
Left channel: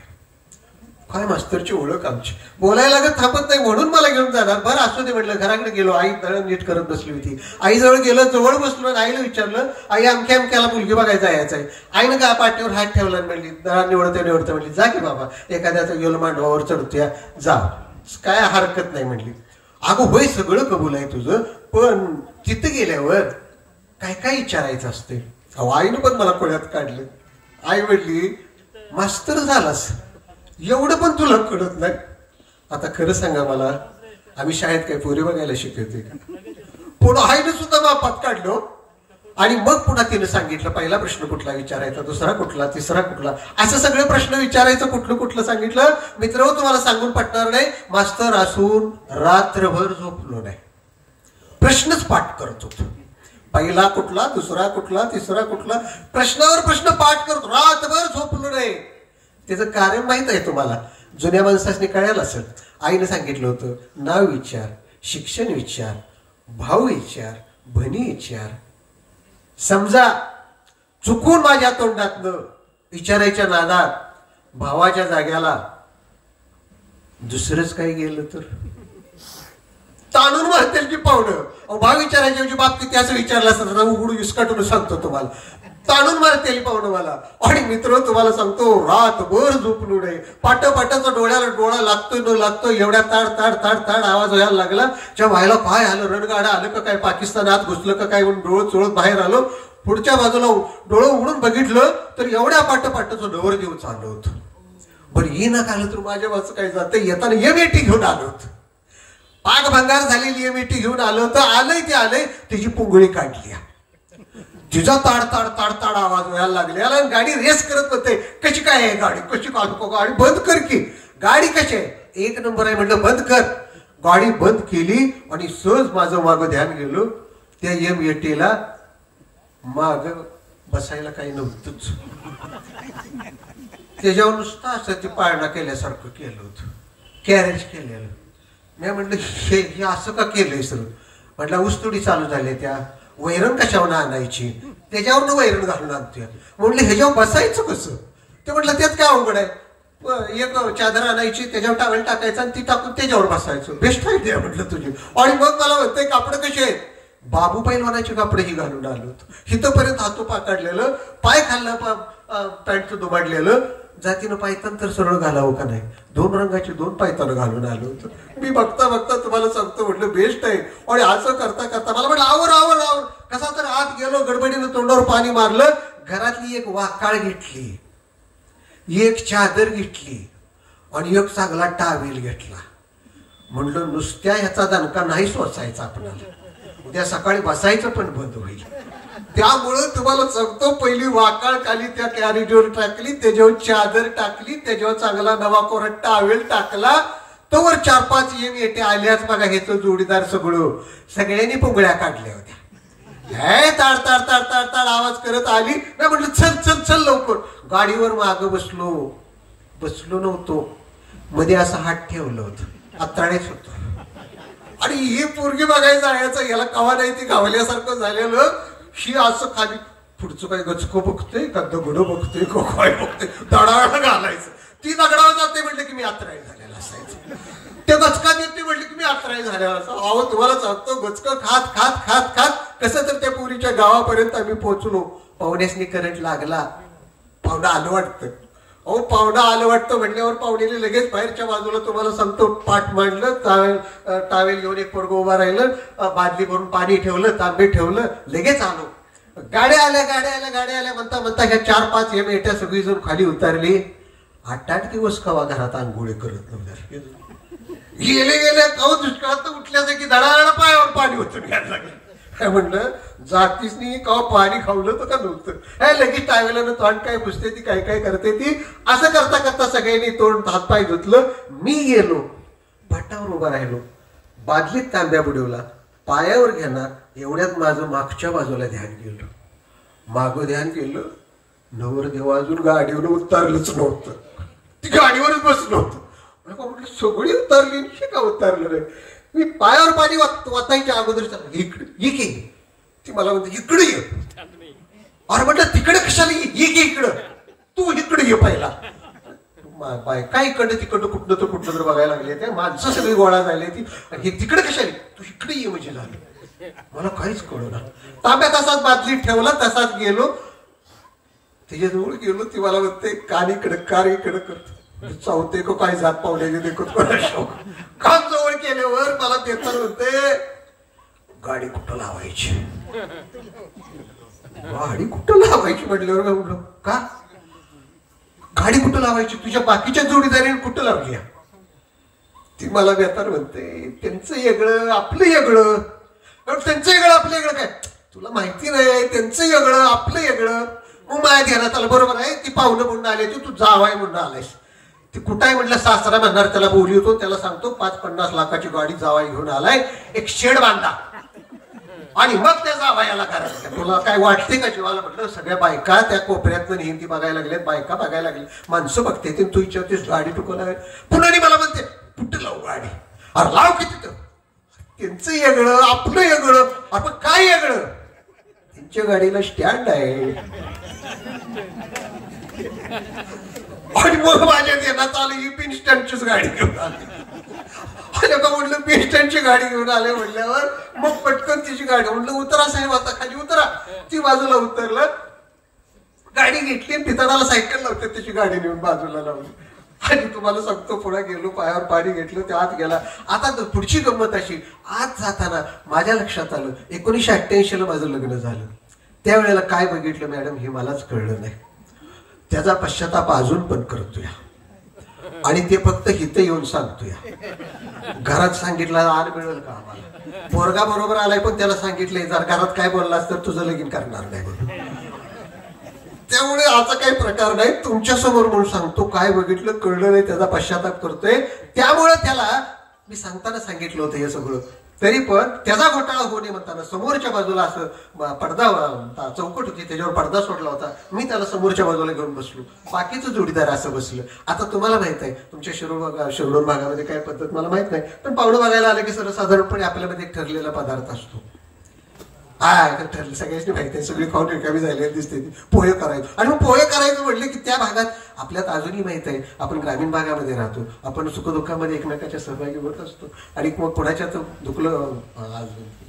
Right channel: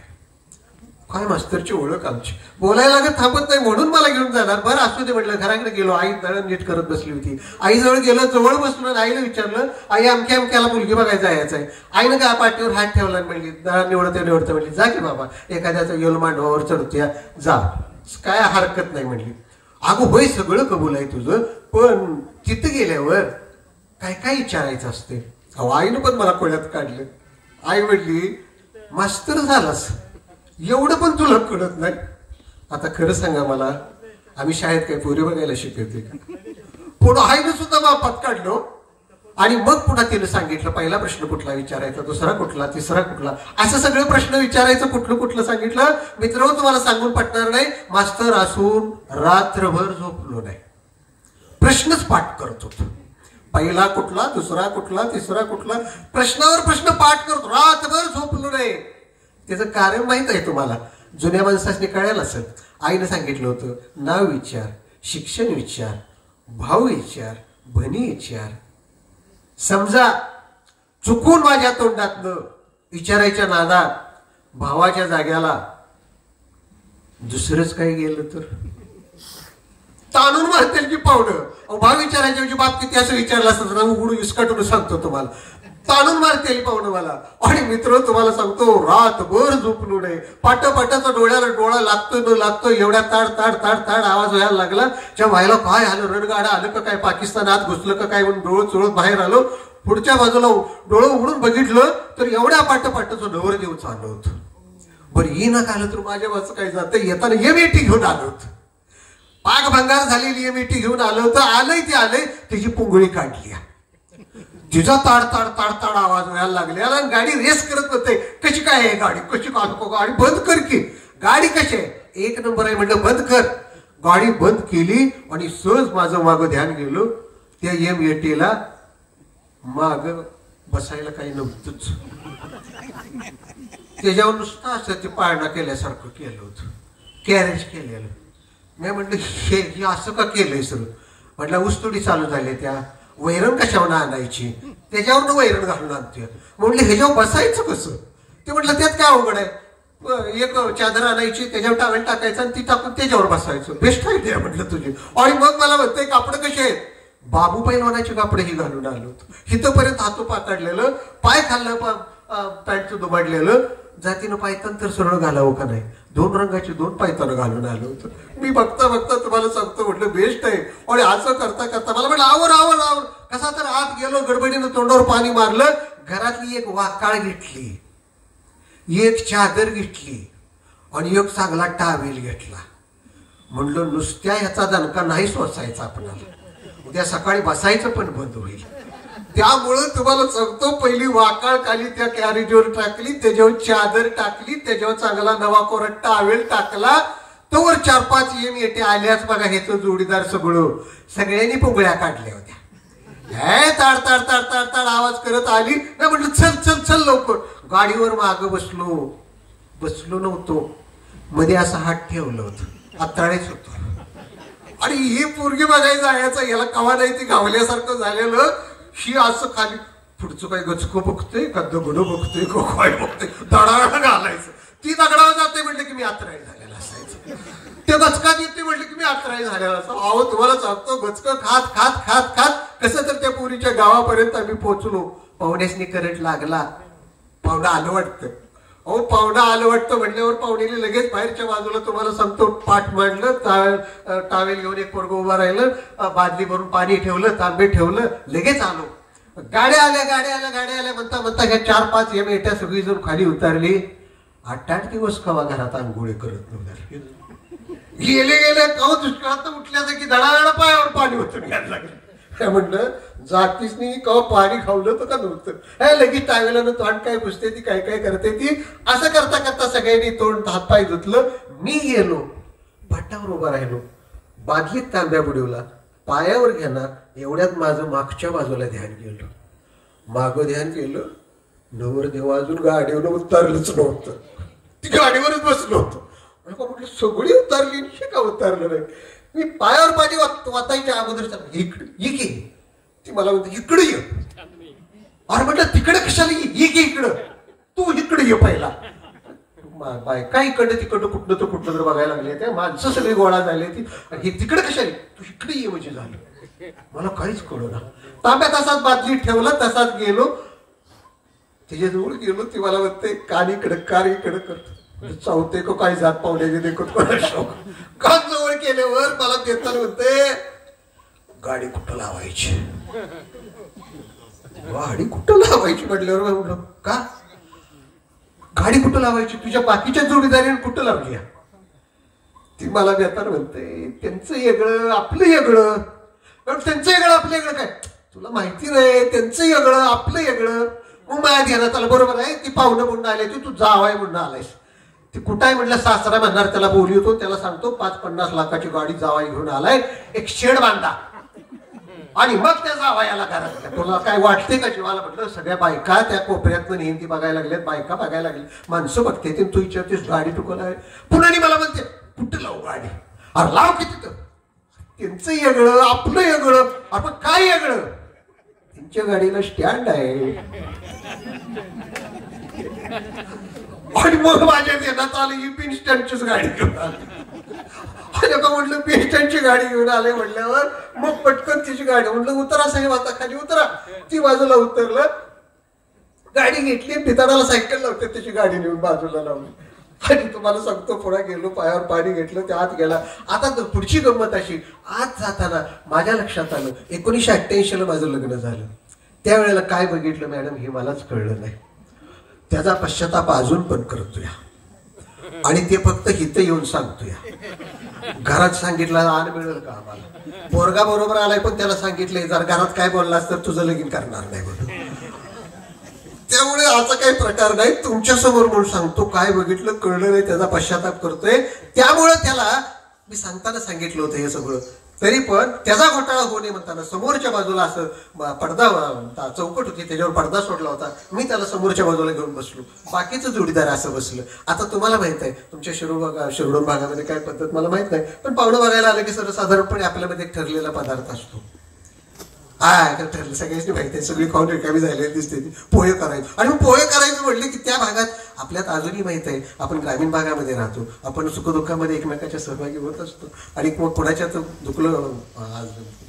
काय मास्तरची ओळख आमची, बोलायला लागत थांबत नाही म्हणून मला घेऊन जाणार. बरं असू दे म्हटलं. घराकडे गेलो, आई दळण नीट करत बसली होती. आईजवळ गेलो, जवळ बसलो आणि आईला विचारलं, आई अमक्याला मुलगी बघायला जायचं आहे. आईनं का पाठीवर हात ठेवला आणि म्हणली, दळण निवडतं म्हणली, जा की बाबा एखाद्याचं गेलो मांडवावर चढतोया जा, काय हरकत नाही म्हणली. अगो होय सगळं कबूल आहे तुझं, पण तिथं गेल्यावर काय काय विचारायचं असते. अहो आईनं पण मला कोळ्यात काढलं. आई म्हणली मास्तर झालास एवढं पण तुला कळत नाही. आता खरं सांगा मला, आम्ही शाळेत काय पोरी बघायला शिकवते का? पुढं आईनं सुद्धा मापात काढलो. आणि मग पुन्हा तिने सांगितलं, पहिला प्रश्न कुठला विचारायचा, दुसरा कुठला, तिसरा कुठला, असं सगळे प्रश्न विचारायचं. कुठलं सांगितलं मित्र, तुम्हाला सांगून पटणार नाही, मास्तर असून रात्रभर झोपलो नाही, प्रश्नच पाठ करत होतो. पहिला कुठला, दुसरा कुठला, तिसरा कुठला, प्रश्नावर प्रश्न पाठ करतो, रात्रभर झोपलो नाही. त्याचं कारण माहित आहे तुम्हाला, जुन्या माणसाने कळायला असेल. आईने सांगितलं होतं, नाव विचार, शिक्षण विचार, भाव विचार, बहिणी विचार. समजा चुकून माझ्या तोंडातनं विचारायच्या नादात भावाच्या जाग्याला दुसरंच काही गेलं तर ताणून मारतील की पावडं. भाव विचारायच्या म्हणजे बाप किती असं विचारलं असतं ना, उघडून विस्काटून सांगतो तुम्हाला, ताणून मारतील पावडं मला. आणि मित्र तुम्हाला सांगतो, रातभर झोपलो नाही. पाटाचा डोळ्याला डोळा लागतोय न लागतोय एवढ्या ताड ताड ताड ताड आवाज व्हायला लागला. त्या व्हायला काय आलं, रणगाडा आलं का काय, पाकिस्तानात घुसलं का काय म्हणून डोळं चोळत बाहेर आलो. पुढच्या बाजूला डोळं उघडून बघितलं तर एवढ्या पाटाचं नवर देव चाललं होतं. बरं ये ना आलं तर माझ्या वाच काय जातं, येताना एमएटी घेऊन आलो होतं. पाक भंगार झालेली एमएटी घेऊन आलं होतं. आलंय ते आलंय, त्याची पुंगळी काढली. तिचा ताड ताड ताड ताड आवाज व्हायला लागले. गाडी रेस करत होते, कशी काय आहे गाडी, कशी काढतो गाडी, बंद कर की, गाडी कशी आहे, 1 नंबर आहे म्हटलं, बंद कर. गाडी बंद केली आणि सहज माझं मागं ध्यान गेलो, त्या एमएटीला माग बसायला काही नव्हतंच. त्याच्यावर नुसतं असं ते पाळणा केल्यासारखं केलं होतं, कॅरेज केलेलं. मी म्हटलं हे असं का केलंय सर? म्हटलं ऊसतोडी चालू झाली, त्या वैरण कशावर आणायची, त्याच्यावर वैरण घालून आणते. म्हटलं ह्याच्यावर बसायचं कसं? ते म्हटलं त्यात काय अवघड आहे, एक चादर आणायची, त्याच्यावर टावेल टाकायचं आणि ती टाकून त्याच्यावर बसायचं. बेस्ट आयडिया म्हटलं तुझी. आणि मग मला म्हणतंय कापड कसे आहेत, बाबू पैलवानाची कापडही घालून आलो होतो. हिथपर्यंत हातू पाकडलेलं, पाय खाल्लं, पॅन्टचं दुबाडलेलं, जातीनं पायतान तर सरळ घालावं का नाही, 2 रंगाची 2 पायतानं घालून आलो होतो. मी बघता तुम्हाला सांगतो म्हटलं बेस्ट आहे. आणि असं करता मला म्हटलं आवर कसा तर आत गेलो, गडबडीनं तोंडावर पाणी मारलं. घरातली एक वाकाळ घेतली, एक चादर घेतली आणि एक चांगला टावेल घेतला. म्हणलं नुसत्या ह्याचा दणका नाही सोसायचा आपल्याला, उद्या सकाळी बसायचं पण बंद होईल. त्यामुळं तुम्हाला सांगतो, पहिली वाकाळ खाली त्या कॅरिडोर टाकली, त्याच्यावर चादर टाकली, त्याच्यावर चांगला नवा कोरट टावेल टाकला. तोवर 4-5 एमएटी आल्याच बघा. ह्याचं जोडीदार सगळ्यांनी पुंगळ्या काढल्या होत्या. हे ताड ताड ताड ताड ताड आवाज करत आली. मी म्हटलं चल चल चल लवकर. गाडीवर मागं बसलो नव्हतो, मध्ये असा हात ठेवलं होतं, आताळेच होतो. आणि ही पोरगी बघायचं याचा याला कवा नाही ती गावल्यासारखं झालेलं. ही असं खाली पुढचं काही गचको बघतोय का दगडं बघतोय का काय बघतोय, दडाळ घालायचं. ती दगडावर जाते म्हटलं की मी आत्राई झालेला असायचं, ते गचकात येते म्हटलं की मी आत्राई झालेला असं. अहो तुम्हाला सांगतो, गचकं खात खात खात खात कसं तर त्या पोरीच्या गावापर्यंत आम्ही पोहोचलो. पाहुण्यासनी करंट लागला, पाहुणं आलं वाटतं. अहो पाहुणं आलं वाटतं म्हणल्यावर पाहुणेने लगेच बाहेरच्या बाजूला तुम्हाला सांगतो पाठ मांडलं, टावेल घेऊन एक पोरगं उभा राहिलं, बादली भरून पाणी ठेवलं, तांबे ठेवलं, लगेच आलो. गाड्या आल्या गाड्या आल्या गाड्या आल्या म्हणता म्हणता ह्या 4-5 एमएट्या सगळी जण खाली उतरली. 8-8 दिवस कवा घरात आंघोळी करत नव्हत्या. गेले गेले कवा दुष्काळात उठल्याचं की धडाधडा पायावर पाणी होतं घ्यायला लागलं. म्हटलं जातीस नाही कवा पाणी खावलं तर का नव्हतं. हे लगेच टावेलानं तोंड काय पुसते ती, काय काय करते ती. असं करता करता सगळ्यांनी तोंड हातपाय धुतलं. मी गेलो पाटावर उभा राहिलो, बादलीत तांब्या बुडवला, पायावर घेणार एवढ्यात माझं मागच्या बाजूला ध्यान गेलं. मागं ध्यान केलं, नवरदेव अजून गाडीवर उतरलंच नव्हतं, ती गाडीवरच बसलं होतं. म्हटलं सगळी उतरली, का उतरलं नाही. मी पायावर पाणी वाचायच्या अगोदर इकडे ये, ती मला म्हणते इकडे ये. अरे म्हटलं तिकडे कशाला ये की इकडं, तू इकडे ये पहिला. बाय काय इकडं तिकडं कुठलं तर कुठलं तर बघायला लागले, त्या माणसं सगळी गोळा झाली ती. तिकडे कशाला, तू इकडे ये म्हणजे झालं. मला काहीच कळलं ना. तांब्या तसाच बादलीत ठेवला, तसाच गेलो, त्याच्याजवळ गेलो. ती मला म्हणते कान इकडं कार इकडं करतो. चावते को काही जात पावले देखत कान जवळ केल्यावर मला देताना म्हणते गाडी कुठं लावायची, गाडी कुठं लावायची म्हटल्यावर म्हणलं का गाडी कुठं लावायची, तुझ्या बाकीच्या जोडीदारीने कुठं लावली. ती मला बेतार म्हणते त्यांचं वेगळं आपलं वेगळं. त्यांचं वेगळं आपलं वेगळं काय तुला माहिती नाही, त्यांचं वेगळं आपलं वेगळं. मग माझ्या ध्यानात आलं बरोबर आहे, ती पाहुणं म्हणून आले, तू जावाय म्हणून आलायस. ती कुठाय म्हटलं सासरा म्हणणार, त्याला बोली होतो, त्याला सांगतो 5-50 लाखाची गाडी जावाई घेऊन आलाय, एक शेड बांधा आणि मग त्या जावायाला घरात. तुला काय वाटते का जीवाला. म्हटलं सगळ्या बायका त्या कोपऱ्यात नेहमी बघायला लागल्यात, बायका बघायला लागली, माणसं बघते तू विचारतेस गाडी तुला. पुन्हा मला म्हणते कुठं लावू गाडी. अरे लाव की तिथं, त्यांचं वेगळं आपलं वेगळं. आपण काय वेगळं, त्यांच्या गाडीला स्टँड आहे. आणि मग माझ्या देण्यात आली ही पिनस्टंटचीच गाडी घेऊन आली. का म्हटलं पिनस्टंटची गाडी घेऊन आले म्हटल्यावर मग पटकन तिची गाडी म्हटलं उतरा साहेब आता खाली उतरा. ती बाजूला उतरलं, गाडी घेतली, पिताडाला सायकल लावते त्याची गाडी नेऊन बाजूला लावली. आणि तुम्हाला सांगतो पुढे गेलो, पायावर पाणी घेतलं, त्या आत गेला. आता पुढची गंमत अशी, आत जाताना माझ्या लक्षात आलं 1988ला माझं लग्न झालं. त्यावेळेला काय बघितलं मॅडम हे मलाच कळलं नाही. त्याचा पश्चाताप अजून पण करतोय आणि ते फक्त इथं येऊन सांगतोय. घरात सांगितलं आण मिळेल का आम्हाला. पोरगा बरोबर आलाय पण त्याला सांगितलंय जर घरात काय बोललास तर तुझं लगीन करणार नाही म्हणून. त्यामुळे असा काही प्रकार नाही. तुमच्या समोर म्हणून सांगतो, काय बघितलं कळलं नाही त्याचा पश्चाताप करतोय. त्यामुळे त्याला मी सांगताना सांगितलं होतं हे सगळं, तरी पण त्याचा घोटाळा होऊ नये म्हणताना समोरच्या बाजूला असं पडदा चौकट होती त्याच्यावर पडदा सोडला होता. मी त्याला समोरच्या बाजूला घेऊन बसलो, बाकीचं जोडीदार असं बसलं. आता तुम्हाला माहित आहे तुमच्या शिरोड भागामध्ये काय पद्धत मला माहित नाही, पण पाहुणं बघायला आलं की सर्वसाधारणपणे आपल्यामध्ये एक ठरलेला पदार्थ असतो. ठरलं सगळ्यांनी माहिती आहे, सगळी खाऊन रिकामी झालेली दिसते. पोहे करायचं आणि मग पोहे करायचं म्हटलं की त्या भागात आपल्यात अजूनही माहित आहे आपण ग्रामीण भागामध्ये राहतो, आपण सुखदुःखामध्ये एकमेकाच्या सहभागी होत असतो. आणि मग कोणाच्यात दुखलं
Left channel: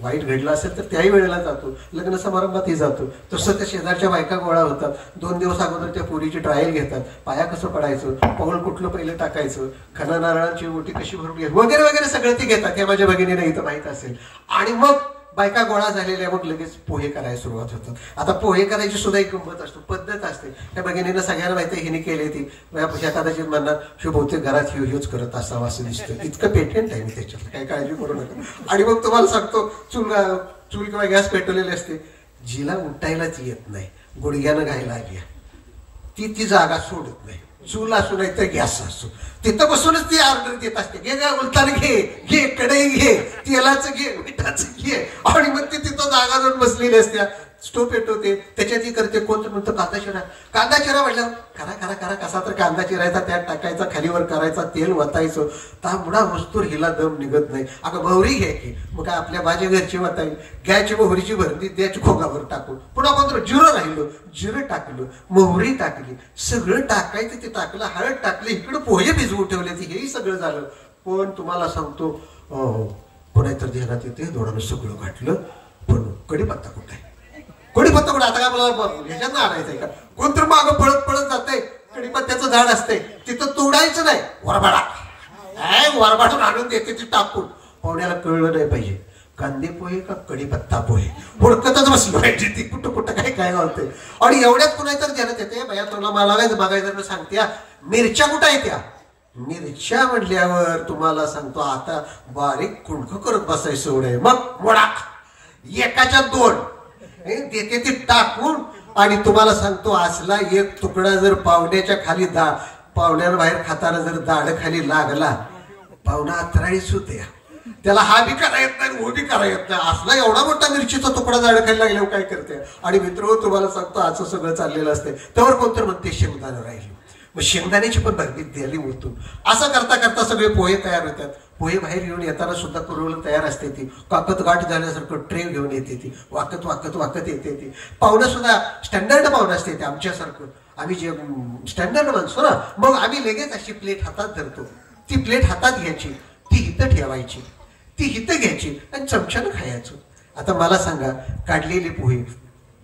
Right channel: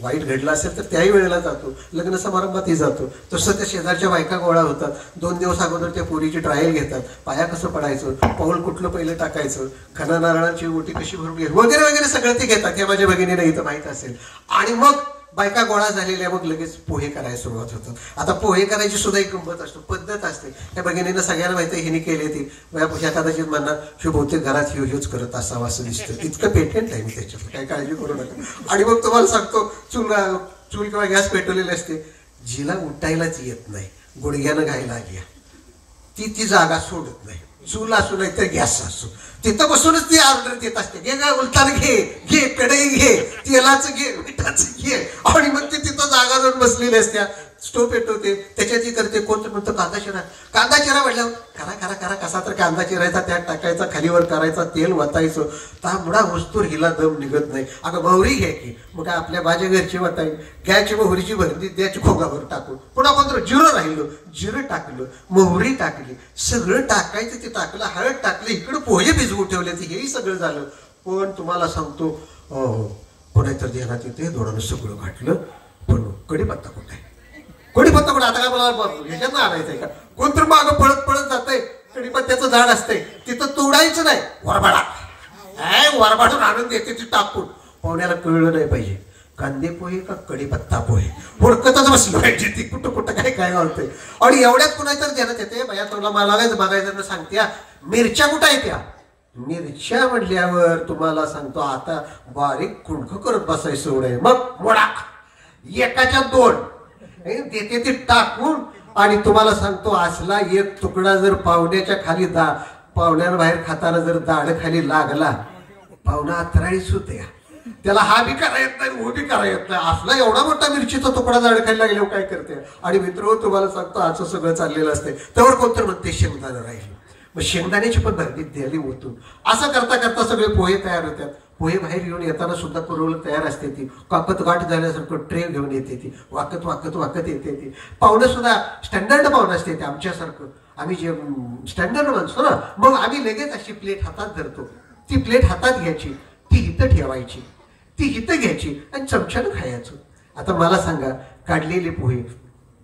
वाईट घडलं असेल तर त्याही वेळेला जातो, लग्न समारंभातही जातो. तसं त्या शेजारच्या बायका गोळा होतात, 2 दिवस अगोदर त्या पोरीची ट्रायल घेतात, पाया कसं पडायचं, पाऊल कुठलं पहिलं टाकायचं, खणा नारळांची ओटी कशी भरून घ्यायची वगैरे वगैरे सगळं ते घेतात. हे माझ्या भगिनीला इथं माहित असेल. आणि मग बायका गोळा झालेल्या मग लगेच पोहे करायला सुरुवात होतात. आता पोहे करायची सुद्धा एक गंमत असतो, पद्धत असते. त्या भगिनीनं सगळ्यांना माहिती आहे हिने केली ती. कदाचित म्हणणार शिव बहुतेक घरात ह्योच करत असावं असं दिसतं, इतकं पेटेंट आहे मी त्याच्यात, काही काळजी करू नका. आणि मग तुम्हाला सांगतो चूल किंवा गॅस पेटवलेली असते, जिला उठायलाच येत नाही, गुडघ्यानं घायला आली ती जागा सोडत नाही. चूल असू नाही तर गॅस असू, तिथं बसूनच ती ऑर्डर देत असते, घे गा उलटान घे, घे कढई घे, तेलाचं घे, मिठाचं घे. आणि मग ती तिथं जागा जाऊन बसलेली असत्या. स्टोव पेटवते, त्याच्यात करते. कोणतं म्हणतं कांदा चिरा. कांदा चिरा म्हटल्यावर करा करा करा कसा तर कांदा चिरायचा, त्यात टाकायचा, खालीवर करायचा, तेल वतायचं. तांबडा वस्तूर हिला दम निघत नाही. अगं मोहरी घ्या की. मग काय आपल्या भाज्या घरची वताई घ्यायची, मोहरीची भरती द्यायची खोगावर टाकून. पुन्हा कोणतं जिरं राहिलं, जिरं टाकलं, मोहरी टाकली, सगळं टाकायचं. ते टाकलं, हळद टाकली, इकडं पोहे भिजवून ठेवले, हेही सगळं झालं. पण तुम्हाला सांगतो कोणातर ध्यानात येते, दोडानं सगळं घातलं, पण कढीपत्ता कुठे आहे? कढीपत्ता कुठे? आता काय मला ह्याच्यात आणायचंय का? कोणतर मागं पळत पळत जातंय, कढीपत्त्याचं झाड असतंय, तिथं तोडायचं नाही, वरबाडा वरबाडून आणून देते ती टाकून. पाहुण्याला कळलं नाही पाहिजे कांदे पोहे का कढीपत्ता पोहे, हुडकतच बसलं पाहिजे ती कुठं कुठं काय काय घालतंय. आणि एवढ्यात कुणातर ध्यानात येते, भैया तुला मला बघायचं सांगते, मिरच्या कुठं आहे त्या? मिरच्या म्हटल्यावर तुम्हाला सांगतो आता बारीक कुणख करत बसायचं एवढे. मग मोडा एकाच्या 2 देते ती टाकून. आणि तुम्हाला सांगतो असला एक तुकडा जर पाहुण्याच्या खाली पाहुण्याला बाहेर खाताना जर दाढ खाली लागला, पाहुणा अत्राळीच होते. त्याला हा बी करा येत नाही, वो बी करा येत नाही. असला एवढा मोठा मिरचीचा तुकडा दाढ खाली लागल्यावर काय करते. आणि मित्र तुम्हाला सांगतो असं सगळं चाललेलं असते. त्यावर कोणतं म्हणते शेंगदाणं राहिलं, मग शेंगदाण्याची पण भरती द्यायली उरतून. असं करता करता सगळे पोहे तयार होतात. पोहे बाहेर येऊन येताना सुद्धा कुरवलं तयार असते ती. काकत गाठ झाल्यासारखं ट्रे घेऊन येते ती, वाकत वाकत वाकत येते ती. पाहुणं सुद्धा स्टँडर्ड पाहुणं असते ते आमच्यासारखं. आम्ही जे स्टँडर्ड माणसो ना, मग आम्ही लगेच अशी प्लेट हातात धरतो. ती प्लेट हातात घ्यायची, ती हिथं ठेवायची, ती हिथं घ्यायची आणि चमच्यानं खायचं. आता मला सांगा, काढलेले पोहे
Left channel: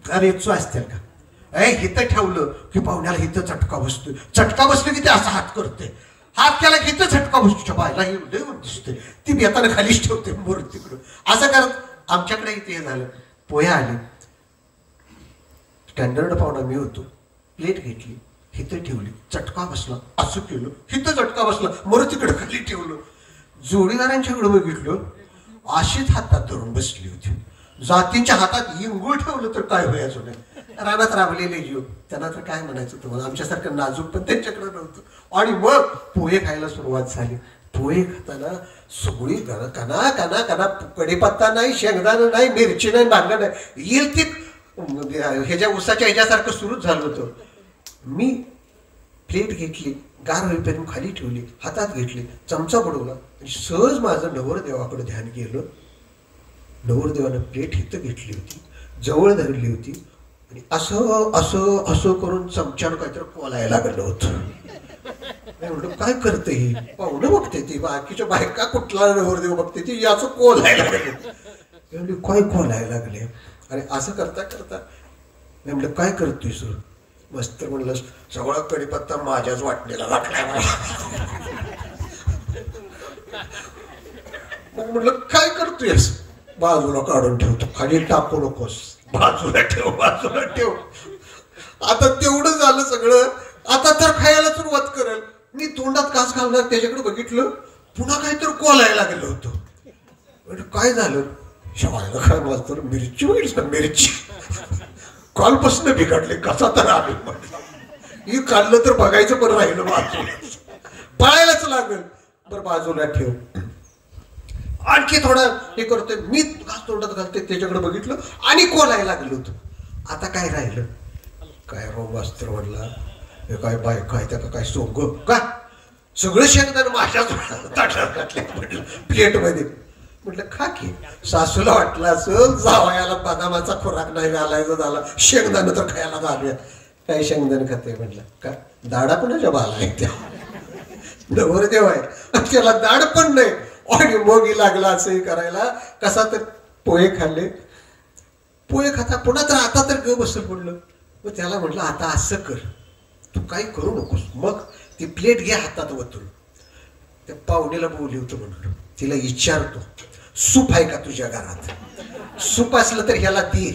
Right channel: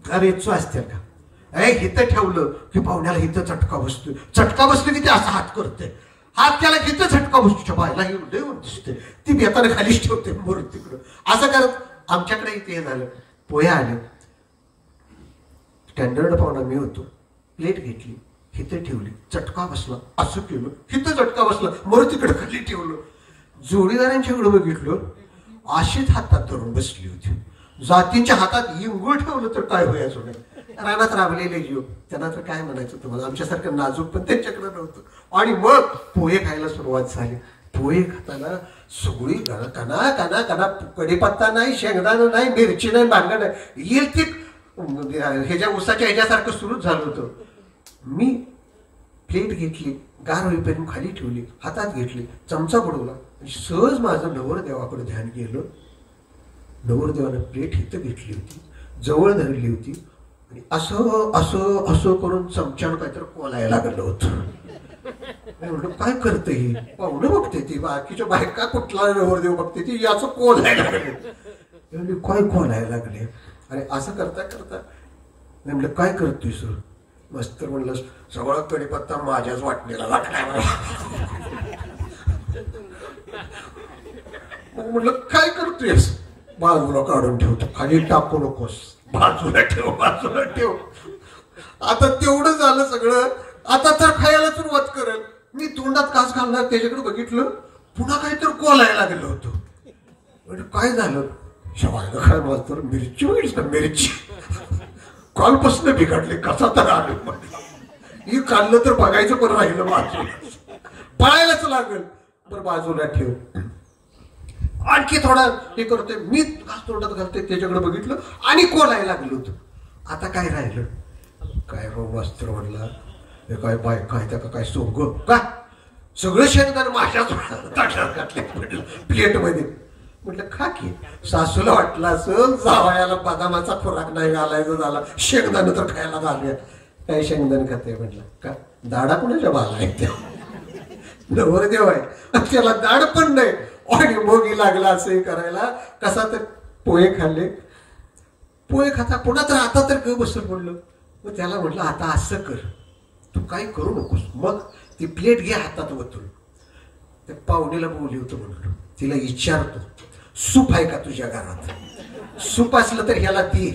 गरेचो असतील का? हिथं ठेवलं की पाहुण्याला हिथं चटका बसतो. चटका बसतो की ते असा हात करते, हात त्याला हिथं चटका बसतो. बायला हे दिसते, ती बेतानं खालीच ठेवते मोर तिकडं. असं करत आमच्याकडे इथे झालं. पोहे आले, स्टँडर्ड पाहुणा मी होतो. प्लेट घेतली, हिथं ठेवली, चटका बसला, असं केलं, हिथं चटका बसला, मोर तिकडं खाली ठेवलं. जोडीदारांच्याकडे बघितलं, अशीच हातात धरून बसली होती. जातींच्या हातात इंगूळ ठेवलं तर काय व्हायचं नाही. रानात राबलेले जीव, त्यांना तर काय म्हणायचं तुम्हाला, आमच्यासारखं नाजूक पण त्यांच्याकडे नव्हतं. आणि मग पोहे खायला सुरुवात झाली. पोहे खाताना सगळी काना काना काना, कढीपत्ता नाही, शेंगदाणा नाही, मिरची नाही, बांगडा नाही, येईल ती ह्याच्या उसाच्या ह्याच्यासारखं सुरूच झालं होतं. मी प्लेट घेतली, गार होईपर्यंत खाली ठेवली, हातात घेतली, चमचा बुडवला आणि सहज माझं नवरदेवाकडे ध्यान गेलं. नवरदेवानं प्लेट हिथं घेतली होती, जवळ धरली होती आणि असं असं असं करून चमच्यानं काहीतरी कोलायला लागलं होतं. म्हणलं काय करते ही? पाहुणं बघते ती, बाकीच्या बायका कुठला नवरदेव बघते ती, याचं कोलायला लागले. काय कोलायला लागले? आणि असं करता करता म्हणलं काय करतोय सर? मस्त म्हणलं सगळा कढीपत्ता माझ्याच वाटणीला लागलाय. मग म्हटलं काय करतोयस? बाजूला काढून ठेवतो, खाली टाकू नकोस, बाजूला ठेव, बाजूला ठेव. आता तेवढं झालं सगळं. आता तर खायला सुरुवात करेल. मी तोंडात कास घालणार, त्याच्याकडे बघितलं, पुन्हा काहीतरी कोलायला लागलं होतं. म्हणजे काय झालं? शवायला काय मास्तर, मिरची बघितली, मिरची कालपासून बिघडले, कसा तर आले म्हटलं. ही खाल्लं तर बघायचं पण राहिलं, बाजूला पळायलाच लागेल. बरं बाजूला ठेव. आणखी थोडा हे करतोय, मी घास तोंडात घालते, त्याच्याकडे बघितलं आणि कोलायला लागलं होतं. आता काय राहिलं? काय रो मास्तर म्हटला, हे काय बायका आहे त्या का काय सोंग का? सगळं शेंगदाणं माझ्याच ताटात घातले म्हटलं प्लेटमध्ये. म्हटलं खा की. सासूला वाटलं असं जावयाला बदामाचा खुराक नाही घालायचा झाला, शेंगदाणं तर खायला घालूया. काय शेंगदाणं खाते म्हटलं का? दाडा कुणाच्या बाला आहे त्या? नवरदेव आहे, त्याला दाड पण नाही. आणि मोगी लागला असंही करायला. कसा तर पोहे खाल्ले, पोहे खाता पुन्हा तर आता तर ग बसल पडलं. मग त्याला म्हटलं आता असं कर, तू काही करू नकोस. मग ती प्लेट घे हातात वतून. त्या पाहुणीला बोलवतो म्हणलं, तिला विचारतो सूप आहे का तुझ्या घरात? सूप असलं तर ह्याला दे,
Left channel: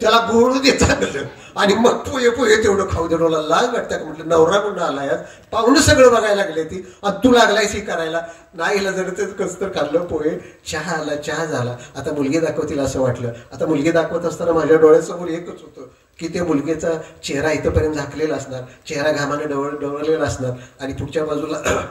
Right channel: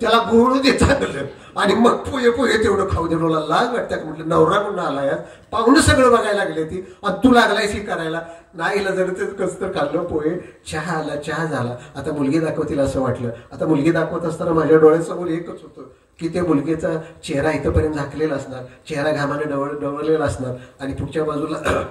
त्याला गोळू दे चांगलं, आणि मग पोहे पोहे तेवढं खाऊ दे. रोला लाग वाटतं का? म्हटलं नवरा म्हणून आलाय, पाहुणं सगळं बघायला लागले ती, आणि तू लागलायस हे करायला. नाही जर ते कस तर खाल्लं पोहे. चहा आला, चहा झाला. आता मुलगी दाखवतील असं वाटलं. आता मुलगी दाखवत असताना माझ्या डोळ्यासमोर एकच होतं की ते मुलगीचा चेहरा इथंपर्यंत झाकलेला असणार, चेहरा घामाने डवळलेला असणार, आणि पुढच्या बाजूला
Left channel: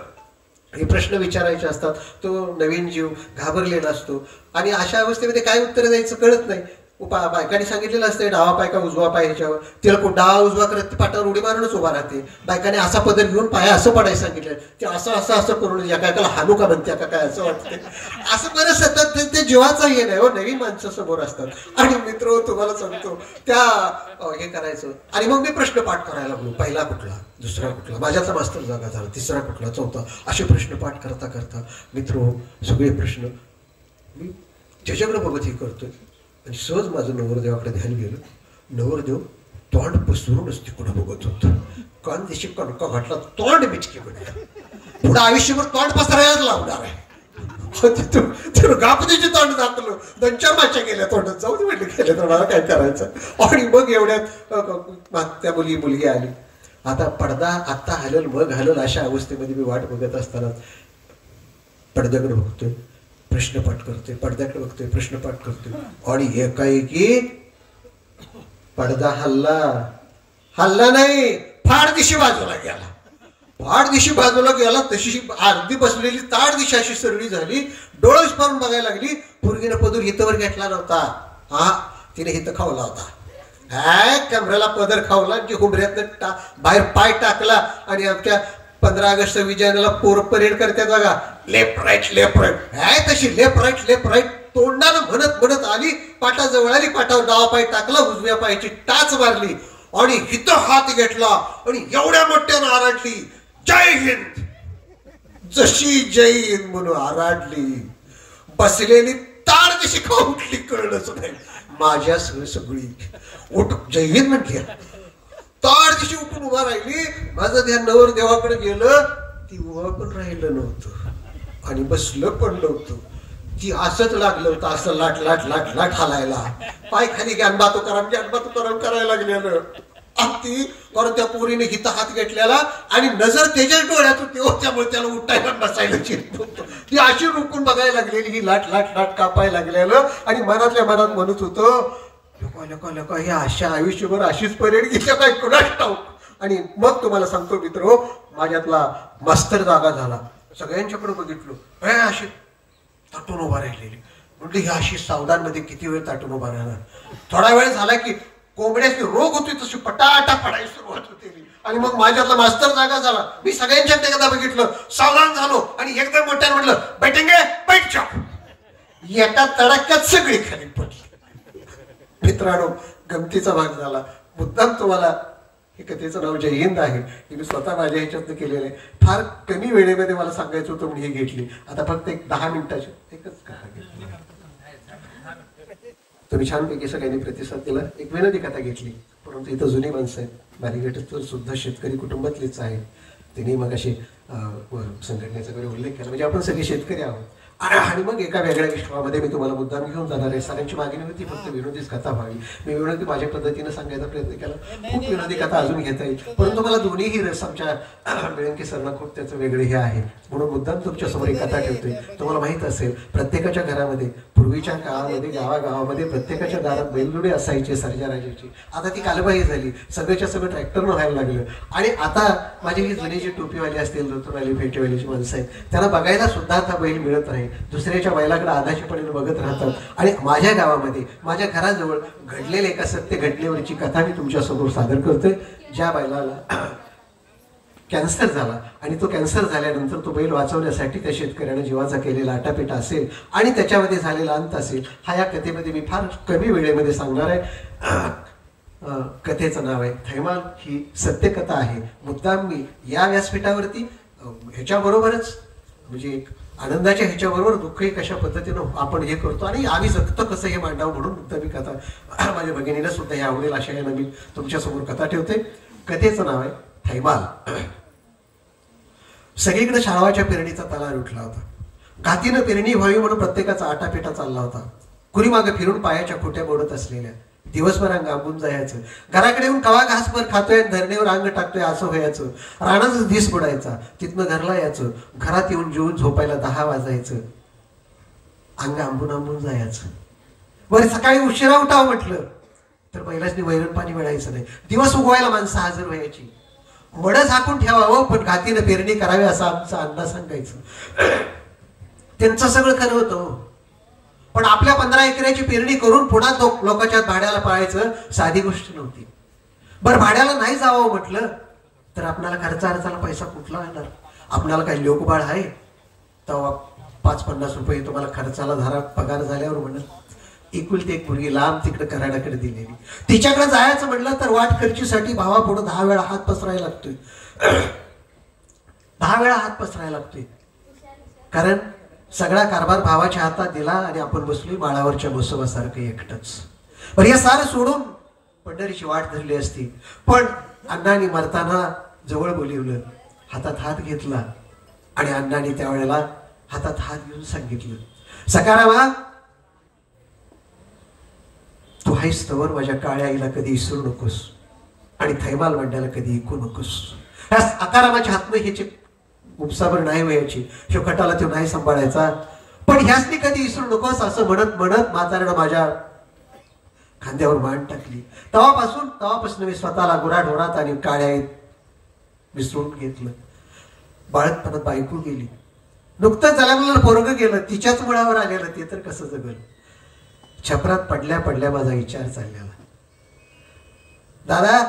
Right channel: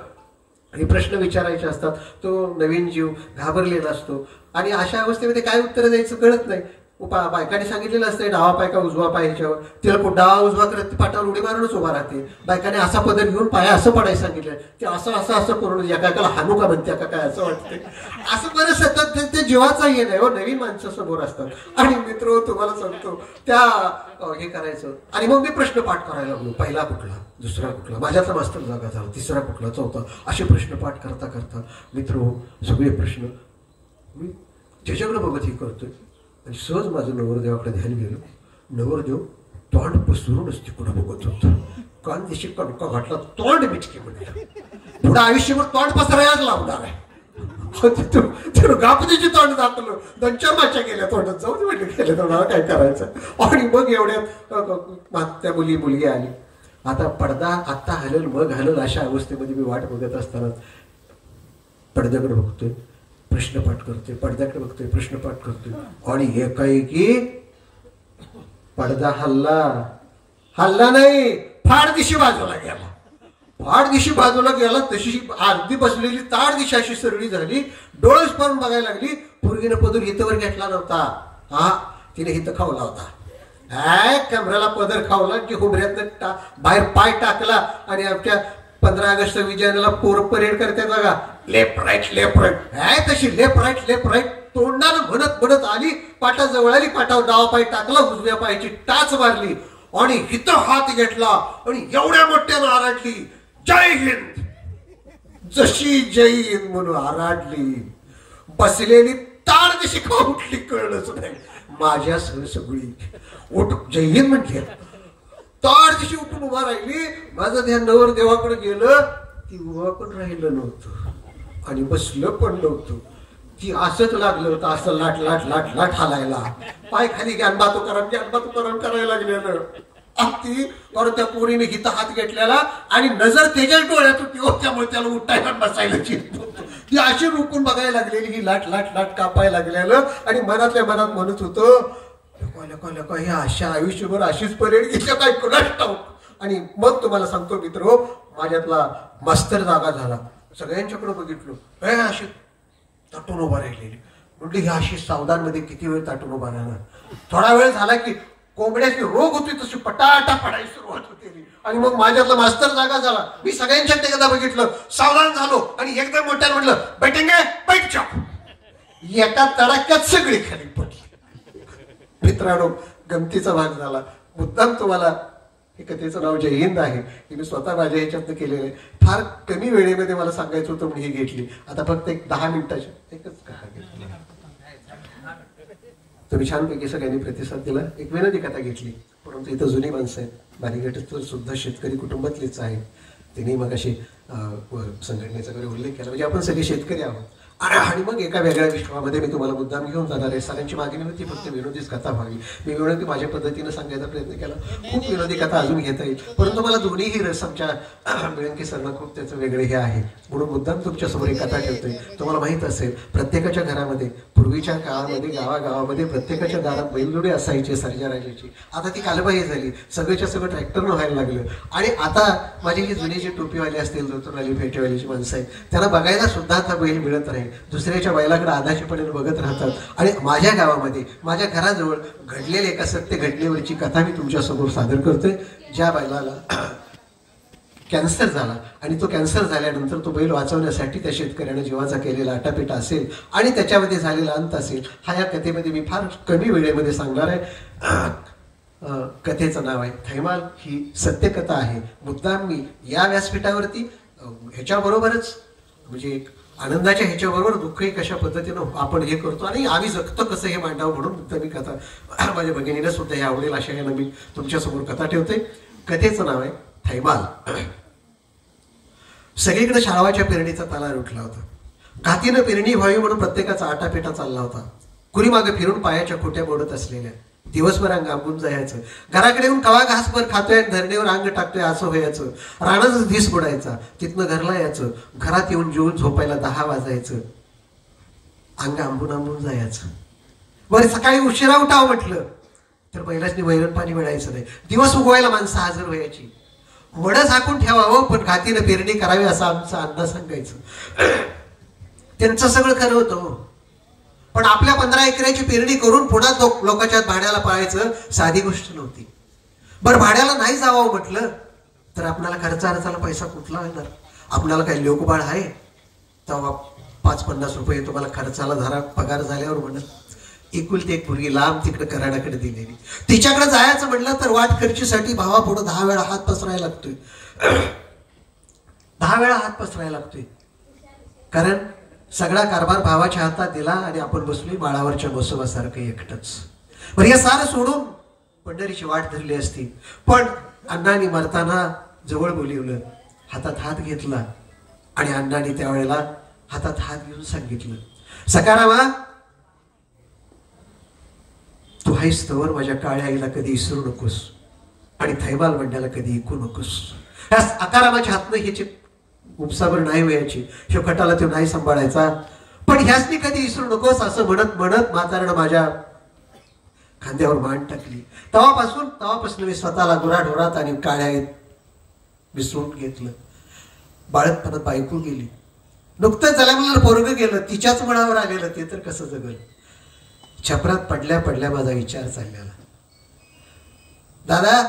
हे प्रश्न विचारायचे असतात. तो नवीन जीव घाबरलेला असतो आणि अशा अवस्थेमध्ये काय उत्तर द्यायचं कळत नाही. बायकांनी सांगितलेलं असते डावा पाय का उजवा पाय ह्याच्यावर, तिला डावा उजवा करत ती पाटावर उडी मारूनच उभा राहते. बायकाने असा पदर घेऊन पाया असं पडायला सांगितलं, ते असं असं असं करून एकाला हानू का म्हणते का काय असं वाटते. असं बरं सतत ते जीवाचा हे नाही हो, नवीन माणसं समोर असतात. आणि मित्र तुम्हाला सांगतो त्या हे करायचं. आणि मग मी प्रश्न पाठ करायला लागलो, पहिला कुठला, दुसरा कुठला, माझ्याचा मास्तर जागा झाला, तिसरा कुठला, चौथा, असे प्रश्न पाठ करता करता मित्र सगळे प्रश्न मी त्याच्याकडे बघत हे करतोय. आणि सहज माझं नवरदेवाकडे ध्यान गेलं. नवरदेव तोंड पसरूनच तिकडं बघत होत. कान दिशी कणका घातला, तोंड बिचके म्हणलं. पुढं आयुष्यभर तोंड पसरायलाच लावणार आहे. तिथून गापतीचे तोंड दाखवलं, 2-4 माच्या गेल्या तोंडात, जाऊ दे म्हटलं गेल्या तोंडाला काय करायचं. आणि मग एवढ्यात त्या मुलगी आली. आता पडदा आत्ता हलल मग हलल अशा अवस्थेमध्ये मी वाट बघत असताना पडद्याकडे बघतोय, प्रश्न पाठ करतोय, पडद्याकडे बघतोय, प्रश्न पाठ करतोय. आणि एकाएकी पडदा हल्ला नाही, फाड दिशी बाजूला गेला. फाड दिशी बाजूला गेला तशी अर्धी बसलेली ताड दिशा अशी सरळी झाली. डोळस पाहून बघायला लागली. पोरगीनं पदर हितवर घेतला नव्हता, हा तिने हित खावला होता. कमरेला पदर खावला, की हुबऱ्यात बाहेर पाय टाकला. आणि आमच्या 15 ऑगस्ट विजयाला पोर परेड करतात बघा, लेफ्ट राईट, तशी लेफ्ट राईट तोंडानं म्हणत आली. पाटाजवळ आली, पाटावर डावा पाय टाकला, उजव्या पायाची टाच मारली आणि हिथं हात घेतला आणि एवढ्या मोठ्यानं आराडली, जय हिंद. जशी जय हिंद म्हणून आराडली, बसलेली ताड दिशी का उठली कळलंच नाही. माझ्या सगळी उठ जय हिंद म्हटली, ताड दिशी उठून उभा राहिली. माझं ध्यान नवरदेवाकडे गेलं. ती उभा पण राहिलं नव्हतं आणि बसलं पण नव्हतं. ती असंच लागलं होतं, असं लाट हालायला. पाय खाली ज्ञानबातू कराम करायला लागलेलं. ती बरं त्या पोरीने हिता हात घेतलेला आणि नजर त्याच्याच डोळ्यात होती, त्यामुळे त्याला उठायला बसायला चिरत होतं. ती अशी रुकून बघायला लागलेली, ही लाट कापायला लागलेलं. आणि मनातल्या मनात म्हणत होतं, हे अशा आयुष्यभर अशीच परेड घेतल्या काय कुणाच ठाऊक. आणि मग तुम्हाला सांगतो मित्र, माझ्यातला मास्तर जागा झाला. सगळ्यांच्याकडे बघितलं, अशी ताटून उभा राहिलेली. म्हणजे ही अशी सावधानमध्ये किती वेळ ताटून उभा राहणार. थोडा वेळ झाला की कोंबड्याची रोग होती तशी पटाटा पडायला सुरुवात होती. आणि मग माझ्यातला मास्तर जागा झाला. मी सगळ्यांच्यात एकदा बघितलं, सावधान झालो आणि एकदम मोठ्याने म्हटलं, बैठेंगे बैठ जाओ. एका तडाक्यात सगळी खाली पडली. मित्रांनो, गमतीचा भाग झाला. मुद्दाम तुम्हाला हे कथेचं नाव जय हिंद आहे, हे मी स्वतः माझ्या ह्याच्यातनं केलेलं आहे. फार कमी वेळेमध्ये मला सांगायचं होतं म्हणून ही घेतली. आता फक्त 10 मिनिटाची एकच कथा घेतली. तुम्ही छानपैकी सगळ्यांनी प्रतिसाद दिला. एक विनोदी कथा घेतली, परंतु इथं जुनी माणसं आहेत. बारीगट सुद्धा शेतकरी कुटुंबातलीच आहे. त्यांनी मग अशी संघटनेचा वगैरे उल्लेख केला, म्हणजे आपण सगळे शेतकरी आहोत. आणि मग एका वेगळ्या विश्वामध्ये मी तुम्हाला मुद्दाम घेऊन जाणार आहे. सगळ्यांची मागणी होती फक्त विनोदीच कथा व्हावी. मी विनोदी माझ्या पद्धतीने सांगायचा प्रयत्न केला. खूप विनोदी कथा अजून घेता येईल, परंतु मला दोन्हीही रस आमच्या बेळंकी सरना खूप त्याचं वेगळे हे आहे, म्हणून मुद्दाम तुमच्यासमोर एक कथा ठेवतोय. तुम्हाला माहित असेल, प्रत्येकाच्या घरामध्ये पूर्वीच्या काळामध्ये गावागावामध्ये प्रत्येकाच्या दारात बैलजोडी असायची सर्जाराजाची. आता ती कालबाही झाली, सगळ्याच्या सगळं ट्रॅक्टरनं व्हायला लागलं. आणि आता माझी ही जुनी जी टोपीवाली असतील, धोतरवाली फेटेवालीची माणसं आहेत, त्यांना बघायला सुद्धा आता बैल मिळत नाही. दुसऱ्याच्या बैलाकडे आदाशीपणे बघत राहतात. आणि माझ्या गावामध्ये माझ्या घराजवळ घडलेल्या एका सत्य घटनेवरची कथा मी तुमच्यासमोर सादर करतोय. ज्या बैलाला कॅन्सर झाला आणि तो कॅन्सर झाल्यानंतर तो बैल वाचवण्यासाठी त्या शेतकऱ्याने जीवाचा केलेला आटापिटा असेल आणि त्याच्यामध्ये झालेला अंत असेल, हा या कथेमध्ये मी फार कमी वेळेमध्ये सांगणार आहे. कथेचं नाव आहे थैमाल. ही सत्यकथा आहे. मुद्दाम मी या व्यासपीठावरती ह्याच्याबरोबरच म्हणजे एक आनंदाच्या ह्याच्याबरोबर दुःखही कशा पद्धतीनं आपण हे करतो आणि आम्ही जगतो कसं हे मांडावं म्हणून मुद्दा मी कथा माझ्या भगिनीला सुद्धा हे आवडेल अशा यानं मी तुमच्यासमोर कथा ठेवते. कथेचं नाव आहे थैमाल. सगळीकडे शाळवाच्या पेरणीचा तलार उठला होता. घातीनं पेरणी व्हावी म्हणून प्रत्येकाचा आटापेटा चालला होता. कुणी मागे फिरून पायाच्या खोट्या मोडत असलेल्या. दिवसभर अंग आंबून जायचं. घराकडे येऊन कवा घासभर खातोय, धरणीवर अंग टाकतोय असं व्हायचं. रानाच दिस बुडायचा. तिथनं घरला यायचं. घरात येऊन जेवून झोपायला 10 वाजायचं. अंग आंबून जायचं. बरं सकाळी उशिरा उठावं म्हटलं तर बैलासनी वैरण पाणी मिळायचं नाही. दिवस उगवायला माणसं हजर व्हायची. मड झाकून ठेवावं पण घातीनं पेरणी करावी असा आमचा अंदाज सांगायचं. त्यांचं सगळं खरं होतं. पण आपल्या 15 एकराची पेरणी करून पुन्हा लोकांच्या भाड्याला पाहायचं साधी गोष्ट नव्हती. बरं भाड्याला नाही जावं म्हटलं तर आपल्याला खर्चाला पैसा कुठला येणार? आपल्याला काही लोकबाळ आहे तेव्हा 5-50 रुपये तुम्हाला खर्चाला धरा पगार झाल्यावर म्हणत एकुलती एक मुलगी लांब तिकडे कराडाकडे दिलेली, तिच्याकडे जायचं म्हटलं तर वाट खर्चीसाठी भावा पुढे 10 वेळा हात पसरायला लागतोय. 10 वेळा हात पसरायला लागतोय, कारण सगळा कारभार भावाच्या हातात दिला आणि आपण बसलोय बाळावरच्या बसवासारखं एकटंच. पण हे सारं सोडून पंढरीची वाट धरली असती. पण अण्णांनी मरताना जवळ बोलिवलं, हातात हात घेतला आणि अण्णांनी त्यावेळेला हातात हात घेऊन सांगितलं, सकारामा तू हायस तवर माझ्या काळ्या आईला कधी विसरू नकोस आणि थैमाल मंड्याला कधी ऐकू नकोस. ह्या अकारामाच्या हातनं ह्याची उपसाबर नाही वयाची, ह्यो खटाला तो नाही सांभाळायचा, पण ह्यासनी कधी विसरू नकोस असं म्हणत म्हणत म्हाताऱ्यानं माझ्या खांद्यावर मान टाकली. तेव्हापासून मी स्वतःला गुराढोरात आणि काळ्यात विसरून घेतलं. बाळकपणात बायको गेली, नुकतंच झाल्या मुलाला पोरगं गेलं, तिच्याच मुळावर आलेलं, ते तर कसं जगल. छपरात पडल्या पडल्या माझा विचार चाललेला, दादा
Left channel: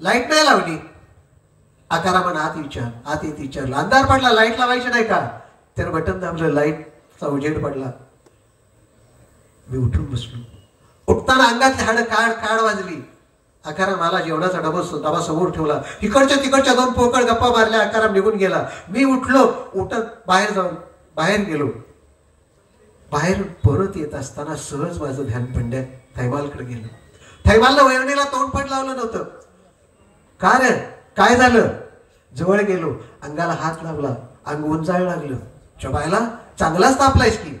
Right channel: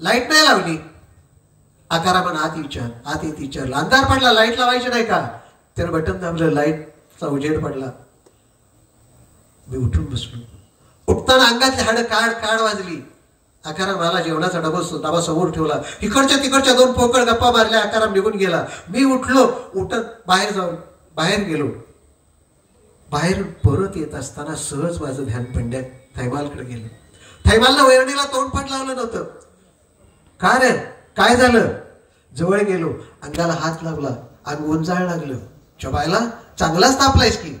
लाईट नाही लावली. आकारामान आत येत विचारलं, अंधार पडला लाईट लावायची नाही का? त्यानं बटन दाबलं, लाईटचा उजेड पडला. मी उठून बसलो. उठताना अंगातले हाड काड वाजली. आकाराम मला जेवणाचा डबा समोर ठेवला, इकडच्या तिकडच्या 2 पोकळ गप्पा मारल्या. आकाराम निघून गेला. मी उठलो, उठत बाहेर गेलो. बाहेर परत येत असताना सहज माझं ध्यान पंड्या थैमालकडे गेलं. थैमालनं वैरणीला तोंड पण लावलं नव्हतं. का रे काय झालं? जवळ गेलो, अंगाला हात लावला, अंग उंचाळ लागलं. चबायला चांगलाच तापलायस की,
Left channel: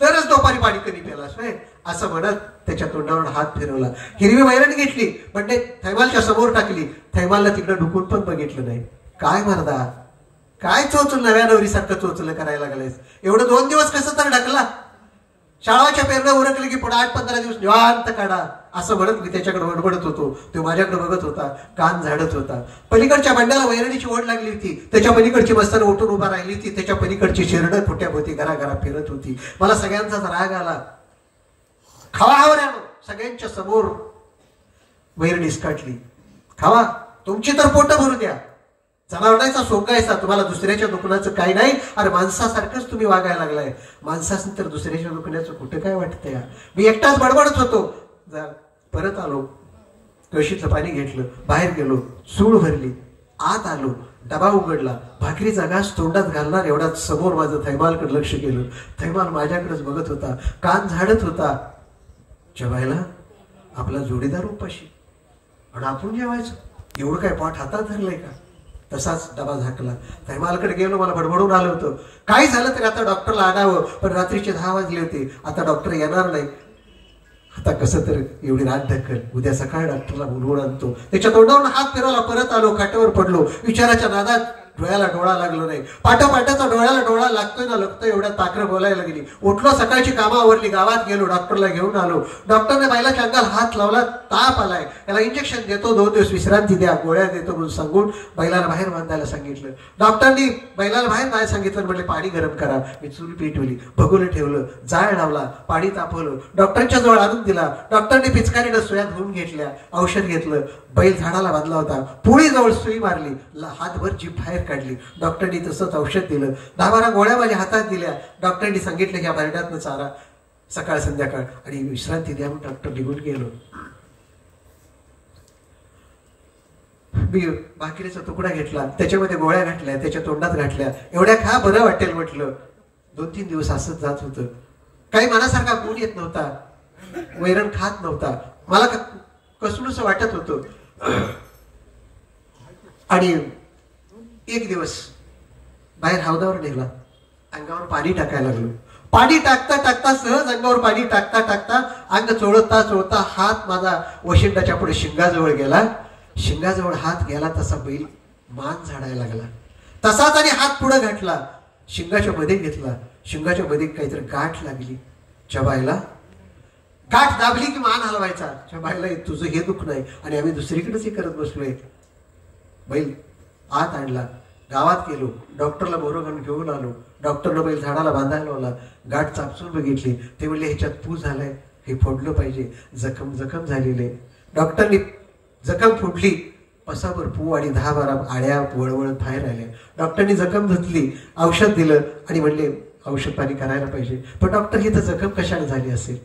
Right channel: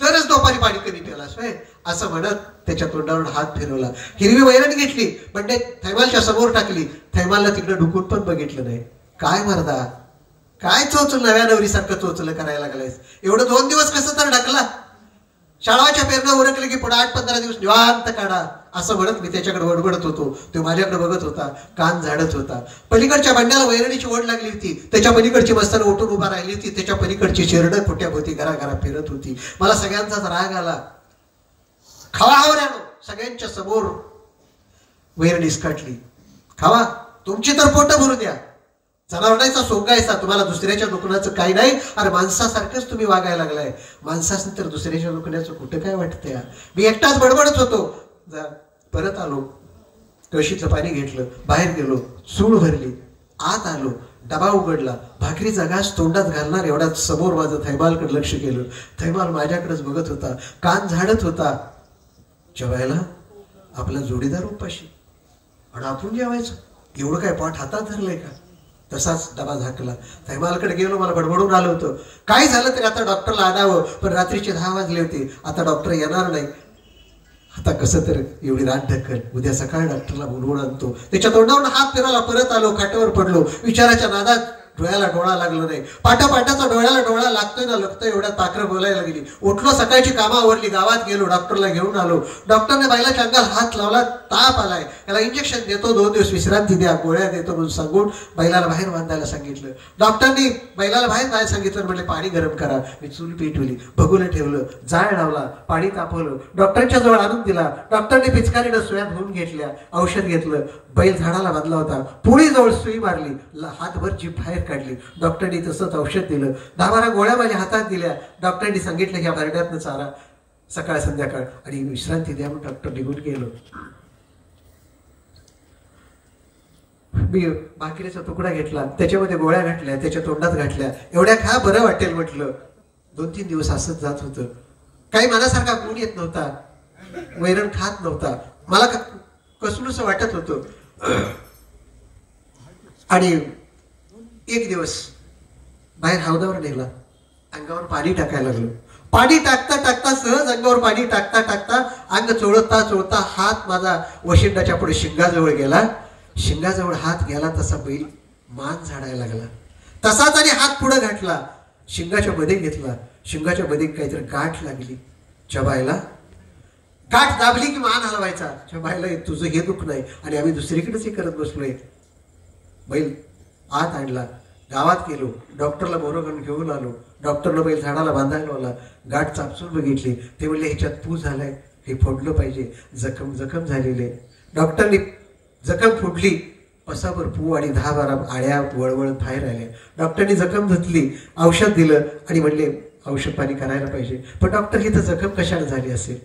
तरच दोपारी पाणी कमी प्यालास होय असं म्हणत त्याच्या तोंडावर हात फिरवला. हिरवी वैरण घेतली, म्हणजे थैमालच्या समोर टाकली. थैमालला तिकडे ढुकून पण बघितलं नाही. काय मर्दा, काय चोचल नव्या नवरीसारखं चोचलं करायला लागलायस? एवढं 2 दिवस कसं तर ढकला? शाळाच्या पेरणं उरकले की पुढे 8-15 दिवस निवांत काढा असं म्हणत मी त्याच्याकडे वडबडत होतो. तो माझ्याकडे बघत होता, कान झाडत होता. पलीकडच्या बंड्याला वैरणीची ओढ लागली होती. त्याच्या पलीकडची मस्तान उठून उभा राहिली होती. त्याच्या पलीकडची चिरडं फुट्याभोवती घराघरा फिरत होती. मला सगळ्यांचाच राग आला. खावा हावऱ्यानो, सगळ्यांच्या समोर वैरणी काटली. खावा, तुमची तर पोट भरू द्या. जनावरांचा सोंगायचा, तुम्हाला दुसऱ्याच्या दुखण्याचं काही नाही. अरे माणसासारखंच तुम्ही वागायला लागलाय. माणसाने तर दुसऱ्याच्या दुखण्याचं कुठं काय वाटतंय? मी एकटाच बडबडत होतो. परत आलो, कळशीतलं पाणी घेतलं, बाहेर गेलो, चूळ भरली, आत आलो, डबा उघडला, भाकरीचा घास तोंडात घालणार एवढ्यात समोर माझं थैमालकडे लक्ष केलं. थैमाल माझ्याकडेच बघत होता, कान झाडत होता. जेवायला आपला जोडीदार उपाशी आणि आपण जेवायचं, एवढं काय पाठ हातात धरलंय का? तसाच डबा झाकला. थैमालकडे गेलो, मला बडबडून आलं होतं. काय झालं तरी आता डॉक्टरला आणावं, पण रात्रीचे 10 वाजले होते. आता डॉक्टर येणार नाही. आता कसं तर एवढी रात ढकल, उद्या सकाळी डॉक्टरला बोलवून आणतो. त्याच्या तोंडावर हात फिरवला. परत आलो, खाटावर पडलो. विचाराच्या नादात डोळ्याला डोळा लागलो नाही. पाठापाठाचा डोळ्याला डोळा लागतोय ना लागतोय एवढ्यात पाखरं बोलायला लागली. उठलो, सकाळची कामावरली, गावात गेलो, डॉक्टरला घेऊन आलो. डॉक्टरने बैलाच्या अंगाला हात लावला. ताप आलाय, त्याला इंजेक्शन देतो, 2 दिवस विश्रांती द्या, गोळ्या देतो म्हणून सांगून बैलाला बाहेर बांधायला सांगितलं. डॉक्टरनी बैलाला बाहेर नाही सांगितलं, म्हटले पाणी गरम करा. मी चूल पेटवली, भगोलं ठेवलं, जाळ लावला, पाणी तापवलं, डॉक्टरच्या जवळ आणून दिला. डॉक्टरने पिचकारीनं सुया धुवून घेतल्या, औषध घेतलं. बैल झाडाला बांधला होता. पुळी जवळ सुई मारली, हातभर जीभ बाहेर काढली. डॉक्टरनी तसंच औषध दिलं. 10-12 गोळ्या माझ्या हातात दिल्या. डॉक्टरनी सांगितलं की या बरड्यातनं चारा सकाळ संध्याकाळ आणि विश्रांती द्या. म्हणून डॉक्टर निघून गेलो. मी भाकरीचा तुकडा घेतला, त्याच्यामध्ये गोळ्या घातल्या, त्याच्या तोंडात घातल्या. एवढ्या खा, बरं वाटेल म्हटलं. 2-3 दिवस असंच जात होतं. काही मनासारखा गुण येत नव्हता, वैरण खात नव्हता, मला कसलूस वाटत होतं. आणि एक दिवस बाहेर हौदावर नेला, अंगावर पाणी टाकायला लागलो. पाणी टाकता टाकता, सहज अंगावर पाणी टाकता टाकता अंग चोळता चोळता हात माझा वशिंडाच्या पुढे शिंगाजवळ गेला. शिंगाजवळ हात गेला तसा बैल मान झाडायला लागला. तसाच आणि हात पुढे घातला, शिंगाच्या मध्ये घेतला. शिंगाच्या मध्ये काहीतरी गाठ लागली. चबायला गाठ दाबली की मान हलवायचा. चबायला तुझं हे दुःख नाही आणि आम्ही दुसरीकडेच हे करत बसलोय. बैल आत आणला, गावात गेलो, डॉक्टरला बोरं घेऊन आलो. डॉक्टरनं बैल झाडाला बांधायला लावला, गाठ चापसून बघितली. ते म्हणले ह्याच्यात पू झालाय, हे फोडलं पाहिजे, जखम झालेली आहे. डॉक्टरनी जखम फोडली, पसाभर पू आणि 10-12 आळ्या वळवळत बाहेर आल्या. डॉक्टरनी जखम धुतली, औषध दिलं आणि म्हणले औषध पाणी करायला पाहिजे. पण डॉक्टर ही तर जखम कशाला झाली असेल,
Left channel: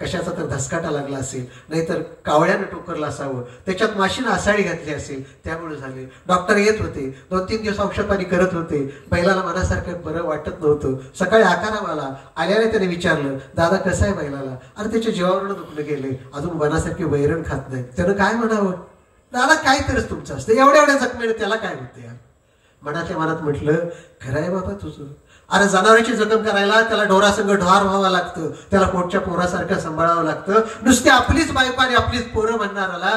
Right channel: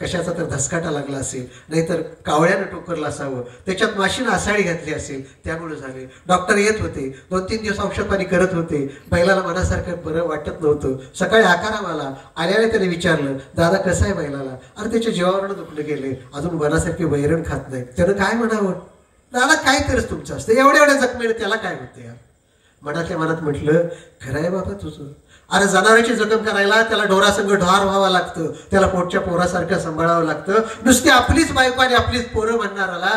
कशाचा तर धसकाटा लागला असेल, नाहीतर कावळ्यानं टोकरला असावं, त्याच्यात माशीनं आसाळी घातली असेल, त्यामुळे झाले. डॉक्टर येत होते, 2-3 दिवस औषध पाणी करत होते. बैलाला मनासारखं बरं वाटत नव्हतं. सकाळी आकाराम आल्याने त्याने विचारलं, दादा कसं आहे बैलाला? अरे त्याच्या जीवावरनं दुखणं गेले, अजून मनासारखे वैरण खात नाही. त्यानं काय म्हणावं, दादा काय करस तुमचं असतं, एवढ्या जखमेनं त्याला काय होतं यार. मनातल्या मनात म्हटलं, खरं आहे बाबा तुझं. अरे जनावरांची जखम करायला त्याला ढोरासंग ढोर व्हावं लागतं, त्याला पोटच्या पोरासारखं सांभाळावं लागतं. नुसते आपलीच बायको आणि आपलीच पोरं म्हणणाराला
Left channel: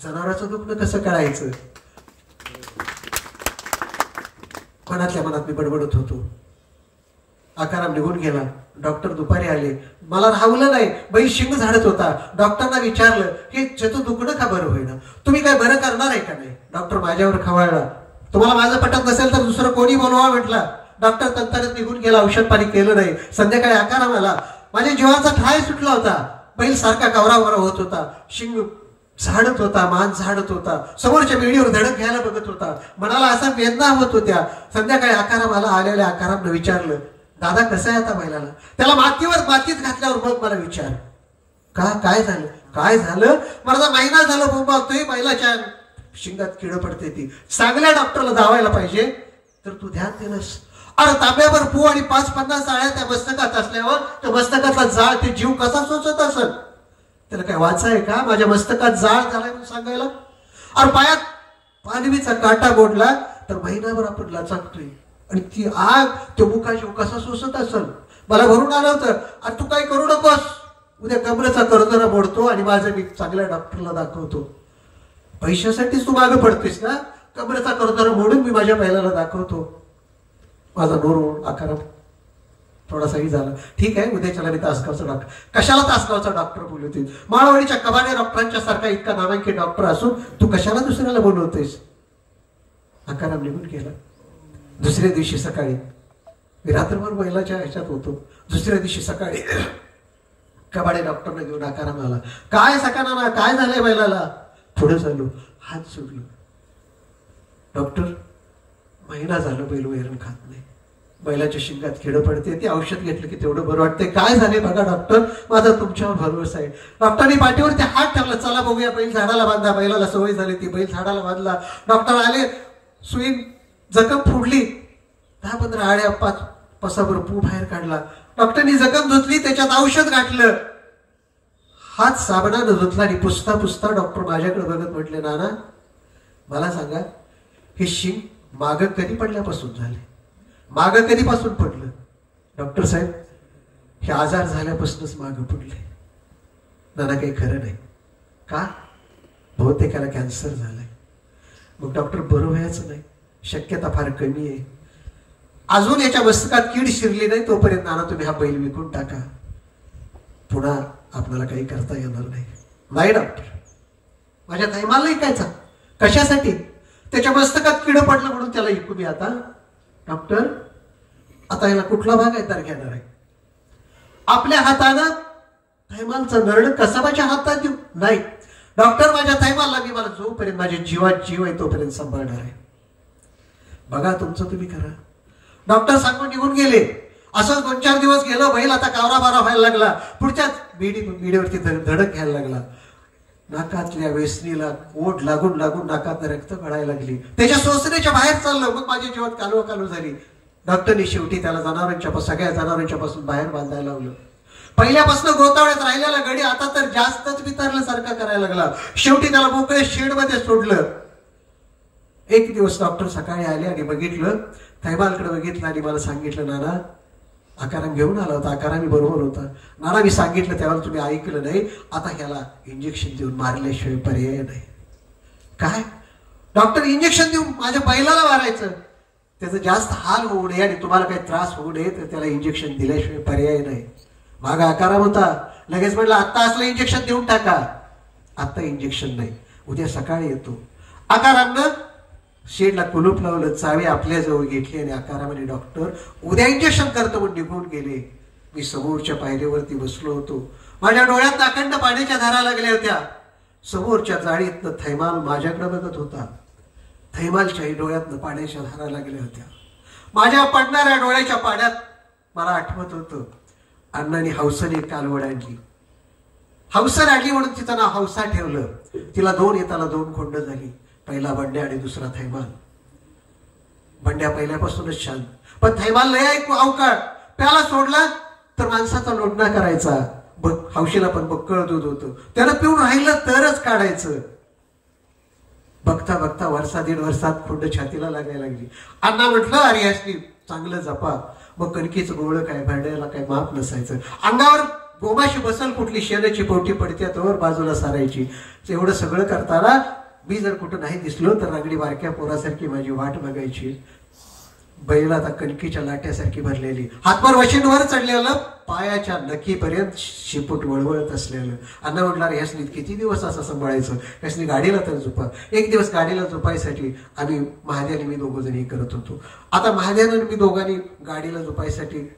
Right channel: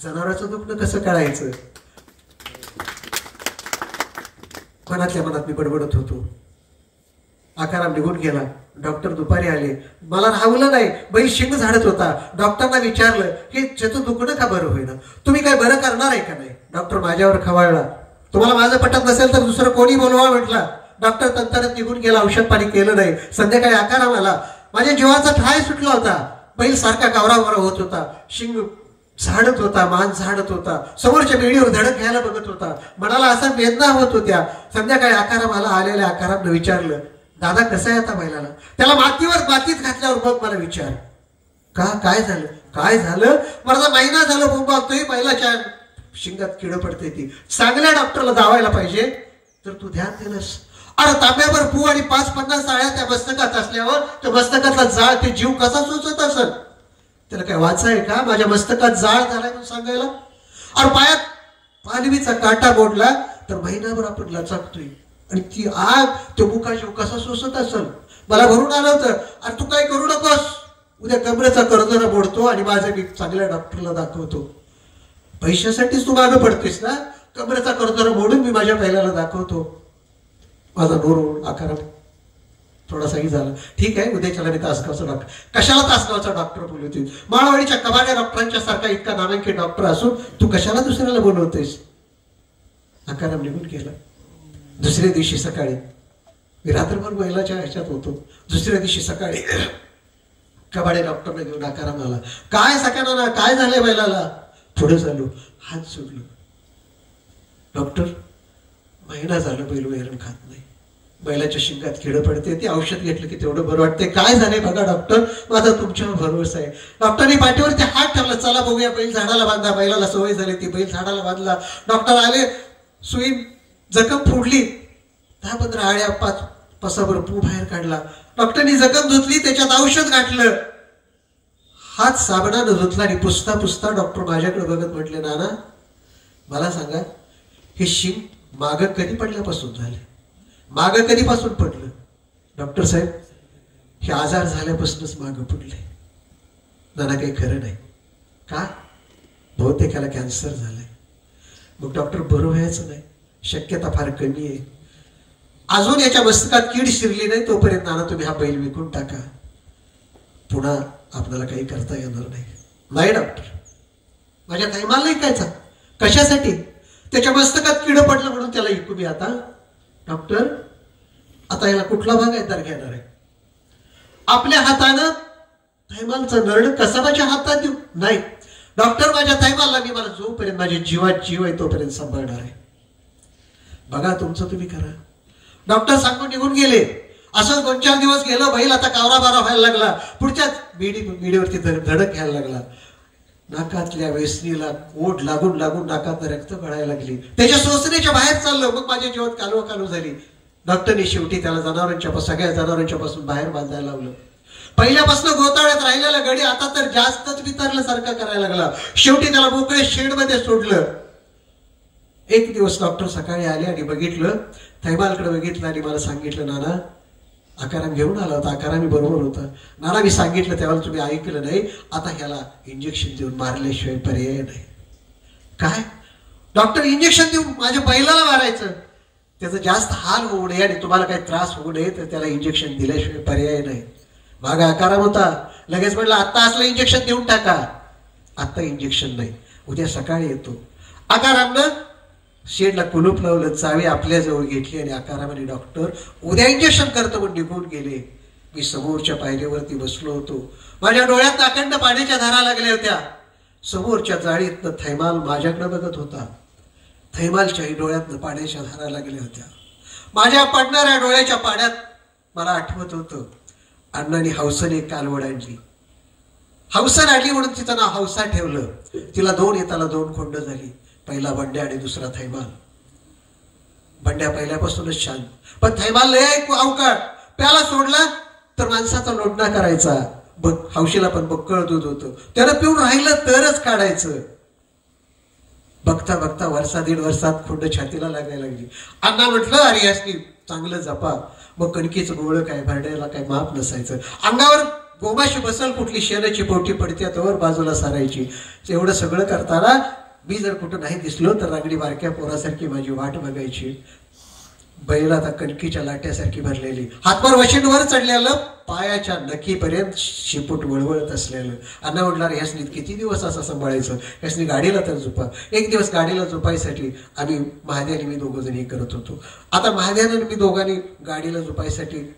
जनावरांचं दुखणं कसं करायचं. मनातल्या मनात मी बडबडत होतो. आकाराम निघून गेला. डॉक्टर दुपारी आले, मला राहवलं नाही, बैल शिंग झाडत होता. डॉक्टरना विचारलं की त्याचं दुखणं का बरं होईना, तुम्ही काय बरं करणार आहे का नाही. डॉक्टर माझ्यावर खवळला, तुम्हाला माझं पटत नसेल तर दुसरं कोणी बोलवा म्हटला. डॉक्टर तंतरत निघून गेला, औषध पाणी केलं नाही. संध्याकाळी आकाराम आला, माझ्या जीवाचा ठाय सुटला होता. बैल सारखा कावरावरा होत होता, शिंग झाडत होता, मान झाडत होता, समोरच्या बेडीवर धडक घ्यायला बघत होता. मनाला असा वेदना होत होत्या. संध्याकाळी आकाराम आलेल्या आकारामनं विचारलं, दादा कसं आहे आता बैलाला? त्याला मातीत घातल्यावर मग मला विचार, काय झालं? माझा महिना झाला बोंबावतोय, बैलाच्या शिंगात किड पडते. ती चांगल्या डॉक्टरला दावायला पाहिजे तर तू ध्यान दिलंस. अरे तांब्यावर पू आणि 5-50 आळ्या त्या मस्तकात असल्यावर त्या मस्तकातला जाळ ते जीव कसा सोचत असेल. त्याला काय वाचाय का माझ्या मस्तकात जाळ झालाय म्हणून सांगायला. अरे पायात पालवीचा काटा मोडला तर महिनाभर आपण लचाकतोय आणि ती आग तो मुका जीव कसा सोसत असेल. मला भरून आलं होतं, अरे तू काही करू नकोस, उद्या कमरेचा कर्जरा मोडतो आणि माझं मी चांगल्या डॉक्टरला दाखवतो. पैशासाठीच तू मागं पडतेस ना, कमरेचा कर्जरा मोडून मी माझ्या बैलाला दाखवतो. माझा डोर आकाराम थोडासाही झाला. ठीक आहे, उद्याच्याला मी तासगावचा डॉक्टर, कशाला तासगावचा डॉक्टर बोलवतील. माळवाडीच्या कबाड्या डॉक्टरांच्या सारखा इतका नामांकित डॉक्टर असून तू कशाला दुसऱ्याला बोलवतेस. आकाराम निघून गेला. दुसऱ्या दिवशी सकाळी मी रात्रभर बैलाच्या ह्याच्यात होतो. दुसऱ्या दिवशी सकाळी कबाडे डॉक्टरने घेऊन आकाराम आला. काय सकाळना काय झालंय बैलाला. पुढे झालो, हात सोडलो. डॉक्टर महिना झालं बैल वैरण खात नाही, बैलाच्या शिंगात किड पडते, ते औषध घेतलं की तेवढं बरं वाटते. काय झालंय बघा डॉक्टर, माझा तुमच्यावर भरोसा आहे. डॉक्टरनी पाठीवरती हात ठेवला, चला बघूया बैल झाडाला बांधा. बैलाला सवय झाली, ती बैल झाडाला बांधला. डॉक्टर आले, सुई जखम फोडली, 10-15 आळ्या 5 पसाभर पू बाहेर काढला. डॉक्टरनी जखम धुतली, त्याच्यात औषध घातलं. हात साबणानं धुतला आणि पुसता डॉक्टर माझ्याकडे बघत म्हटले, नाना मला सांगा, हे शिंग माग कधी पडल्यापासून झाले, माग कधीपासून पडलं. डॉक्टर साहेब हे आजार झाल्यापासूनच माग पडले. नाना काही खरं नाही का, बहुतेकाला कॅन्सर झालाय. मग डॉक्टर बरं व्हायचं नाही, शक्यता फार कमी आहे. अजून याच्या मस्तकात कीड शिरली नाही तोपर्यंत नाना तुम्ही हा बैल विकून टाका, पुन्हा आपल्याला काही करता येणार नाही. नाही डॉक्टर, माझ्या थैमाला नाही कायचा, कशासाठी, त्याच्या मस्तकात किड पडलं म्हणून त्याला विकून. आता डॉक्टर आता याला कुठला बागायतदार घेणार आहे. आपल्या हातानं थैमालचं नरड कसाबाच्या हातात देऊ नाही. डॉक्टर माझ्या थैमालला मी मला जोपर्यंत माझ्या जीवात जीव आहे तोपर्यंत सांभाळणार आहे. बघा तुमचं तुम्ही करा. डॉक्टर सांगून निघून गेले. असं 2-4 दिवस गेलो. बैल आता कावरा बारा व्हायला लागला. पुढच्याच बेडीवरती धडक घ्यायला लागला. नाकातल्या वेसणीला ओढ लागून नाकात रक्त गळायला लागली. त्याच्या सोसण्याच्या बाहेर चाललं. मग माझ्या जीवात कालवा झाली. डॉक्टरने शेवटी त्याला सगळ्या जनावरांच्या पासून बाहेर बांधायला लावलं. पहिल्यापासून गोतावळ्यात राहिलेला गडी आता तर जास्तच वितरल्यासारखा करायला लागला. शेवटी त्याला मोकळे शेडमध्ये सोडलं. एक दिवस डॉक्टर सकाळी आले आणि बघितलं, थैमालकडे बघितलं आणि मला सांगितलं, नाना आकाराम घेऊन आला होता, आकारामी बरोबर होता. नाना मी सांगितलं त्यावेळेला तुम्ही ऐकलं नाही. आता ह्याला इंजेक्शन देऊन मारल्याशिवाय पर्याय नाही. काय डॉक्टर, इंजेक्शन देऊन माझ्या बैलाला मारायचं, त्याचं जास्त हाल होऊ नये आणि तुम्हाला काही त्रास होऊ नये तर त्याला इंजेक्शन दिल्याशिवाय पर्याय नाही. मागा आकाराम होता, लगेच म्हटलं आता असलं इंजेक्शन देऊन टाका. आता इंजेक्शन नाही, उद्या सकाळी येतो. आकारामनं शेडला कुलूप लावलं, चावी आपल्याजवळ घेतली आणि आकारामध्ये डॉक्टर उद्या इंजेक्शन करतो म्हणून निघून गेले. मी समोरच्या पायरीवरती बसलो होतो. माझ्या डोळ्यात अखंड पाण्याच्या धारा लागल्या होत्या. समोरच्या जाळीतनं थैमाल माझ्याकडे बघत होता. थैमालच्याही डोळ्यातनं पाण्याच्या धारा लागल्या होत्या. माझ्या पडणाऱ्या डोळ्याच्या पाण्यात मला आठवत होतं अण्णांनी हौसन एक कालवड आणली. हौसन आणली म्हणून तिचं नाव हौसा ठेवलं. तिला येताला 2 खोंड झाली. पहिला बंड्या आणि दुसरा थैमाल. बंड्या पहिल्यापासूनच शांत, पण थैमाल लय अवकाळ. प्याला सोडला तर माणसाचा लोडणा करायचा. हौशीला पण बक्कळ दूध होतं, त्यानं पिऊन राहिलं तरच काढायचं. बघता बघता वर्षा 1.5 वर्षात खोंड छातीला लागायला लागली. अण्णा म्हटलं अरे यासनी चांगलं जपा. मग कणकीचं गोळ काय, भांड्याला काय माप नसायचं. अंगावर गोमाशी बसल कुठली शेणाची पोटी पडते तवर बाजूला सारायची. एवढं सगळं करताना मी जर कुठं नाही दिसलो तर रागडी बारक्या पोरासारखी माझी वाट बघायची. बैला आता कणकीच्या लाट्यासारखी भरलेली, हातभर वशींवर चढलेलं, पायाच्या नखीपर्यंत शिपूट वळवळत असलेलं. अण्णा म्हटलं रे ह्यासनी किती दिवस असं सांभाळायचं, ह्यासनी गाडीला तर झोपा. एक दिवस गाडीला झोपायसाठी आम्ही महाद्याने मी 2 जण करत होतो. आता महाद्यानं मी दोघांनी गाडीला झोपायसाठी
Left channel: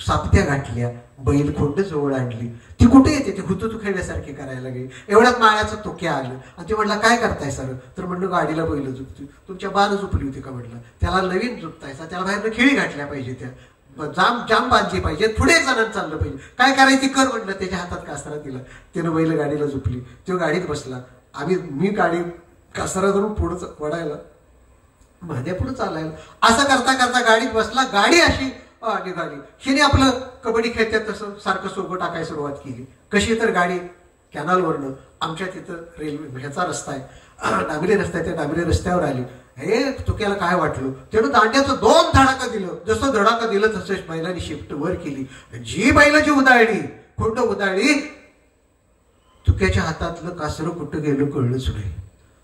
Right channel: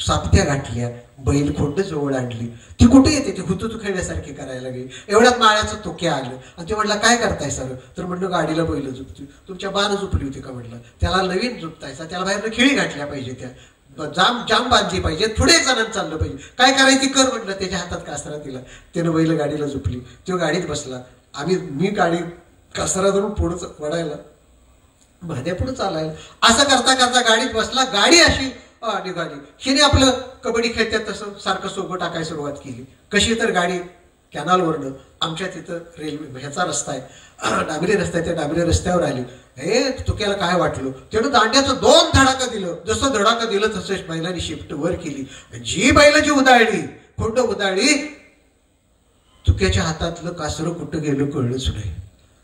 सापत्या गाठल्या, बैल खोंड जवळ आणली. ती कुठे येते, ती हुतुतू खेळण्यासारखी करायला लागली. एवढ्यात माळ्याचं तोक्या आलं आणि ते म्हटलं काय करताय सर, तर म्हटलं गाडीला बैल झुपती. तुमच्या बाण झुपली होती का म्हटलं, त्याला नवीन झुपतायचा, त्याला बाहेर खिळी घातल्या पाहिजे, त्या जाम बांधली पाहिजे, पुढे एक जणांना चाललं पाहिजे, काय करायची कर म्हटलं. त्याच्या हातात कासरा दिला, त्यानं बैल गाडीला झुपली. तो गाडीत बसला. मी गाडी कासरा धरून पुढं वडायला, माझ्या पुढे चालायला. असं करता करता गाडीत बसला. गाडी अशी निघाली. हिने आपलं कबड्डी खेळतात तसं सारखं सोबत टाकायला सुरुवात केली. कशी तर गाडी कॅनलवरनं आमच्या तिथं रेल्वे ह्याचा रस्ता आहे, डांबरी रस्ता आहे, त्या डांबरी रस्त्यावर आली. हे तुक्याला काय वाटलं, त्यानं दांड्याचं 2 धडाका दिलं. जसं धडाका दिलं तसंच बैलांनी शिफ्ट वर केली. जी बैलाची उदाळली, खोंड उदाळली, तुक्याच्या हातातलं कासरं कुठं गेलं कळलंच नाही.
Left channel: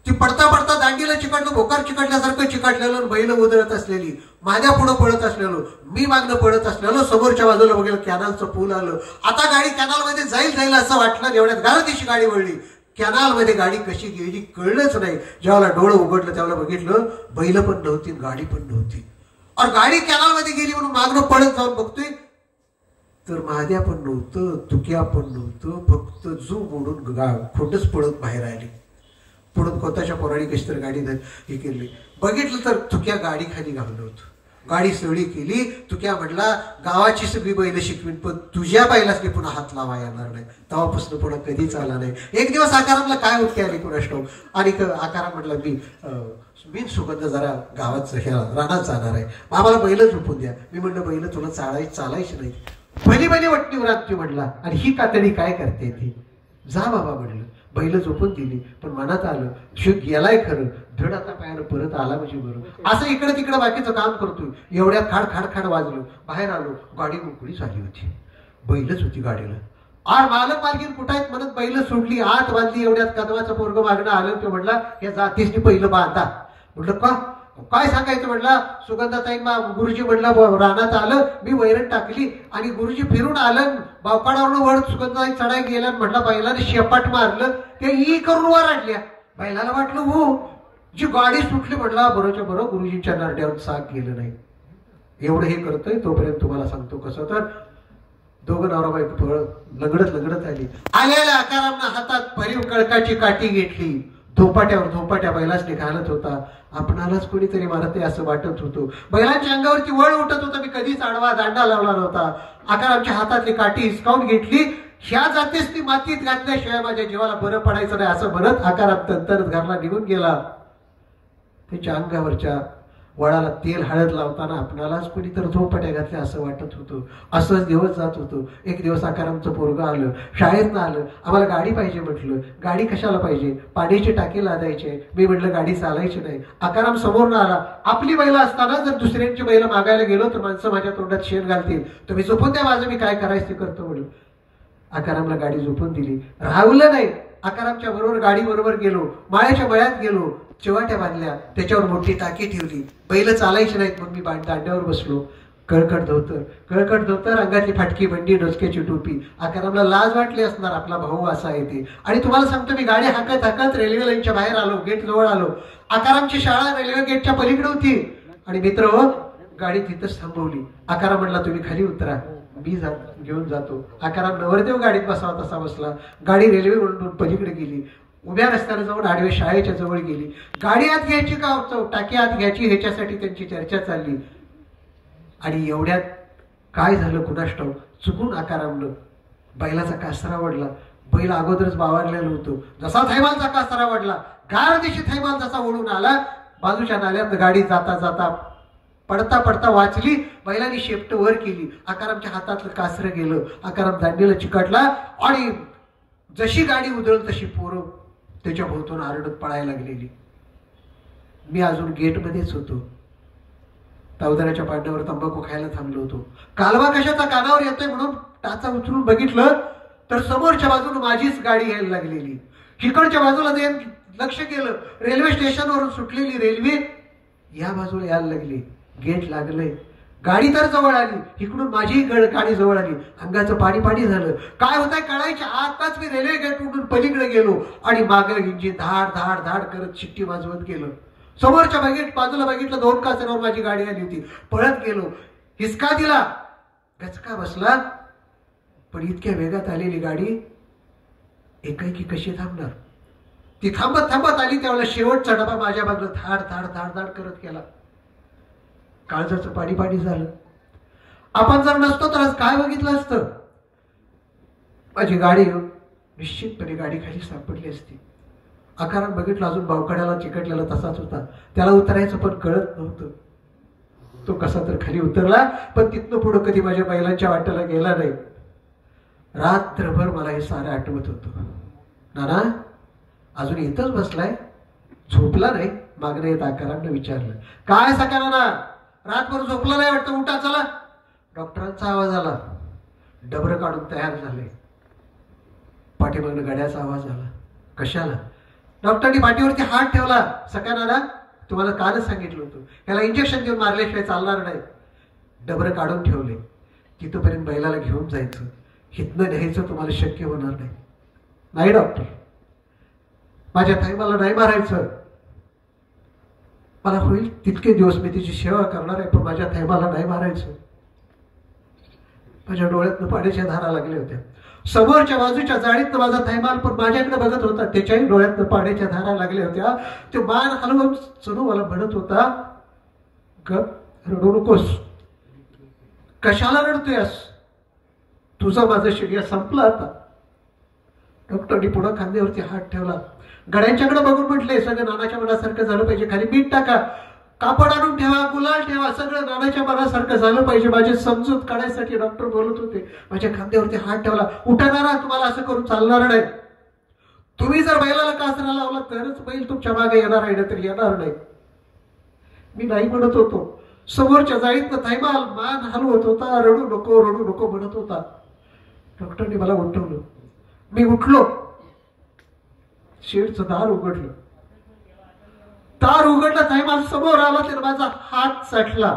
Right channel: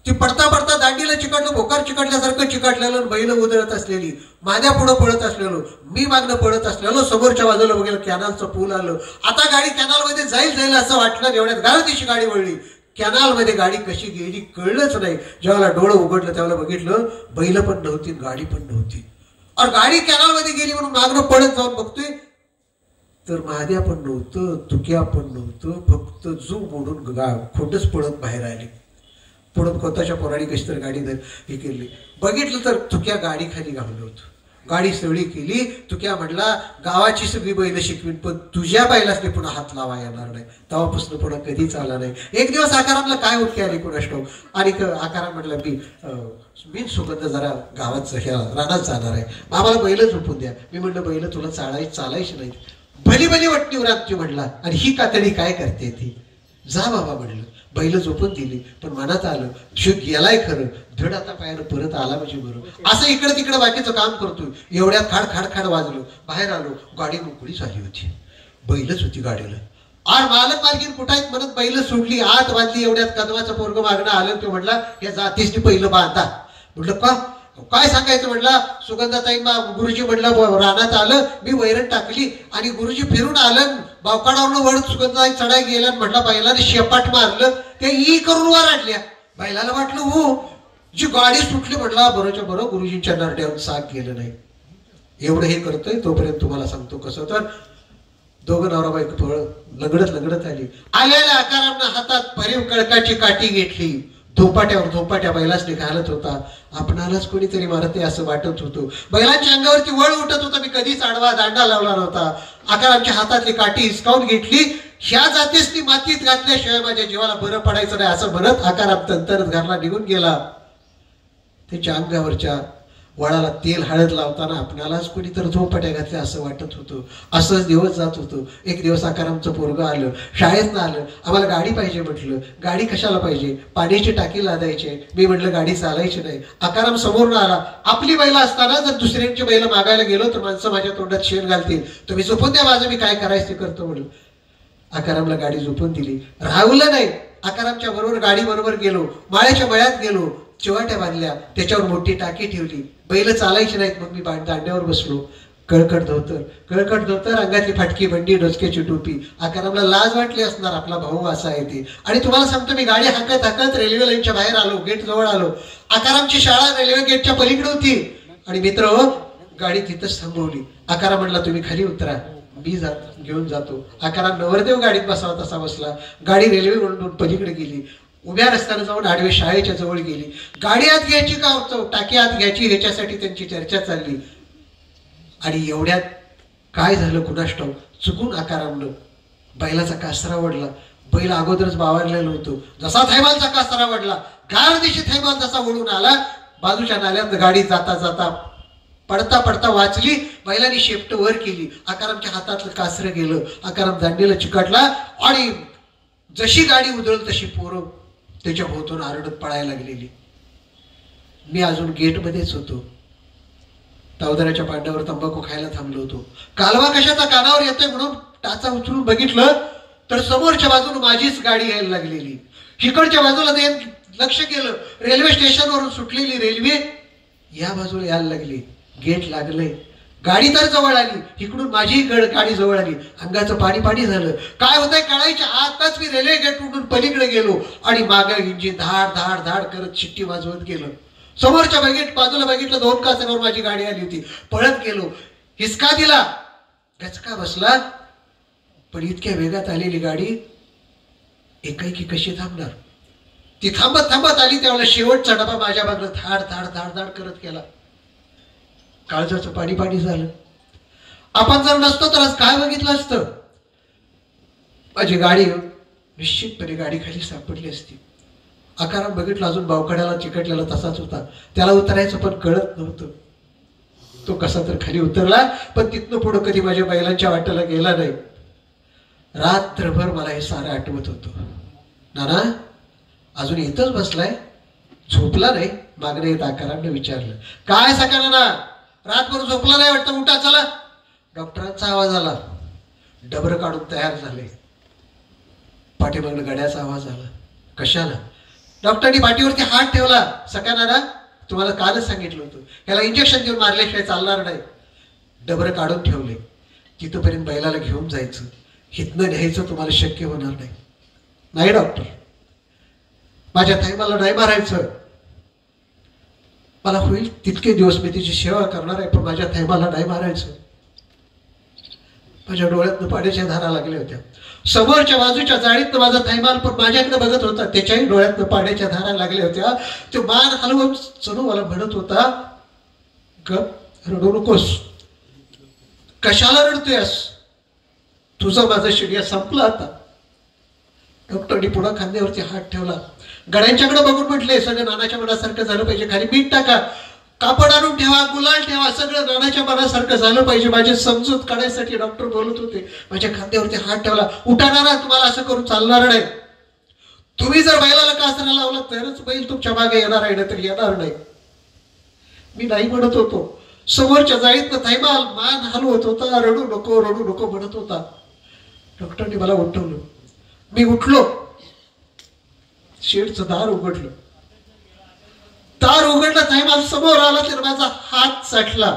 ती पडता पडता दांडीला चिकटलं, भोकार चिकटल्यासारखं चिकटलेलं, बैल उधळत असलेली, माझ्या पुढं पळत असलेलो, मी मागणं पळत असलेलो. समोरच्या बाजूला बघेल कॅनलचं पूल आलं. आता गाडी कॅनलमध्ये जाईल असं वाटलं. एवढ्यात गारतीची गाडी वळली. कॅनलमध्ये गाडी कशी गेली कळलंच नाही. जेव्हा डोळं उघडलं तेव्हा बघितलं बैल पण नव्हती, गाडी पण नव्हती. और गाडी कॅनलमध्ये गेली म्हणून मागणं पळत जाऊन बघतोय तर महाद्या पण नव्हतं, तुक्या पण नव्हतं. फक्त जू मोडून खोटच पळत बाहेर आली. पुढं कोताच्या पोराडी कशी तर गाडी हे केली. बघितलं तर तुक्या गाडी खाली घाललं होतं. गाडी सळी केली. तुक्या म्हटला गावाची सगळी बैल शिकवीन, पण तुझ्या बैलासने पुन्हा हात लावा येणार नाही. तेव्हापासून पुन्हा कधीच आला नाही. एक दिवस आकारांना काय उठकी आली कोणास ठाऊक. आणि आकारा म्हटलं मी सुगंध जरा गावात रानात जाणार आहे, आम्हाला बैल झोपून द्या. मी म्हटलं बैल तुला चालायची नाही. भली वटणी उरात म्हटला. आणि ही कातडी काय करते ती, जा बाबा म्हटलं. बैल झोपून दिली, पण मनात आलं शिव गेलाय खरं, धड आता पायानं परत आला म्हणजे बरोबर. असं इकडे तिकडे बाकीचं काम करतोय. एवढ्या खाड वाजलो. बाहेर आलो, गाडी मोकळी झाली होती. बैलच होती गाडीला. आर मालक मालकीन कुठं आहेत म्हणत बैल सोडली, आत बांधली. एवढ्यात कदवाचं पोरग मागणं आलं. तो म्हटला या जातीसनी पहिलं बांधा. म्हटलं का काय सांगायचं. म्हटलं सुगंधाताई गुरुजी म्हटलं रानात आलं, मी वैरण टाकली आणि गुरुजी फिरून आलं. बावकाडावरून वर सुगंधाताई चढाई गेल्या. म्हटलं बैलाने शेपाट मारलं, ते ई करून वर आणल्या. बैलाला वाटलं हो, जी गाडी सुटली. म्हटलं बरोच्या बरोबर गुरुजींच्या नरड्यावर साग गेलं नाही. एवढं हे करतोय तोपर्यंत तुम्हाला सांगतो कसं. तर 2 नवरा बायको लंगडत आली. आलेल्या आकारांना हातात भरीव कळकाची काठी घेतली. धोपाट्या बैलासने घालत होता. आपणालाच कोणीतरी मारते असं वाटत होतं. बैलांच्या अंगावरती वळ उठत होता. मी कधीच आडवा दांडा लावला नव्हता. आकारांच्या हातातली काठी हिसकावून घेतली. ह्या जातीसनी मातीत घातल्याशिवाय माझ्या जीवाला बरं पडायचं नाही असं म्हणत आकारात तंतरत घरला निघून गेला. त्याच्या अंगावरच्या वळाला तेल हळद लावताना आपणालाच कोणीतरी झोपाट्या घातल्या असं वाटत होतं. असंच दिवस जात होतो. एक दिवस आकारामचं पोरगं आलं, शाळेतनं आलं. आम्हाला गाडी पाहिजे म्हटलं. गाडी कशाला पाहिजे, पाण्याची टाकी लादायची. मी म्हटलं गाडी चालायची नाही. आकाराम समोर आला. आपली बैल असताना जर दुसऱ्यांची बैल मागायला गेलो तर माणसं माझ्या तोंडात शेण घालतील. तुम्ही झोपून द्या माझं, मी काय करायचं ते करतो म्हणलं. आकारामला गाडी झोपून दिली. राहुलं नाही. आकारामच्या बरोबर गाडी बरोबर गेलो. माळ्याच्या मळ्यात गेलो. चिवाट्या बांधल्या, त्याच्यावर मोठी टाकी ठेवली. बैल चालायची नाहीत. मग मी दांड्यावर बसलो. कळकट धोतर, अंगातली फाटकी बंडी, डोसक्याची टोपी. आकारामला लाज वाटली असणार, आपला भाऊ असा आहे ते. आणि तुम्हाला सांगतो, मी गाडी हाकत रेल्वे लाईनच्या बाहेर आलो, गेट जवळ आलो. आकारामची शाळा रेल्वे गेटच्या पलीकडे होती. आणि मित्र गाडी तिथंच थांबवली. आकाराम म्हणला, तुम्ही खाली उतरा, मी घेऊन जातो. आकाराम नवरदेव गाडीत बसावा तसा बसला. गाडी रेल्वे ओलांडून पलीकडे गेली. उभ्या रस्त्याने जाऊन आडवे शाळेच्या जवळ गेली. गाडी आत घ्यायची का टाकी आत घ्यायची ह्याच्यासाठी त्यांची चर्चा चालली. आणि एवढ्यात काय झालं कुणास ठाऊक, चुकून आकारामनं बैलाचा कासरा वडला. बैल अगोदरच बावरलेलं होतं. जसा थैमालचा कासरा वडला, गार दिशी थैमाल जसा ओढून आला, बाजूच्या नाल्यात गाडी जाता जाता पडता वाचली. बैलांनी शेपट वर केली. आकारामच्या हातातलं कासरं गेलं. आकाराम दांडीला चिकटला. आणि जशी गाडी उधळली तशी पोरं त्याच्या भोवतून आरडत पळायला लागलेली. मी अजून गेटमध्येच होतो. तावदाराच्या पांड्यावर तंबाखू खायला थांबलो होतो. कालवा कशाचा कानावर येतोय म्हणून टाचा उचलून बघितलं तर समोरच्या बाजूने माझीच गाडी यायला लागलेली. इकडच्या बाजूला लक्ष केलं, रेल्वे स्टेशनवरून सुटलेली रेल्वे या बाजूला यायला लागली. गेट लागलंय. गाडी तर जवळ आली. इकडून माझी गाडी जवळ आली. अंगाचं पाणी झालं. काय होतंय कळायच्या आताच मी रेल्वे गेट उडून पलीकडे गेलो. आणि मागे इंजिन धाड धाड धाड करत शिट्टी वाजवत गेलो. समोरच्या बाजूला बघितलं, 2 कासेवर माझी गाडी आली होती. पळत गेलो. हिसका दिला, गचका बसला. पण इतक्या वेगात आलेली गाडी एकाएकी कशी थांबणार? ती थांबत आली. त्यावेळेला शेवटचा डबा माझ्या मागं धाड धाड धाड धाड करत गेला. काळजाचं पाणी झालं. आपण जर नसतो तर आज काय बघितलं असतं? माझी गाडी निश्चितपणे गाडी खाली सापडली असती. आकारात बघितलं, अजून बावकड्याला चिकटलेला तसाच होता. त्याला उतरायचं पण कळत नव्हतं. तो कसा तर खाली उतरला, पण तिथनं पुढं कधी माझ्या बैलांच्या वाटेला गेला नाही. रात्रभर मला हे सारं आठवत होतं. नाना अजून इथंच बसलाय, झोपला नाही? मागणं येत आकारांना विचारलं, काय सका नाना रातभर झोपला नाही वाटतं, उठा चला. डॉक्टरांचा आवाज आला. डबरं काढून तयार झाले. पाठीमागनं गड्याचा आवाज आला. कशाला? डॉक्टरनी पाठीवरती हात ठेवला. सका नाना तुम्हाला कालच सांगितलं होतं, याला इंजेक्शन देऊन मारल्याशिवाय चालणार नाही. डबरं काढून ठेवले. तिथपर्यंत बैलाला घेऊन जायचं, हितनं न्यायचं तुम्हाला शक्य होणार नाही. नाही डॉक्टर, माझ्या थैमाला नाही मारायचं. मला होईल तितके दिवस मी तिची सेवा करणार आहे, पण माझ्या थैमाला नाही मारायचं. माझ्या डोळ्यातनं पाण्याच्या धारा लागल्या होत्या. समोरच्या बाजूच्या जाळीतनं माझा थैमाल पण माझ्याकडे बघत होता. त्याच्याही डोळ्यातनं पाण्याच्या धारा लागल्या होत्या. तो मान हलवून चनू मला म्हणत होता, रडू नकोस. कशाला रडतोयस? तुझा माझा शिडिया संपला आता. डॉक्टरनी पुन्हा खांद्यावरती हात ठेवला. गड्यांच्याकडे बघून म्हटले, सगळं नानाच्या मनासारखं झालं पाहिजे. खाली मीठ टाका, कापड आणून ठेवा, गुलाल ठेवा, सगळं नानाच्या मनासारखं झालं पाहिजे. माझी समजूत काढायसाठी डॉक्टर बोलत होते. माझ्या खांद्यावरती हात ठेवला. उठाणारा तुम्हाला असं करून चालणार नाही. तुम्ही जर बैलाला कासरा लावला तरच बैल तुमच्या मागे येणार आहे, तर येणार नाही. मी नाही म्हणत होतो. समोरच्या जाळीतनं थैमाल मान हलवत होता. रडू नको म्हणत होता. डॉक्टरने मला उठवलं. मी उठलो. शेडचं दार उघडलं. दार उघडलं. थैमाल समोर आला. तर माझा हात साठला.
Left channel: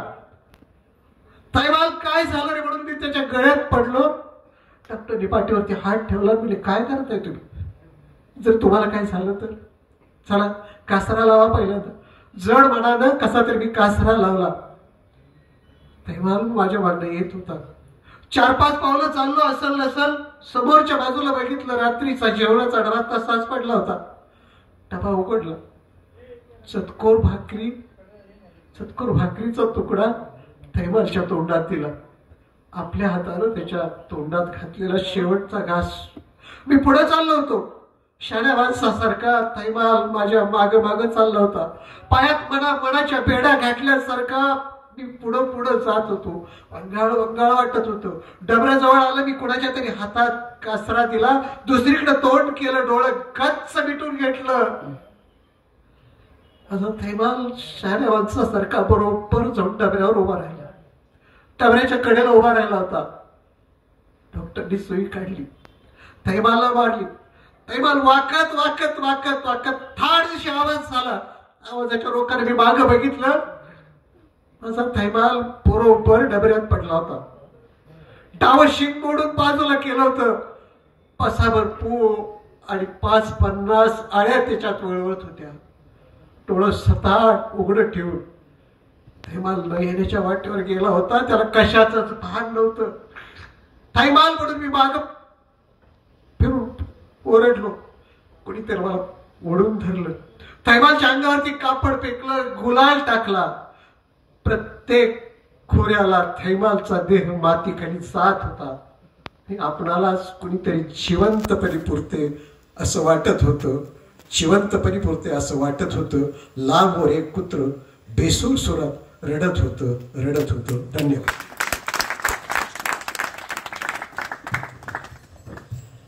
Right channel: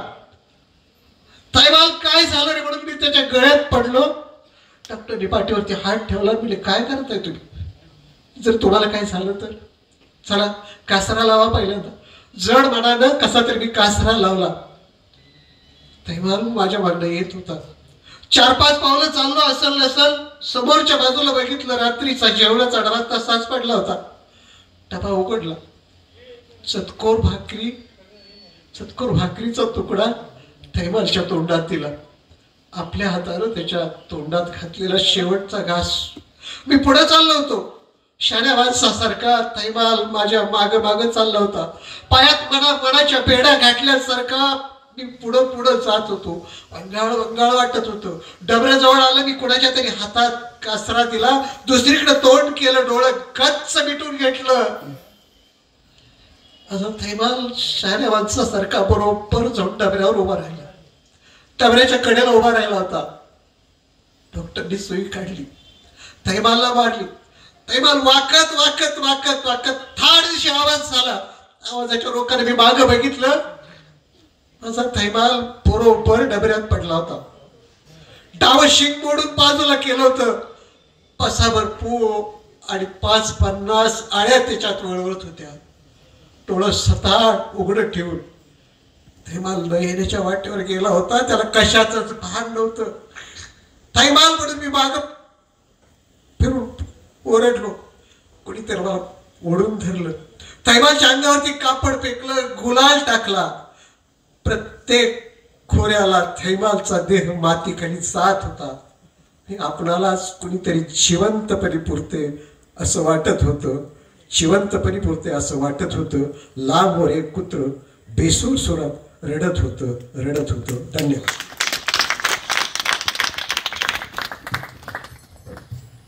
थैमाल काय झालं रे म्हणून मी त्याच्या गळ्यात पडलो. डॉक्टरने पाठीवरती हात ठेवला. म्हणजे काय करताय तुम्ही? जर तुम्हाला काय झालं तर चला कासरा लावा. पहिल्यांदा जड मनानं कसा तरी मी कासरा लावला. थैमाल माझ्या मागणं येत होता. 4-5 पावलं चाललो असल नसल, समोरच्या बाजूला बघितलं, रात्रीचा जेवणाचा डबा तसाच पडला होता. डबा उघडला. चतकोर भाकरीचा तुकडा थैमालच्या तोंडात दिला. आपल्या हातानं त्याच्या तोंडात घातलेला शेवटचा घास. मी पुढे चाललो होतो. शाण्या माणसासारखा थैमाल माझ्या माग चालला होता. पायात मनाच्या पेढ्या घातल्यासारखा मी पुढं जात होतो. वंगाळ वाटत होतं. डबऱ्याजवळ आलं. मी कुणाच्या तरी हातात कासरा दिला. दुसरीकडे तोंड केलं. डोळं गच्च मिटून घेतलं. अजून थैमाल शहाण्या माणसासारखा बरोबर जाऊन डबऱ्यावर उभा राहिला. डबऱ्याच्या कडेला उभा राहिला होता. डॉक्टरनी सुई काढली. थैमालला मारली. थैमाल वाकत थाड दिवशी आवाज झाला. आवाजाच्या रोखाने मी मागं बघितलं. असा थैमाल बरोबर डबऱ्यात पडला होता. डावं शिंग मोडून बाजूला केलं होतं. पसाभर पो आणि 5-50 आळ्या त्याच्यात वळवळत होत्या. डोळं सताट उघडं ठेवून थैमाल न येण्याच्या वाटेवर गेला होता. त्याला कशाचंच भान नव्हतं. थैमाल म्हणून मी माग फिरून ओरडलो. कोणीतरी मला ओढून धरलं. थैमालच्या अंगावरती कापड फेकलं, गुलाल टाकला. प्रत्येक खोऱ्याला थैमालचा देह मातीखाली जात होता. आपणालाच कुणीतरी जिवंतपणे पुरते असं वाटत होतं. जिवंतपणे पुरते असं वाटत होतं. लांबवर एक कुत्र बेसूर सुरात रडत होतं. धन्यवाद.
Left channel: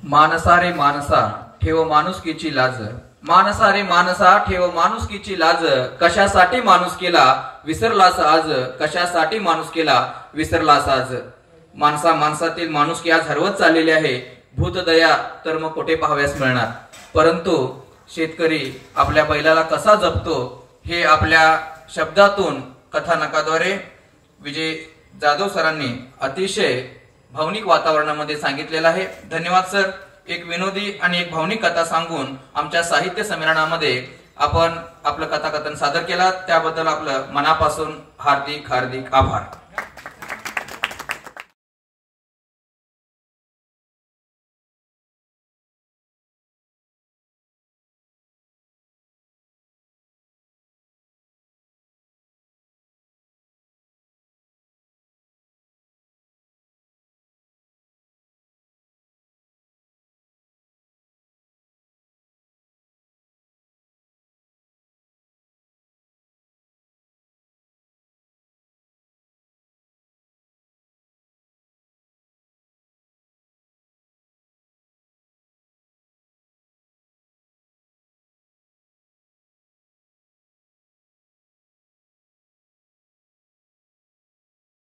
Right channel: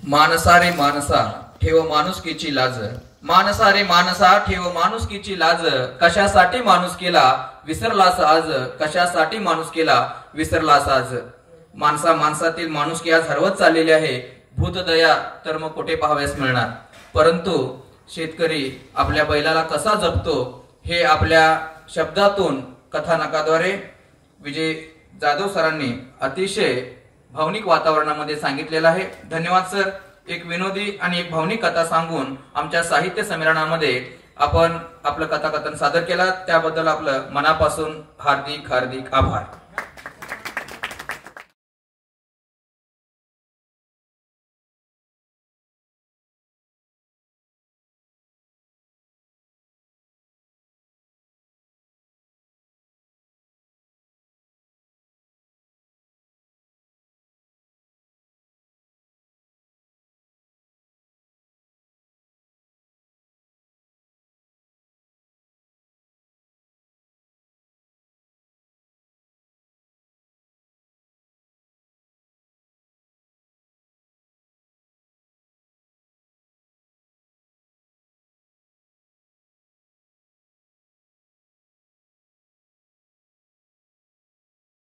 मानसा रे मानसा ठेव माणुसकीची लाज. मानसा रे मानसा ठेव माणुसकीची लाज. कशासाठी माणूस केला विसरलास आज. कशासाठी माणूस केला विसरलास आज. माणसातील माणुसकी आज हरवत चाललेली आहे. भूतदया तर मग कुठे पाहाव्यास मिळणार. परंतु शेतकरी आपल्या बैलाला कसा जपतो हे आपल्या शब्दातून कथानकाद्वारे विजय जाधव सरांनी अतिशय भावनिक वातावरणामध्ये सांगितलेलं आहे. धन्यवाद सर. एक विनोदी आणि एक भावनिक कथा सांगून आमच्या साहित्य संमेलनामध्ये आपण आपलं कथाकथन सादर केला त्याबद्दल आपलं मनापासून हार्दिक आभार.